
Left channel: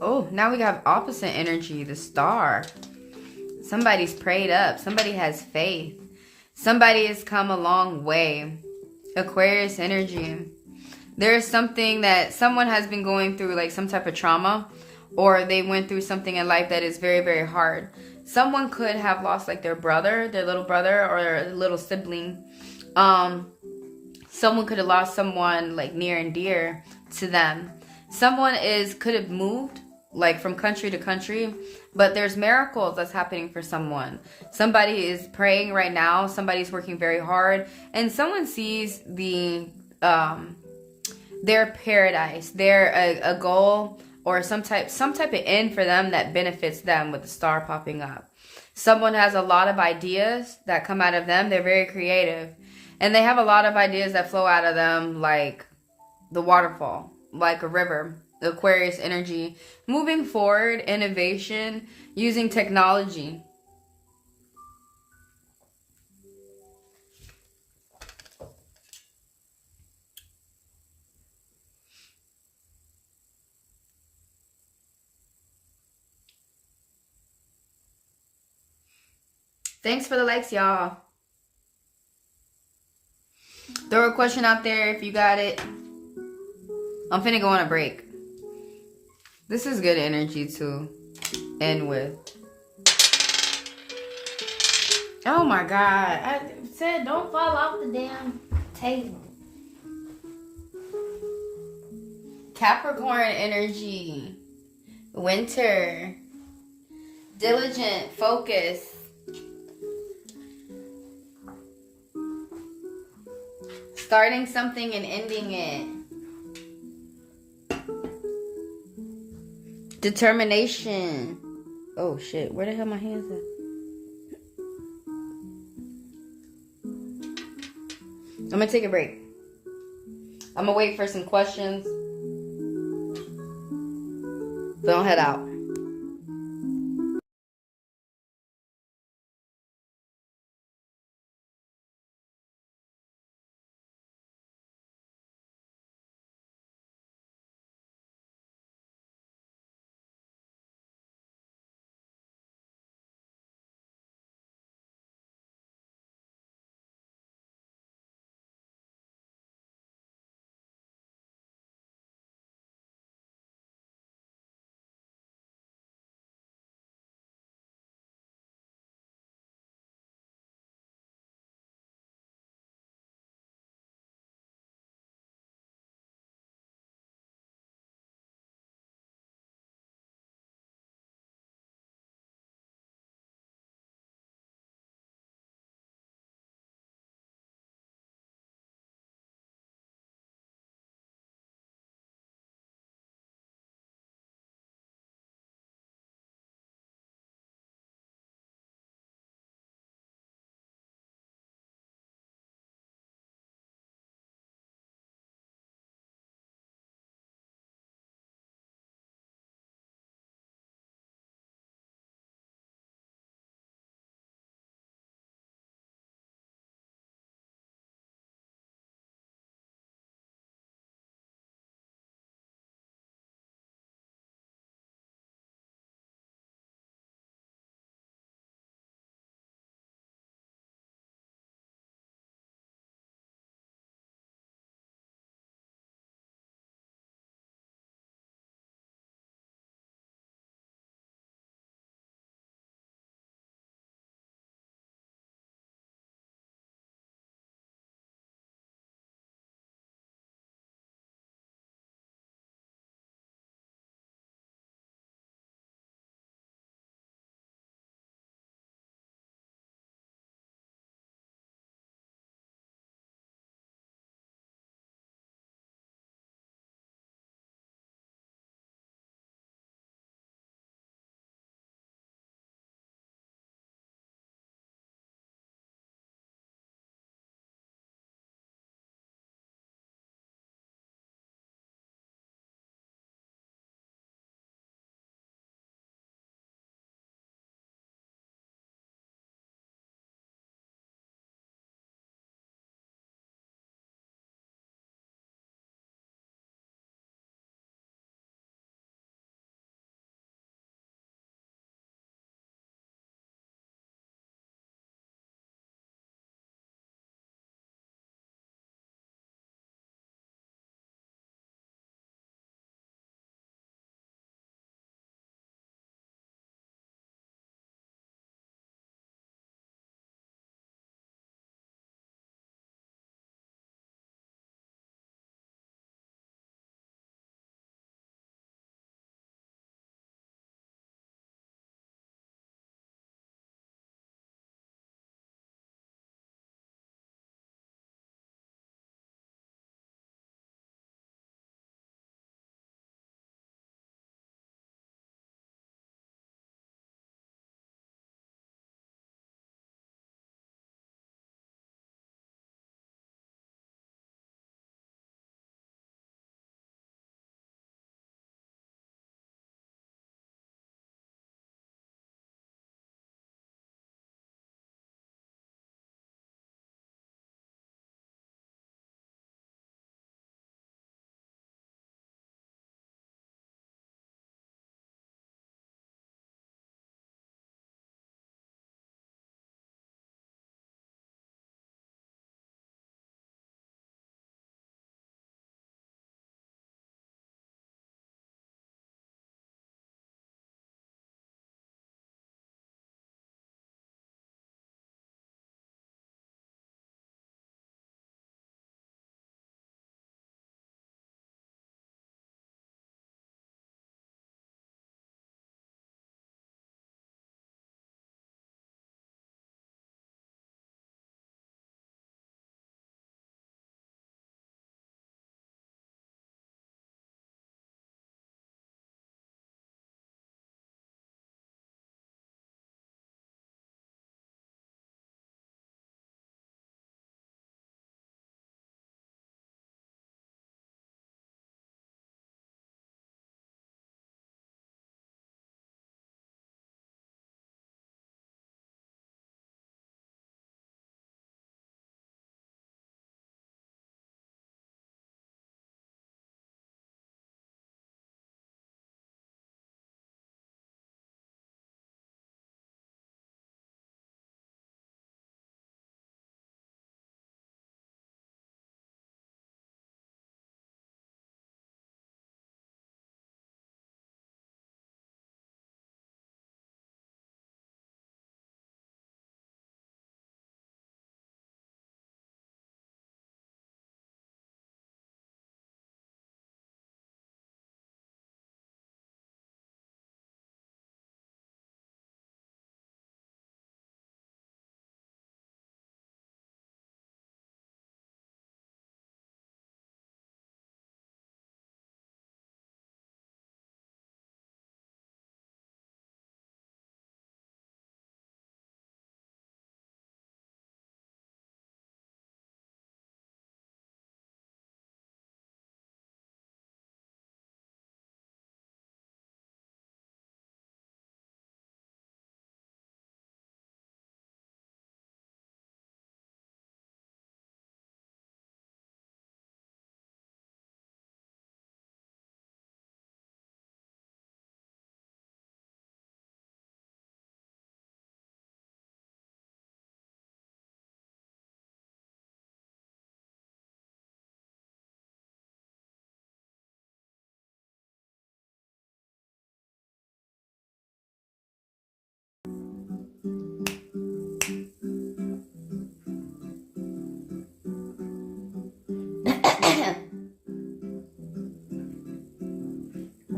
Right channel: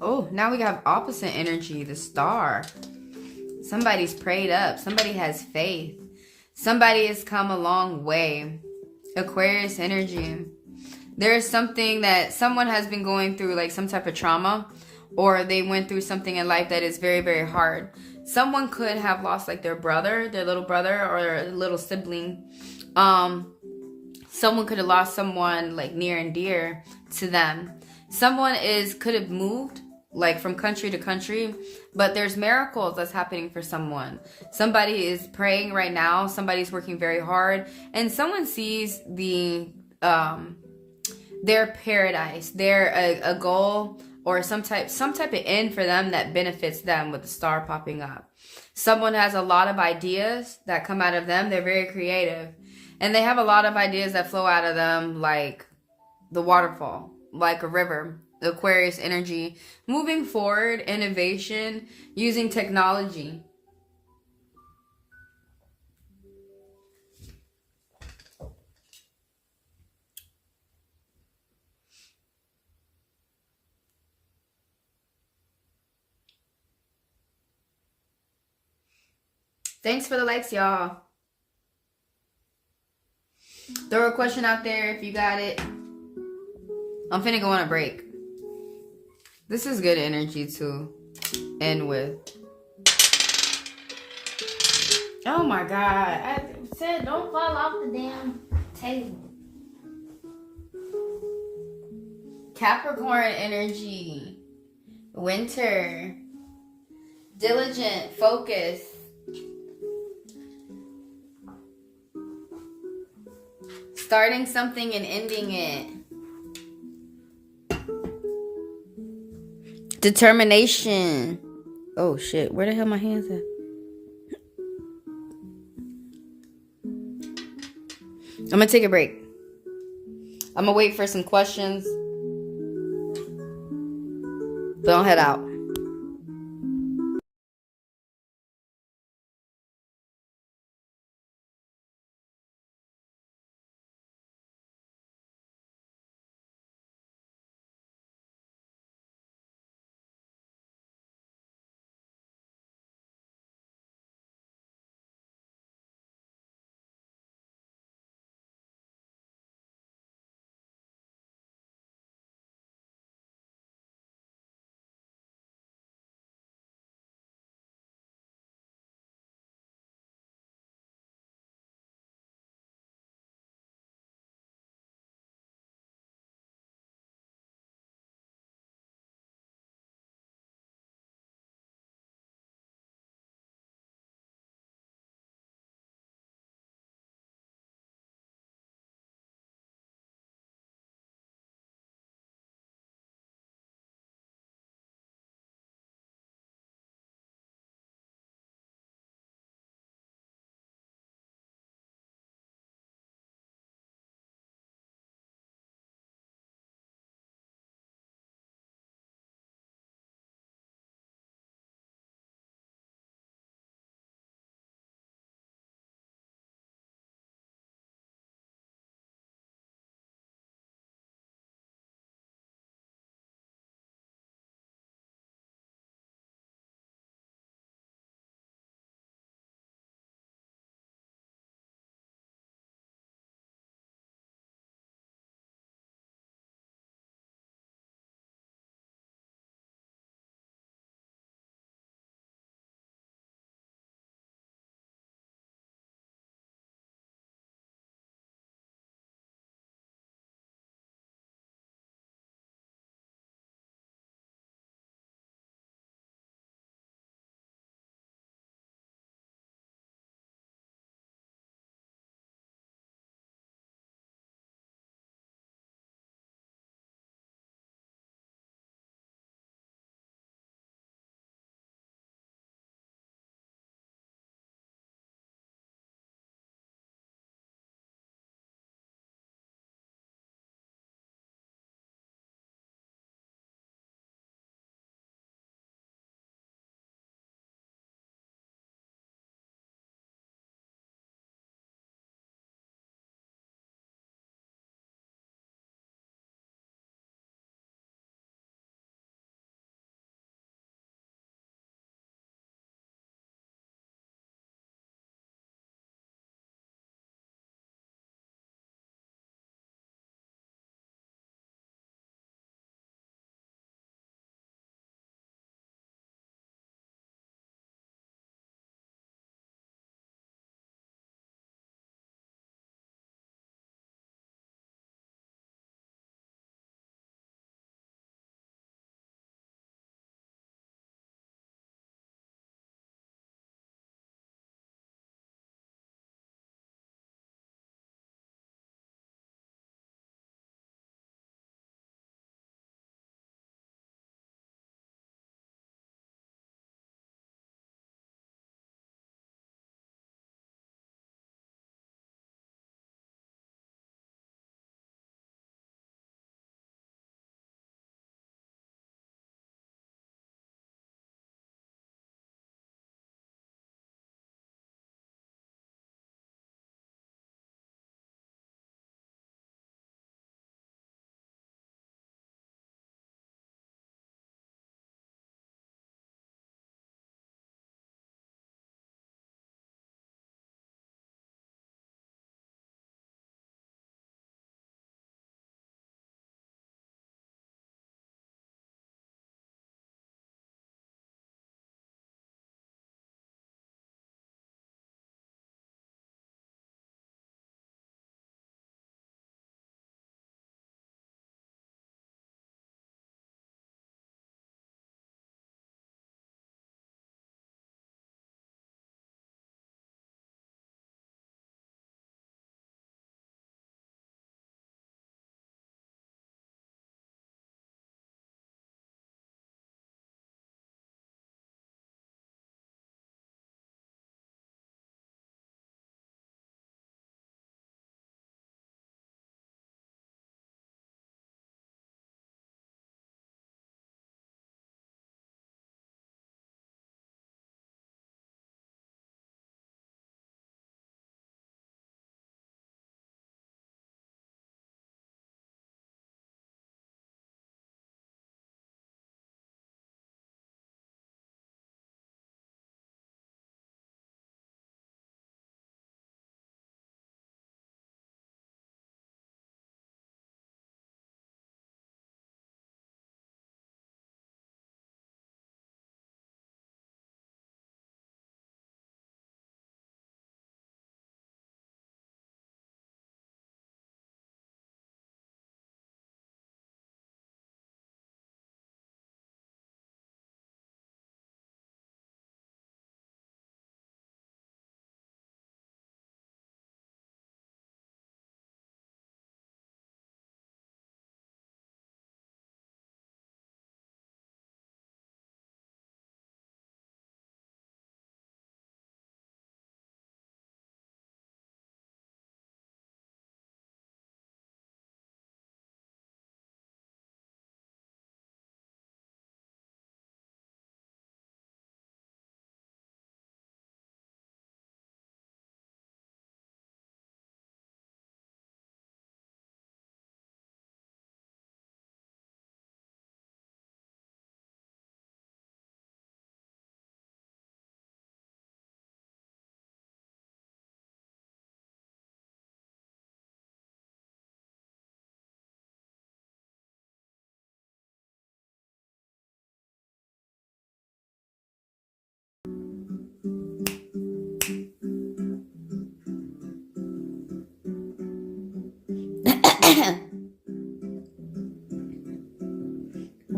Oh, now we have opposite energy, the star. Somebody's prayed up. Somebody has faith. Somebody has come a long way. Aquarius energy. There is something that someone has been going through, like some type of trauma, or they went through something in life that is very, very hard. Someone could have lost like their brother, their little brother, or their little sibling. Someone could have lost someone like near and dear to them. Someone could have moved like from country to country, but there's miracles that's happening for someone. Somebody is praying right now. Somebody's working very hard, and someone sees their paradise, a goal, or some type of end for them that benefits them with the star popping up. Someone has a lot of ideas that come out of them. They're very creative, and they have a lot of ideas that flow out of them like the waterfall, like a river. Aquarius energy, moving forward, innovation, using technology. Thanks for the likes, y'all. Throw a question out there if you got it. I'm finna go on a break. This is good energy to end with. Oh my God. I said don't fall off the damn table. Capricorn energy. Winter. Diligent. Focus. Starting something and ending it. Determination. Oh shit, where the hell my hands at? I'm gonna take a break. I'm gonna wait for some questions. Don't head out.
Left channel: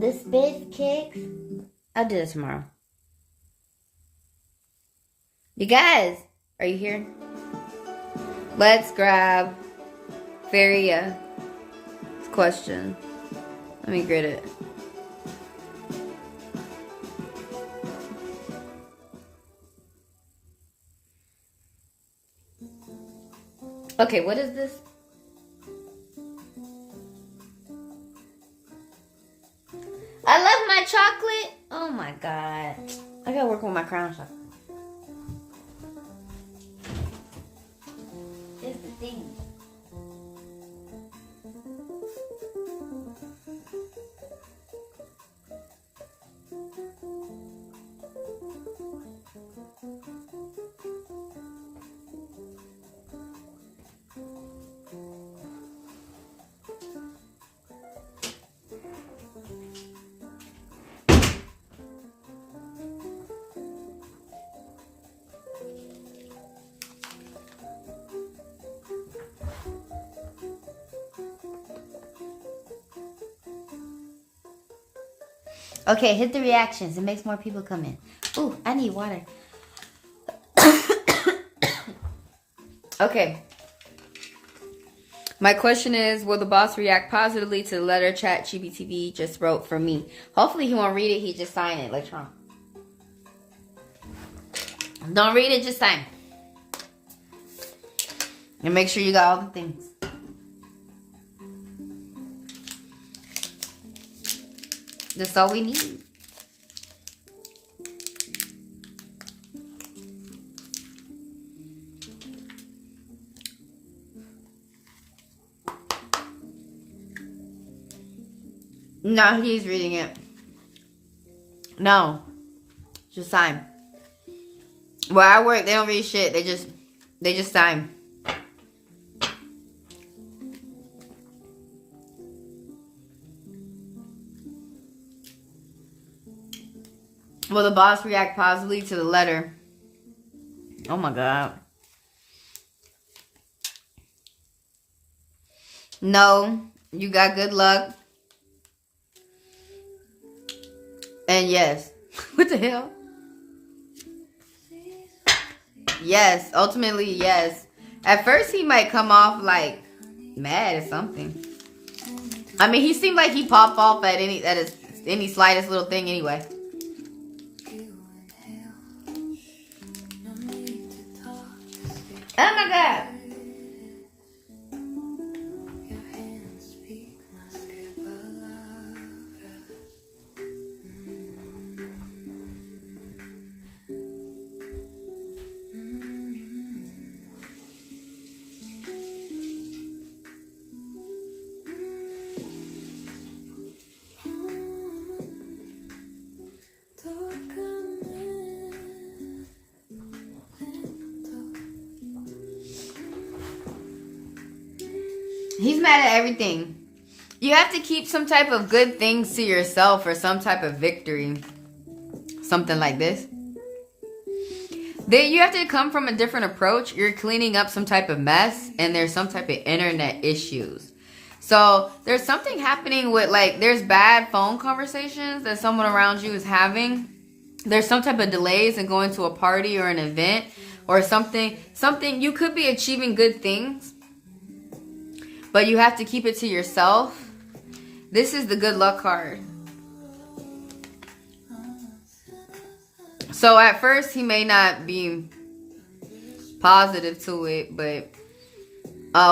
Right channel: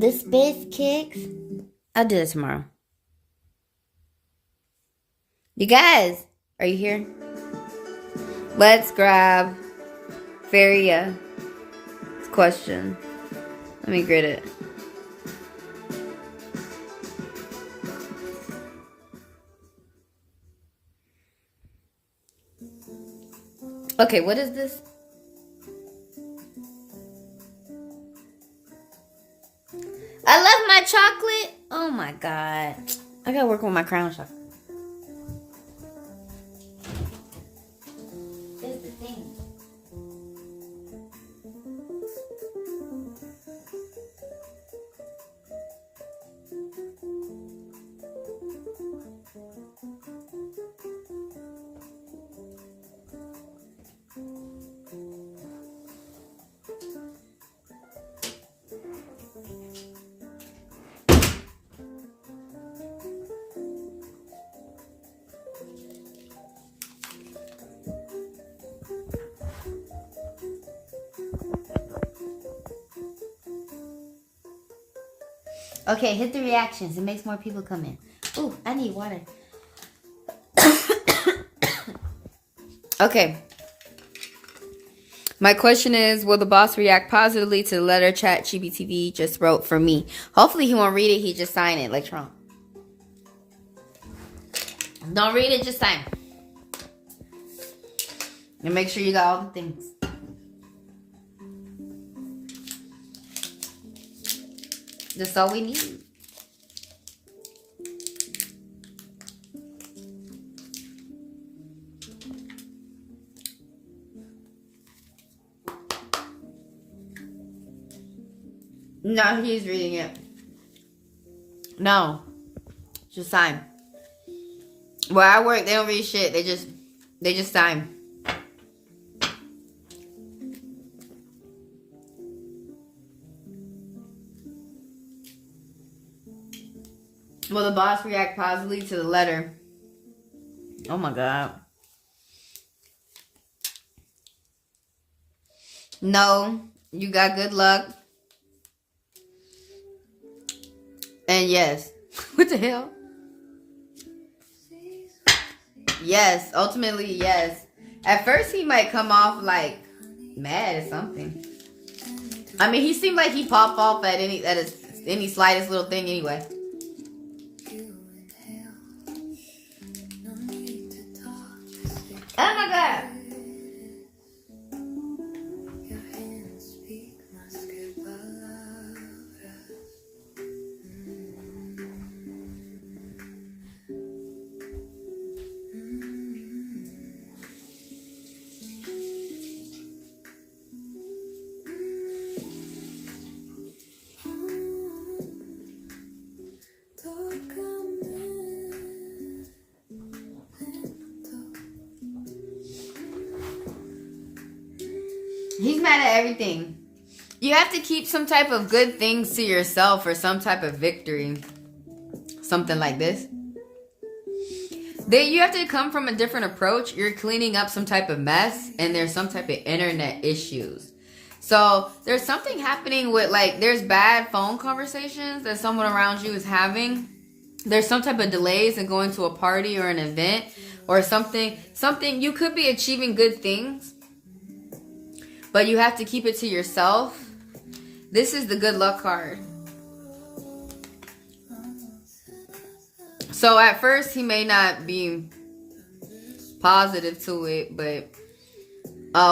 The space kicks. I'll do this tomorrow. You guys, are you here? Let's grab Feria question. Let me grid it. Okay, what is this? I left my chocolate. Oh my god. I gotta work on my crown chocolate. It's the thing. Okay, hit the reactions. It makes more people come in. Ooh, I need water. Okay. My question is, will the boss react positively to the letter ChatGPT just wrote for me? Hopefully he won't read it. He just sign it like Trump. Don't read it, just sign. And make sure you got all the things. That's all we need. No, he's reading it. No. Just sign. Where I work, they don't read shit. They just sign. Will the boss react positively to the letter? Oh my god. No. You got good luck. And yes. What the hell? Yes. Ultimately, yes. At first, he might come off like mad or something. I mean, he seemed like he popped off at any slightest little thing anyway. Oh my god. He's mad at everything. You have to keep some type of good things to yourself or some type of victory. Something like this. You have to come from a different approach. You're cleaning up some type of mess and there's some type of internet issues. So there's something happening with there's bad phone conversations that someone around you is having. There's some type of delays in going to a party or an event or something. You could be achieving good things. But you have to keep it to yourself. This is the good luck card. So at first he may not be positive to it, but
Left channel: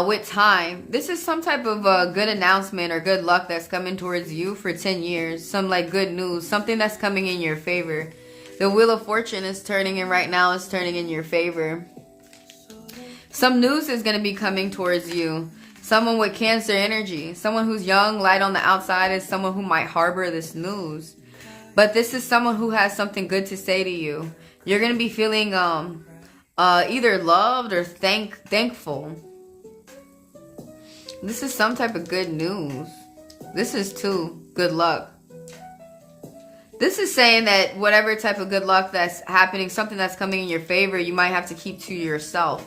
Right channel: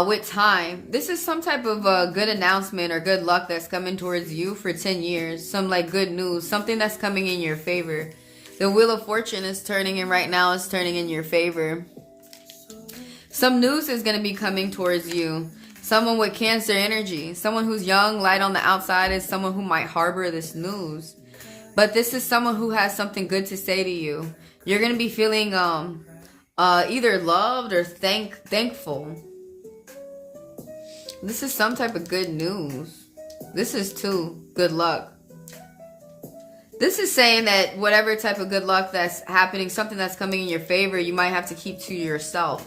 with time, this is some type of good announcement or good luck that's coming towards you for 10 years. Some good news, something that's coming in your favor. The Wheel of Fortune is turning in right now. It's turning in your favor. Some news is going to be coming towards you. Someone with Cancer energy. Someone who's young, light on the outside is someone who might harbor this news. But this is someone who has something good to say to you. You're going to be feeling either loved or thankful. This is some type of good news. This is too good luck. This is saying that whatever type of good luck that's happening, something that's coming in your favor, you might have to keep to yourself.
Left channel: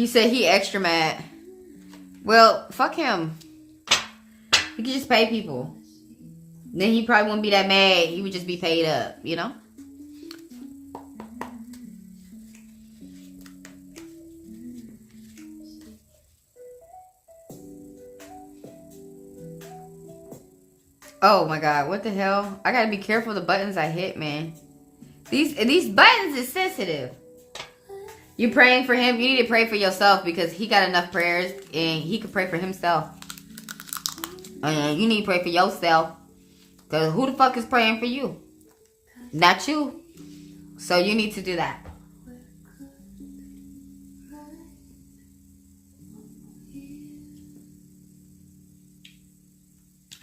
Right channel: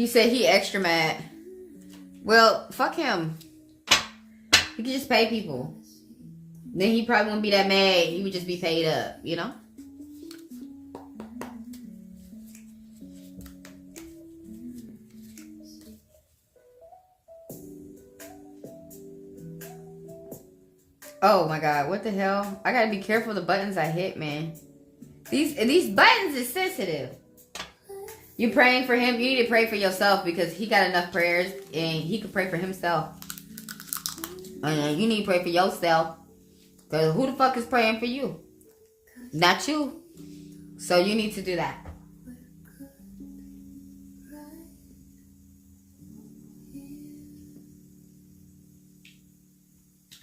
You said he extra mad. Well, fuck him. He could just pay people. Then he probably wouldn't be that mad. He would just be paid up, you know? Oh my God, what the hell? I gotta be careful the buttons I hit, man. These buttons is sensitive. You praying for him, you need to pray for yourself because he got enough prayers and he can pray for himself. And you need to pray for yourself. Because who the fuck is praying for you? Not you. So you need to do that.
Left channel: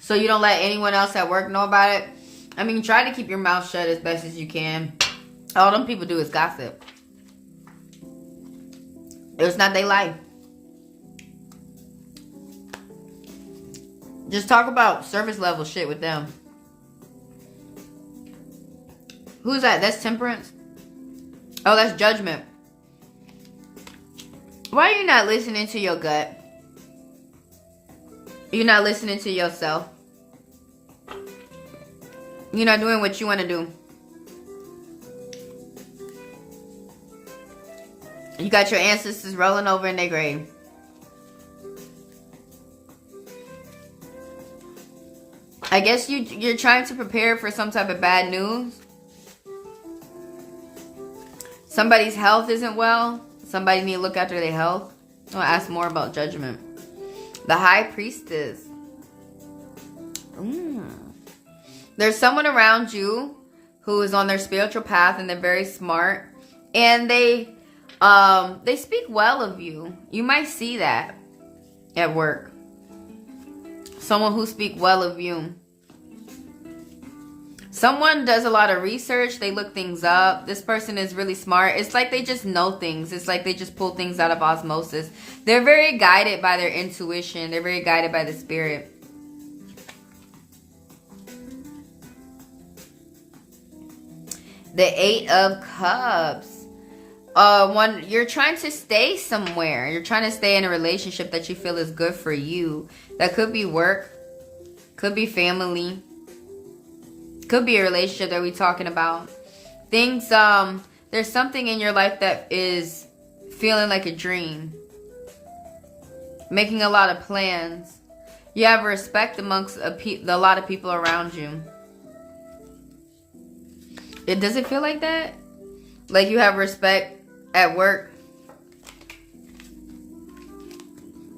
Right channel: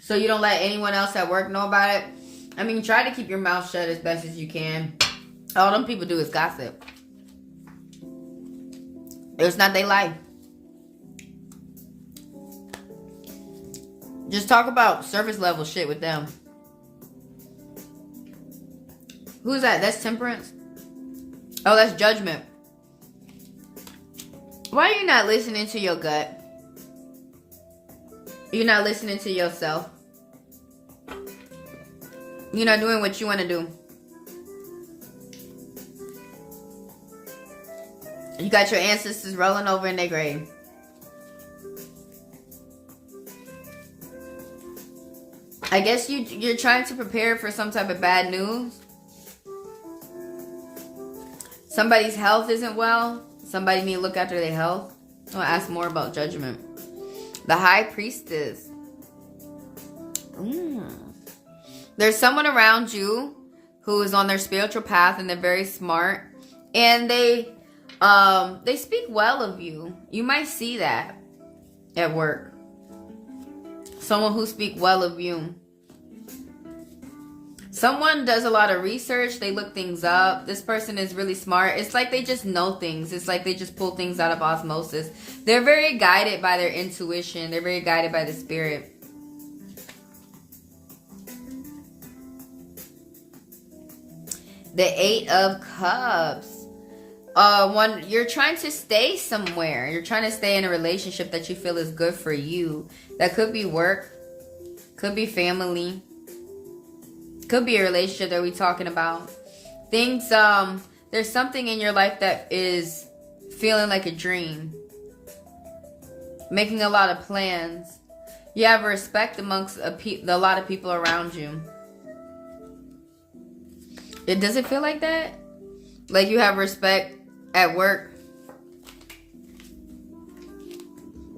So you don't let anyone else at work know about it. I mean, try to keep your mouth shut as best as you can. All them people do is gossip. It's not their life. Just talk about service level shit with them. Who's that? That's temperance? Oh, that's judgment. Why are you not listening to your gut? You're not listening to yourself. You're not doing what you want to do. You got your ancestors rolling over in their grave. I guess you're trying to prepare for some type of bad news. Somebody's health isn't well. Somebody need to look after their health. I'll ask more about judgment. The High Priestess. There's someone around you who is on their spiritual path and they're very smart. And they speak well of you. You might see that at work. Someone who speaks well of you. Someone does a lot of research. They look things up. This person is really smart. It's like they just know things. It's like they just pull things out of osmosis. They're very guided by their intuition. They're very guided by the spirit. The Eight of Cups. You're trying to stay somewhere. You're trying to stay in a relationship that you feel is good for you. That could be work. Could be family. Could be a relationship that we're talking about. Things, there's something in your life that is feeling like a dream. Making a lot of plans. You have respect amongst a lot of people around you. Does it feel like that? Like you have respect at work?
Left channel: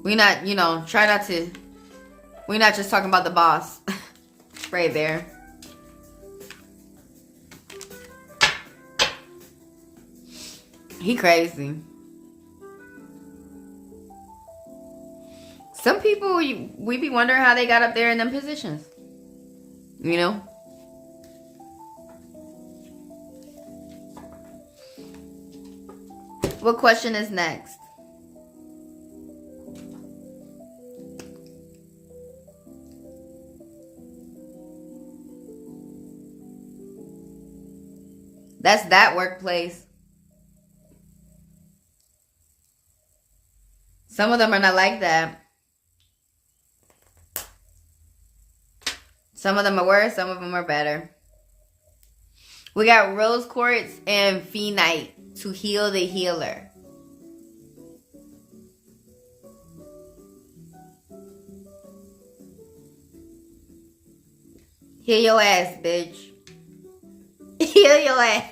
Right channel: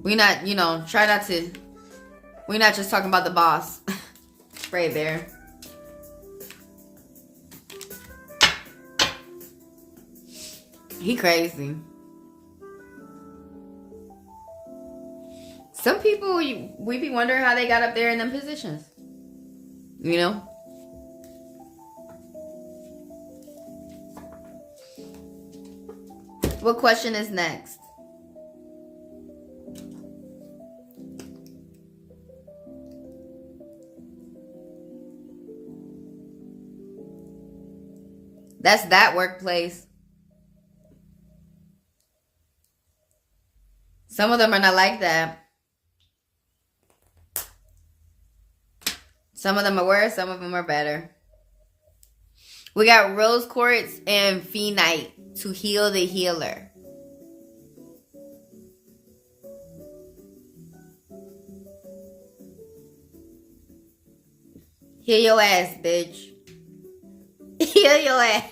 We're not, try not to. We're not just talking about the boss. Right there. He crazy. Some people, we be wondering how they got up there in them positions. You know? What question is next? That's that workplace. Some of them are not like that. Some of them are worse, some of them are better. We got rose quartz and phenite to heal the healer. Heal your ass, bitch. Heal your ass.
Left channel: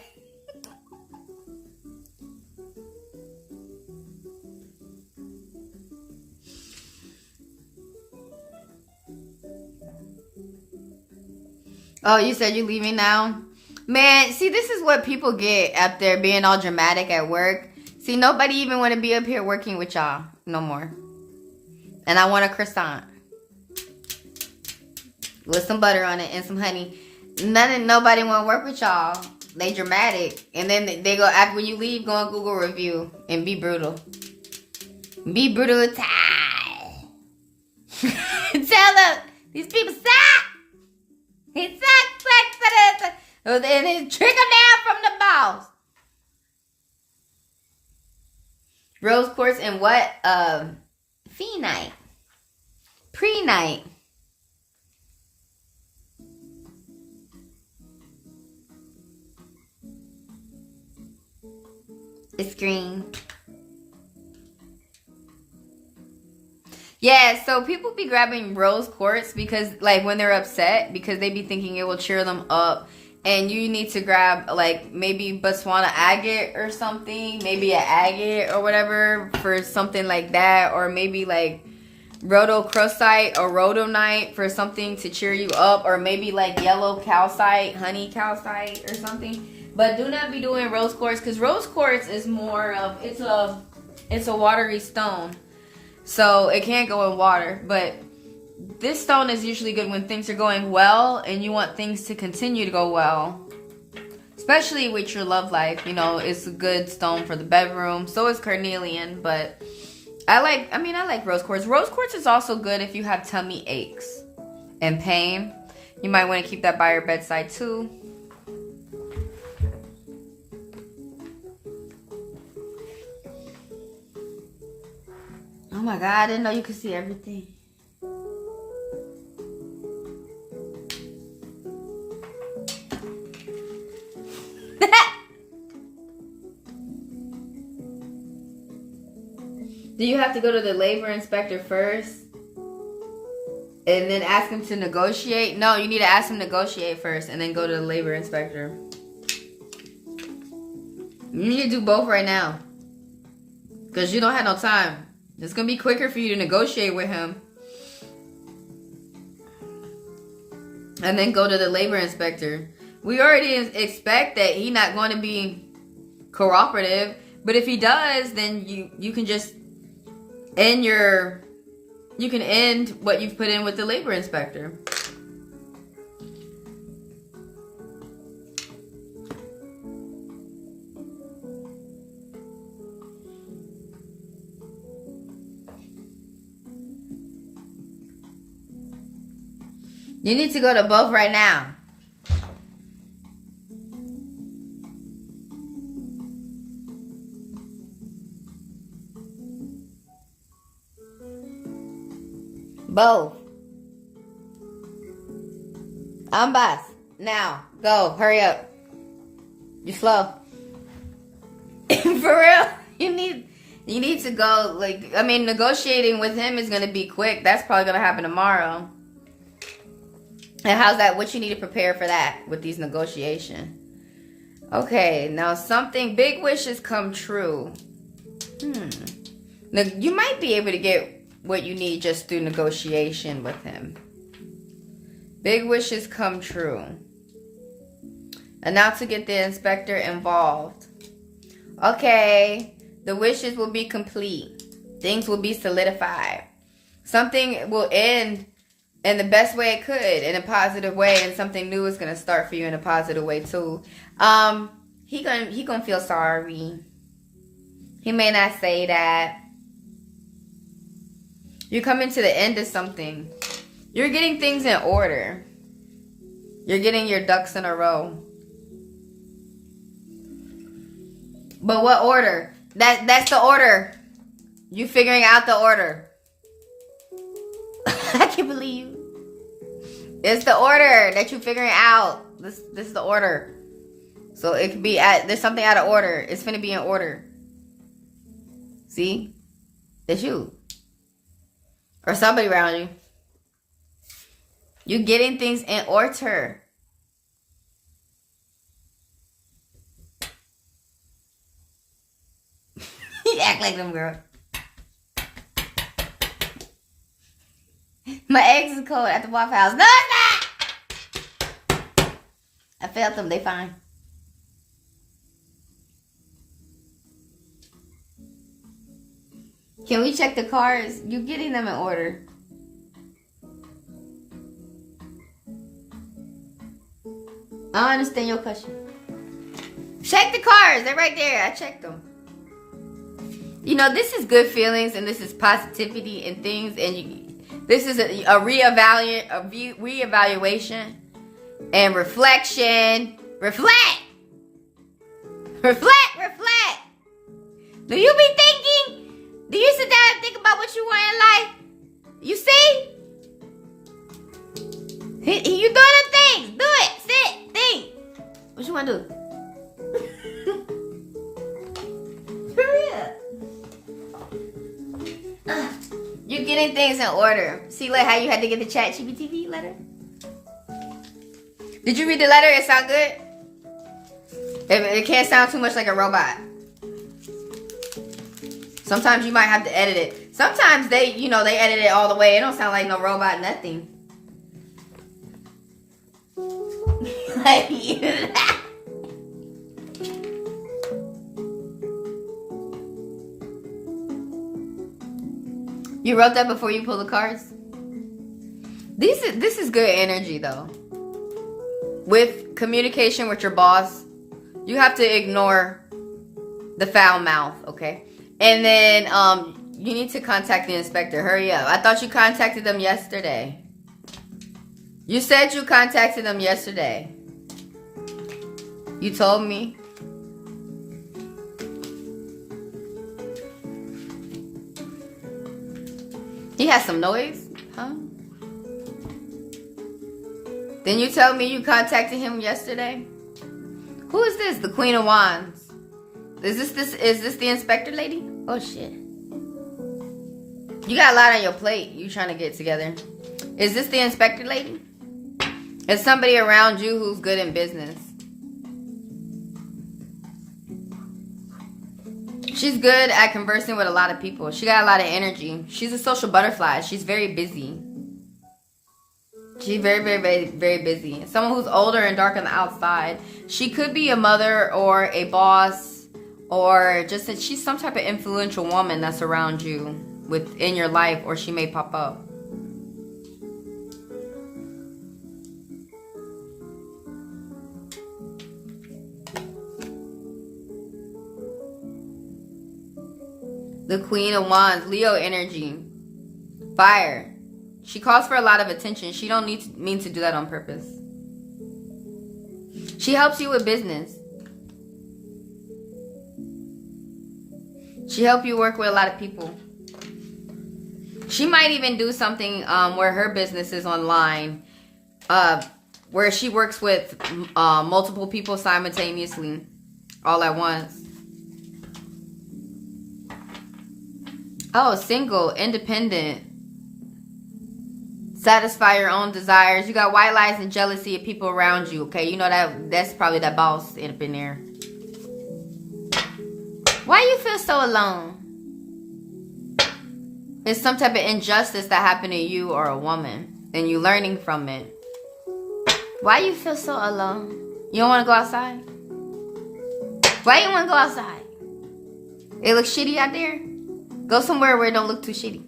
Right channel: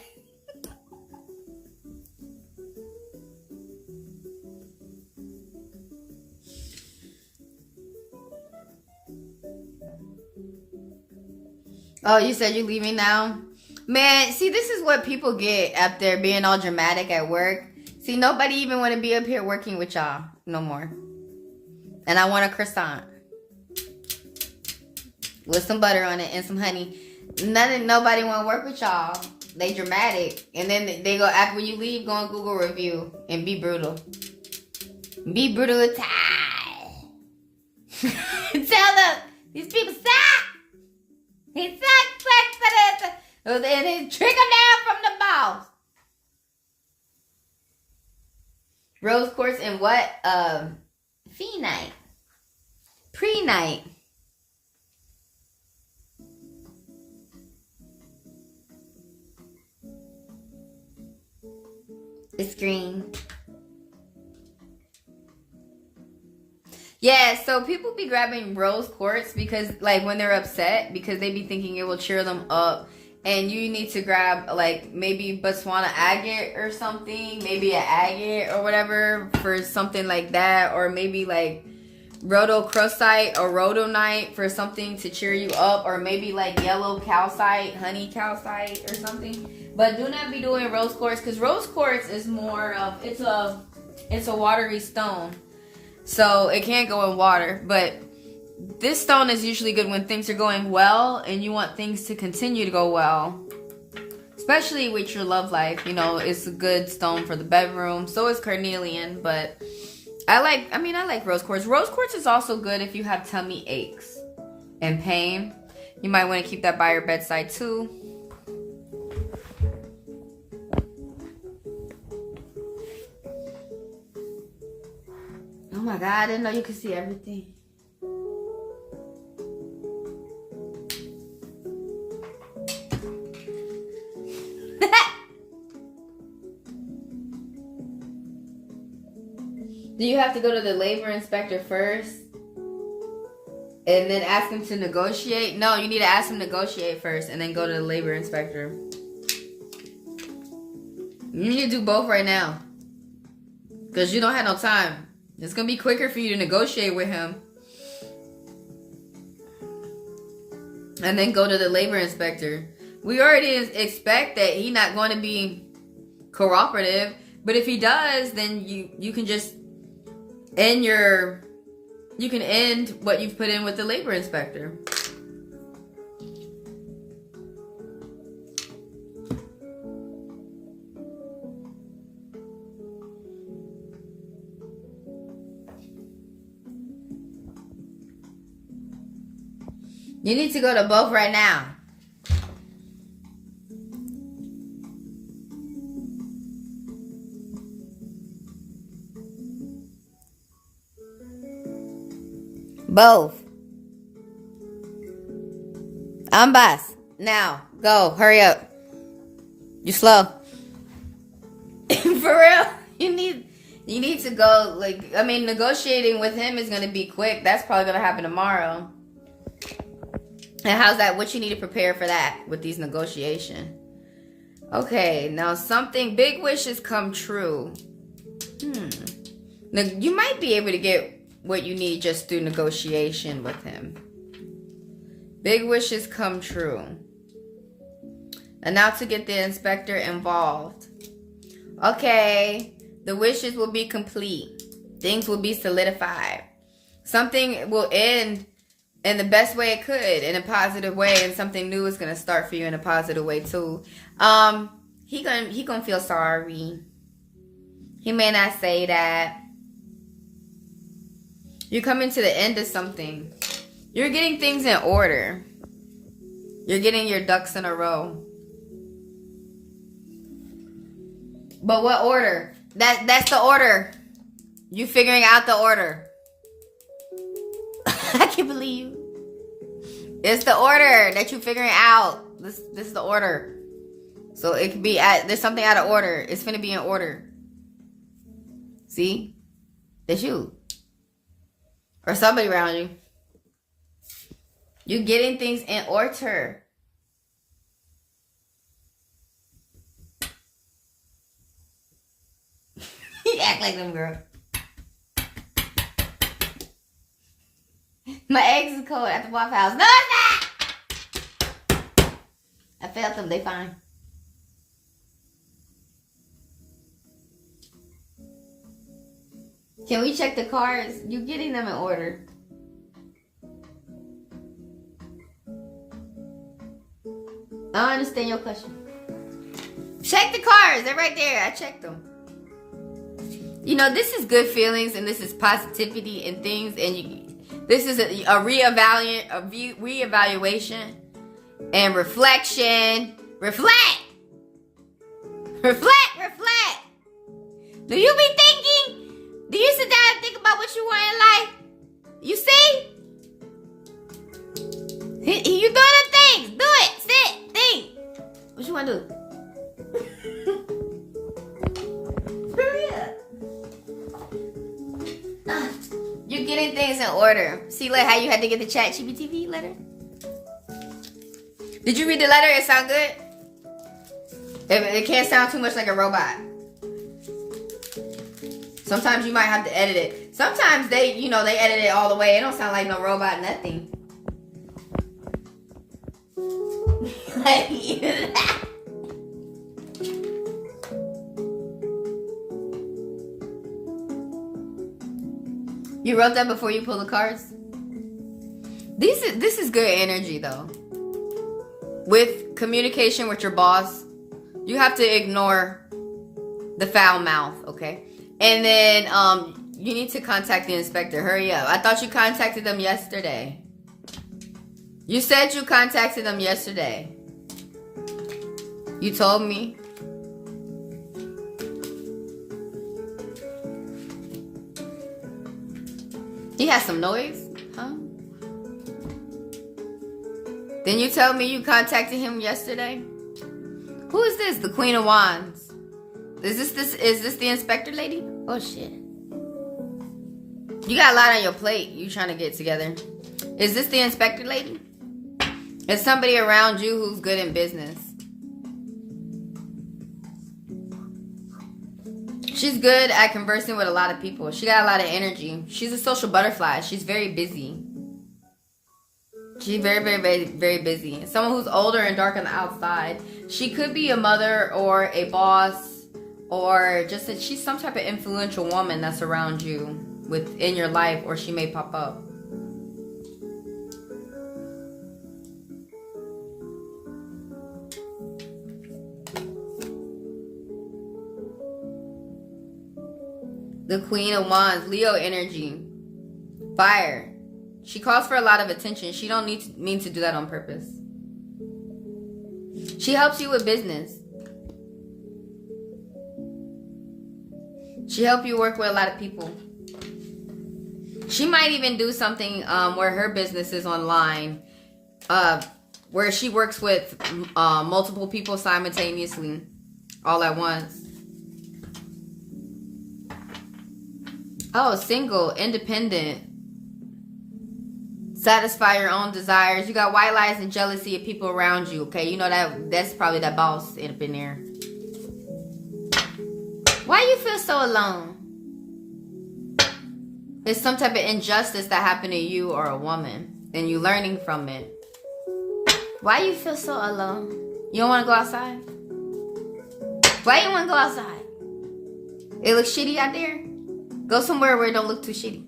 Oh, you said you're leaving now? Man, see, this is what people get after being all dramatic at work. See, nobody even want to be up here working with y'all no more. And I want a croissant. With some butter on it and some honey. Nobody want to work with y'all. They dramatic. And then they go, after when you leave, go on Google review and be brutal. Be brutal. Tell them, these people suck. He sucks. And then trickle down from the boss. Rose quartz and what? Phenite. Pre-night. It's green. Yeah, so people be grabbing rose quartz because, like, when they're upset, because they be thinking it will cheer them up. And you need to grab, like, maybe Botswana agate or something. Maybe an agate or whatever for something like that. Or maybe, like, rhodochrosite or rhodonite for something to cheer you up. Or maybe, like, yellow calcite, honey calcite or something. But do not be doing rose quartz, because rose quartz is more of, it's a watery stone. So it can't go in water, but this stone is usually good when things are going well and you want things to continue to go well. Especially with your love life, you know, it's a good stone for the bedroom. So is carnelian, but I like rose quartz. Rose quartz is also good if you have tummy aches and pain. You might want to keep that by your bedside too. Oh my God, I didn't know you could see everything. Do you have to go to the labor inspector first? And then ask him to negotiate? No, you need to ask him to negotiate first and then go to the labor inspector. You need to do both right now. Because you don't have no time. It's going to be quicker for you to negotiate with him. And then go to the labor inspector. We already expect that he's not going to be cooperative. But if he does, then you can just end what you've put in with the labor inspector. You need to go to both right now. Both. I'm boss. Now, go. Hurry up. You slow. For real? You need to go. Like, I mean, negotiating with him is going to be quick. That's probably going to happen tomorrow. And how's that? What you need to prepare for that with these negotiations? Okay, now something, big wishes come true. Now, you might be able to get what you need just through negotiation with him. Big wishes come true. And now to get the inspector involved. Okay, the wishes will be complete. Things will be solidified. Something will end in the best way it could, in a positive way, and something new is gonna start for you in a positive way too. He gonna feel sorry. He may not say that. You're coming to the end of something. You're getting things in order. You're getting your ducks in a row. But what order? That's the order. You figuring out the order. I can't believe you. It's the order that you're figuring out. This is the order. So it could be there's something out of order. It's finna be in order. See? That's you. Or somebody around you. You're getting things in order. You act like them, girl. My eggs is cold at the Waffle House. No, it's not! I felt them. They fine. Can we check the cards? You're getting them in order. I don't understand your question. Check the cards. They're right there. I checked them. You know, this is good feelings and this is positivity and things. And this is a reevaluation and reflection. Reflect. Reflect. Do you be thinking? Do you sit down and think about what you want in life? You see? You doing the things. Do it. Sit. Think. What you want to do? You're getting things in order. See like how you had to get the chat GPT letter? Did you read the letter? It sound good? It can't sound too much like a robot. Sometimes you might have to edit it. Sometimes they edit it all the way. It don't sound like no robot, nothing. You wrote that before you pull the cards? This is good energy though. With communication with your boss, you have to ignore the foul mouth, okay? And then you need to contact the inspector. Hurry up. I thought you contacted them yesterday. You said you contacted them yesterday. You told me. He has some noise, huh? Then you tell me you contacted him yesterday? Who is this? The Queen of Wands. Is this the inspector lady? Oh shit. You got a lot on your plate you trying to get together. Is this the inspector lady? Is somebody around you who's good in business? She's good at conversing with a lot of people. She got a lot of energy. She's a social butterfly. She's very busy. She's very, very, very, very busy. Someone who's older and dark on the outside. She could be a mother or a boss or just that she's some type of influential woman that's around you within your life, or she may pop up. The Queen of Wands, Leo energy, fire. She calls for a lot of attention. She don't mean to do that on purpose. She helps you with business. She helps you work with a lot of people. She might even do something where her business is online, where she works with multiple people simultaneously, all at once. Oh, single, independent. Satisfy your own desires. You got white lies and jealousy of people around you, okay? You know that's probably that boss up in there. Why you feel so alone? It's some type of injustice that happened to you or a woman, and you learning from it. Why you feel so alone? You don't want to go outside? Why you want to go outside? It looks shitty out there? Go somewhere where it don't look too shitty.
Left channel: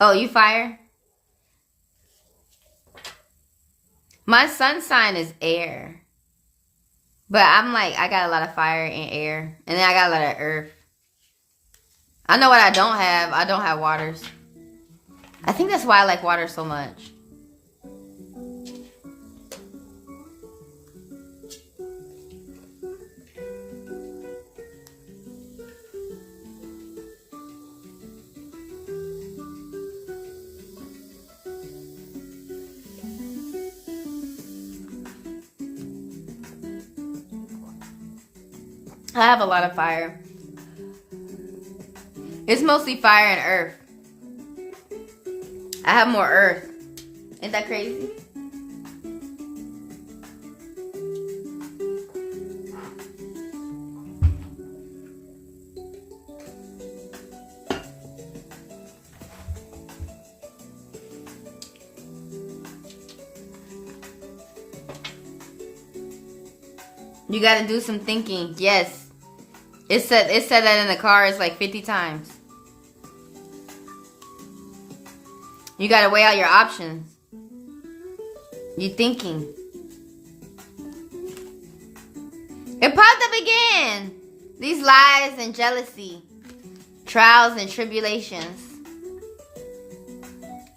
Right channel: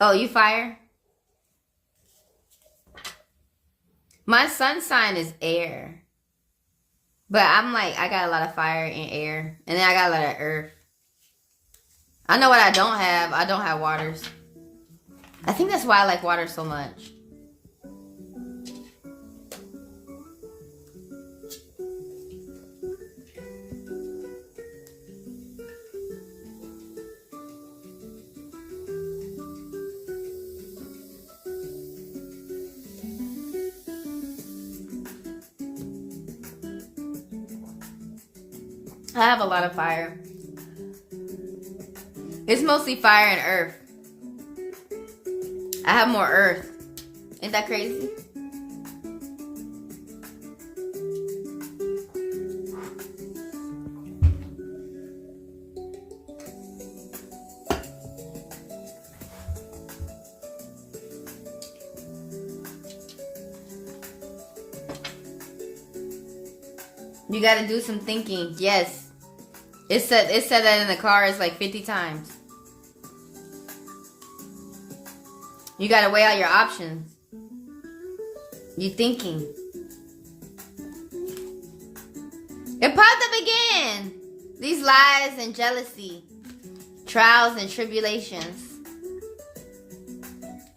Oh, you fire? My sun sign is air. But I'm like, I got a lot of fire and air. And then I got a lot of earth. I know what I don't have. I don't have waters. I think that's why I like water so much. I have a lot of fire. It's mostly fire and earth. I have more earth. Ain't that crazy? You gotta do some thinking. Yes. It said that in the cards like 50 times. You gotta weigh out your options. You thinking. It popped up again. These lies and jealousy. Trials and tribulations.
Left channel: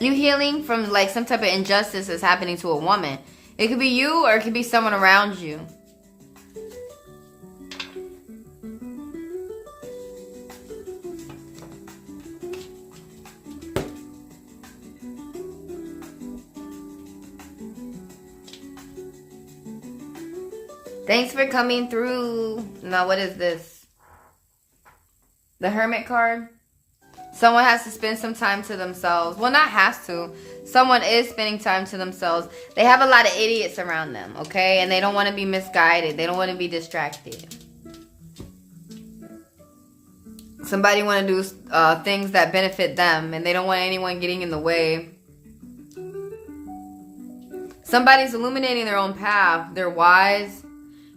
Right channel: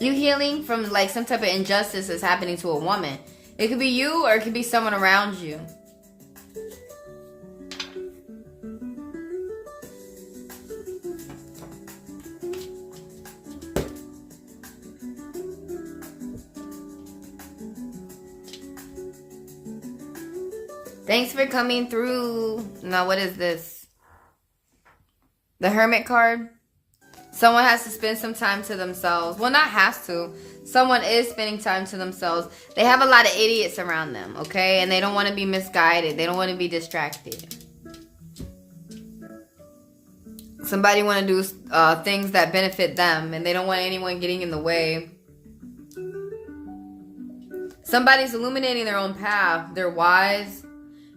You healing from like some type of injustice that's happening to a woman. It could be you or it could be someone around you. Thanks for coming through. Now, what is this? The Hermit card. Someone has to spend some time to themselves. Well, not has to. Someone is spending time to themselves. They have a lot of idiots around them, okay? And they don't want to be misguided. They don't want to be distracted. Somebody want to do things that benefit them, and they don't want anyone getting in the way. Somebody's illuminating their own path. They're wise.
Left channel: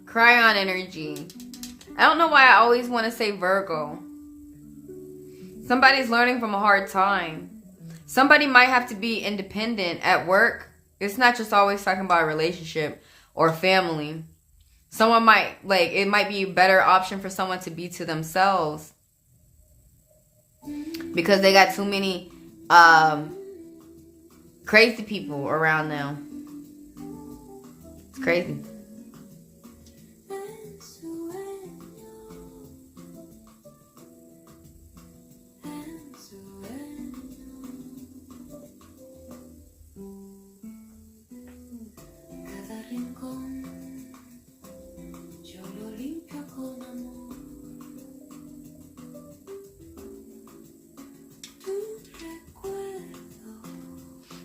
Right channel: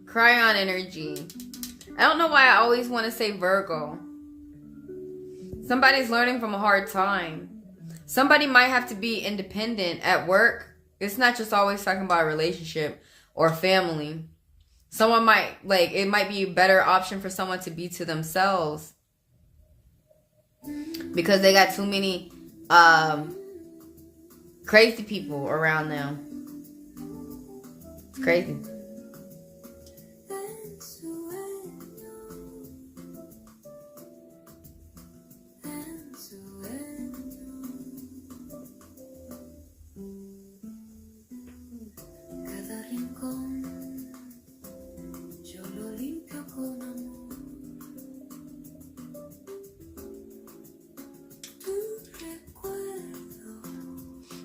Cryon energy. I don't know why I always want to say Virgo. Somebody's learning from a hard time. Somebody might have to be independent at work. It's not just always talking about a relationship or family. Someone might, it might be a better option for someone to be to themselves. Because they got too many crazy people around them. It's crazy.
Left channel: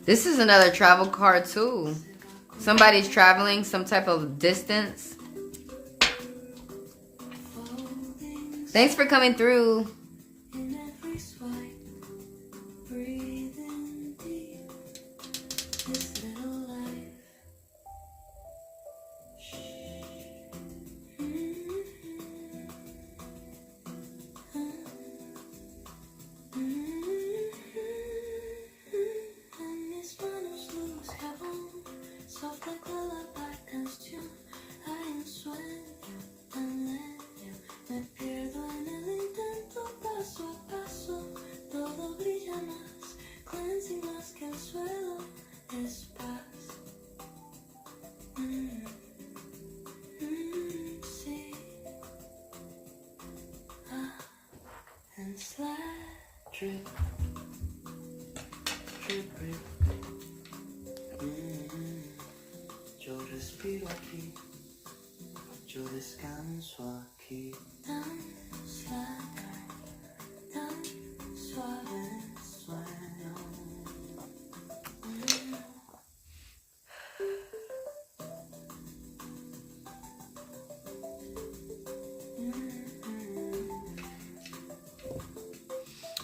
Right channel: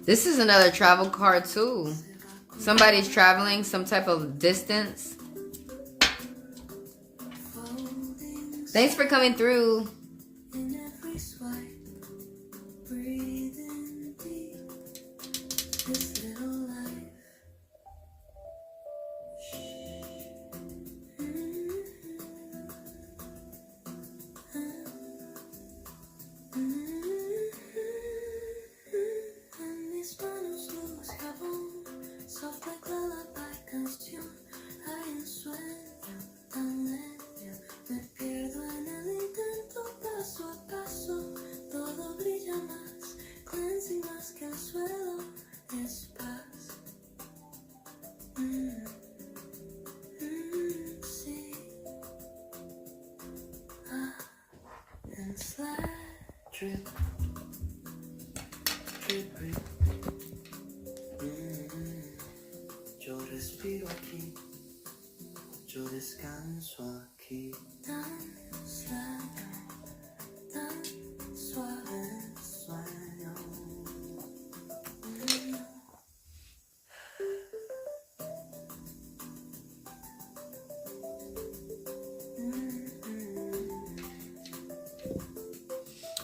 This is another travel card too. Somebody's traveling some type of distance. Thanks for coming through. Drip, drip, drip. Yo respiro aquí, yo descanso aquí. Tan suave, sueño.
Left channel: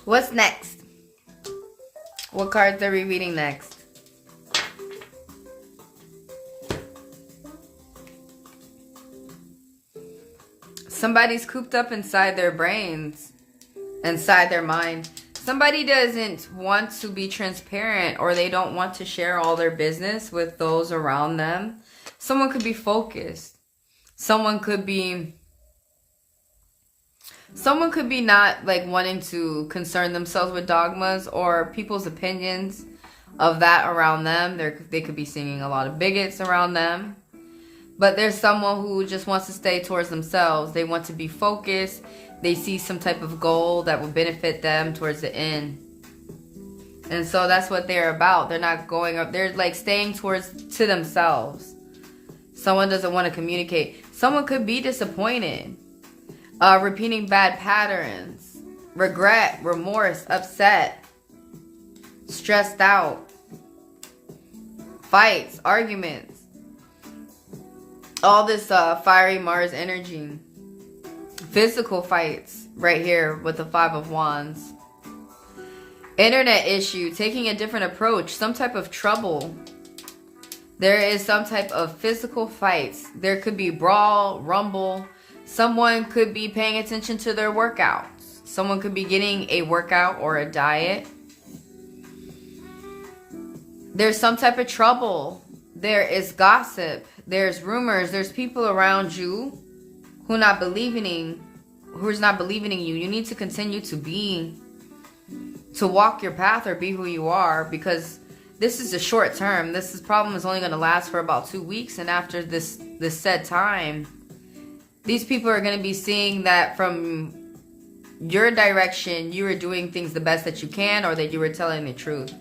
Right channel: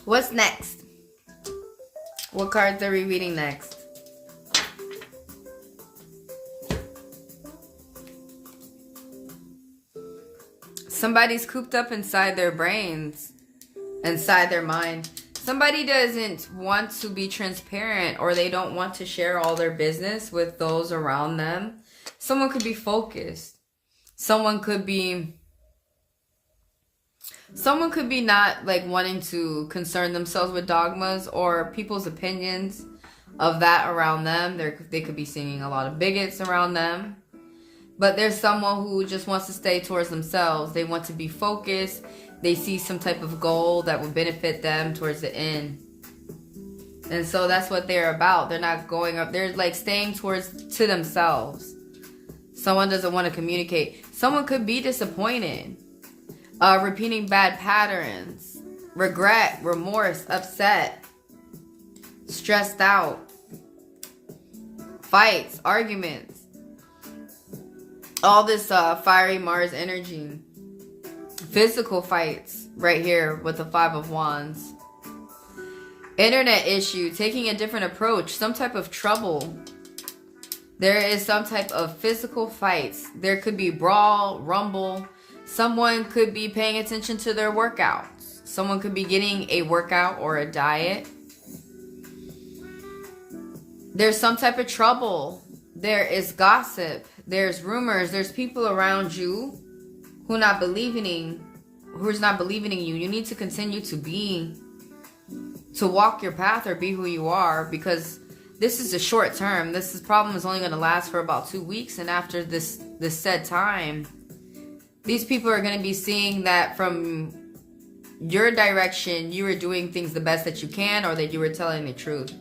What's next? What cards are we reading next? Somebody's cooped up inside their brains, inside their mind. Somebody doesn't want to be transparent, or they don't want to share all their business with those around them. Someone could be focused. Someone could be not wanting to concern themselves with dogmas or people's opinions of that around them. They could be seeing a lot of bigots around them. But there's someone who just wants to stay towards themselves. They want to be focused. They see some type of goal that will benefit them towards the end. And so that's what they're about. They're not going up. They're staying to themselves. Someone doesn't want to communicate. Someone could be disappointed. Repeating bad patterns. Regret, remorse, upset. Stressed out. Fights, arguments. All this fiery Mars energy. Physical fights right here with the Five of Wands. Internet issue, taking a different approach, some type of trouble. There is some type of physical fights. There could be brawl, rumble. Someone could be paying attention to their workouts. Someone could be getting a workout or a diet. There's some type of trouble. There is gossip. There's rumors. There's people around you who's not believing in you. You need to continue to walk your path or be who you are, because this is a short term. This problem is only going to last for about 2 weeks. And after this said time, these people are going to be seeing that from your direction, you were doing things the best that you can, or that you were telling the truth.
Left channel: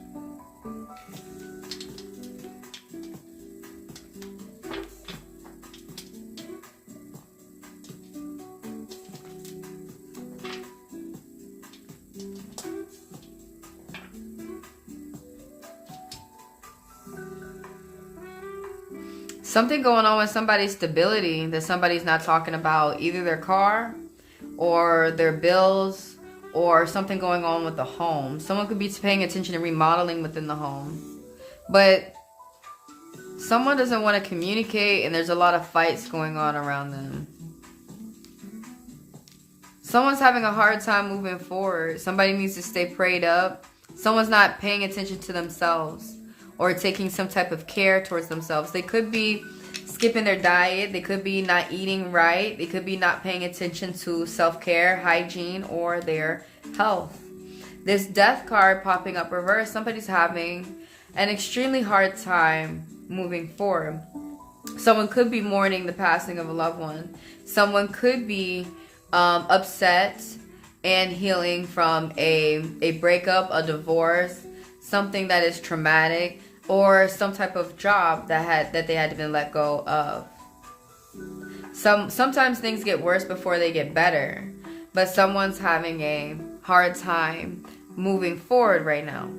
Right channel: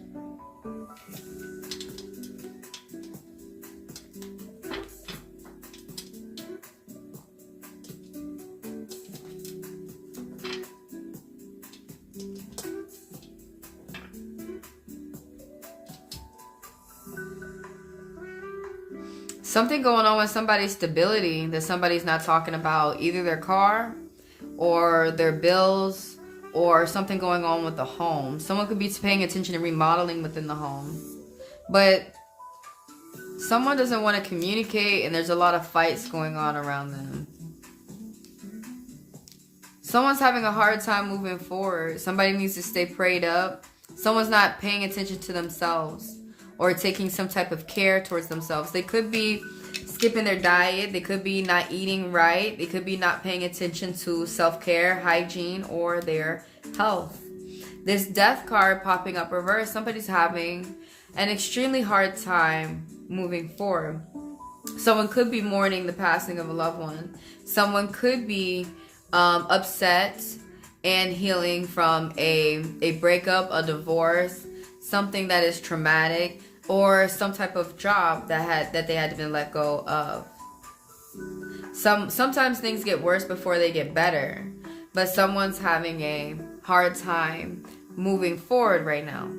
Something going on with somebody's stability that somebody's not talking about. Either their car or their bills or something going on with the home. Someone could be paying attention to remodeling within the home. But someone doesn't want to communicate and there's a lot of fights going on around them. Someone's having a hard time moving forward. Somebody needs to stay prayed up. Someone's not paying attention to themselves or taking some type of care towards themselves. They could be skipping their diet. They could be not eating right. They could be not paying attention to self-care, hygiene, or their health. This death card popping up reverse. Somebody's having an extremely hard time moving forward. Someone could be mourning the passing of a loved one. Someone could be upset and healing from a breakup, a divorce, something that is traumatic, or some type of job that they had been let go of. Sometimes things get worse before they get better, but someone's having a hard time moving forward right now.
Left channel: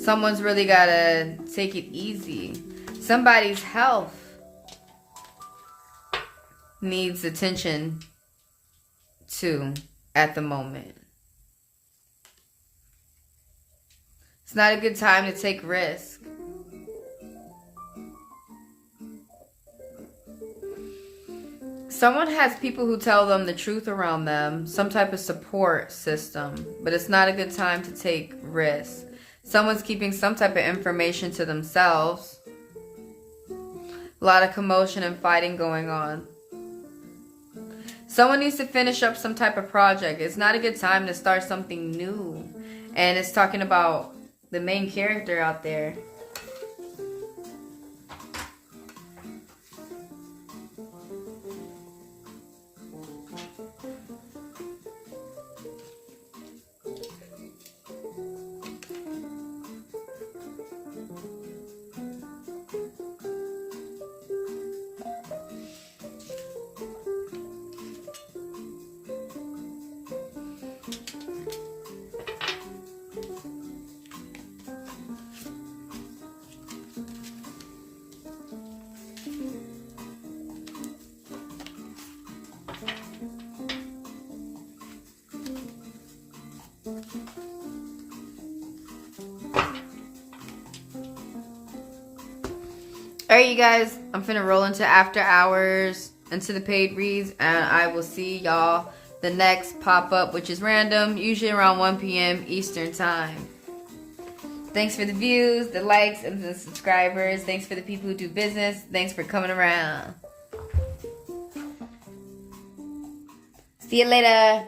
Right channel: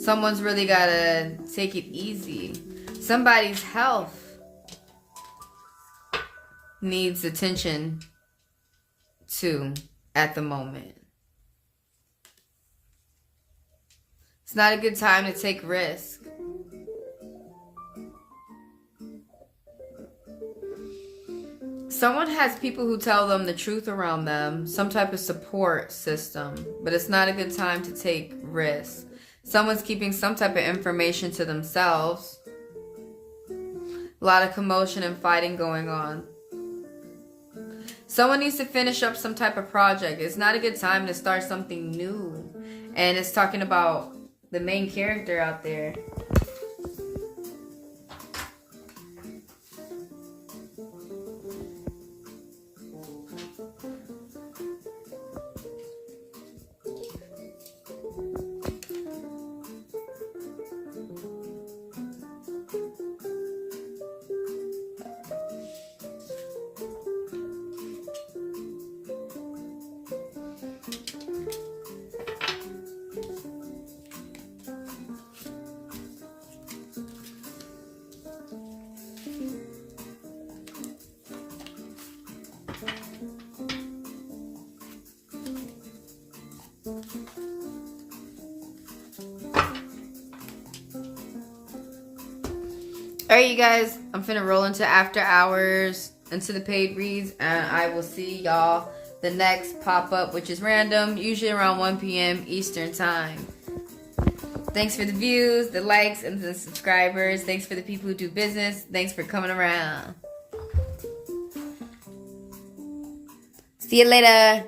Someone's really gotta take it easy. Somebody's health needs attention to at the moment. It's not a good time to take risk. Someone has people who tell them the truth around them, some type of support system, but it's not a good time to take risks. Someone's keeping some type of information to themselves. A lot of commotion and fighting going on. Someone needs to finish up some type of project. It's not a good time to start something new. And it's talking about the main character out there. Alright, you guys, I'm finna roll into after hours, into the paid reads, and I will see y'all the next pop-up, which is random, usually around 1 p.m. Eastern time. Thanks for the views, the likes, and the subscribers. Thanks for the people who do business. Thanks for coming around. See you later.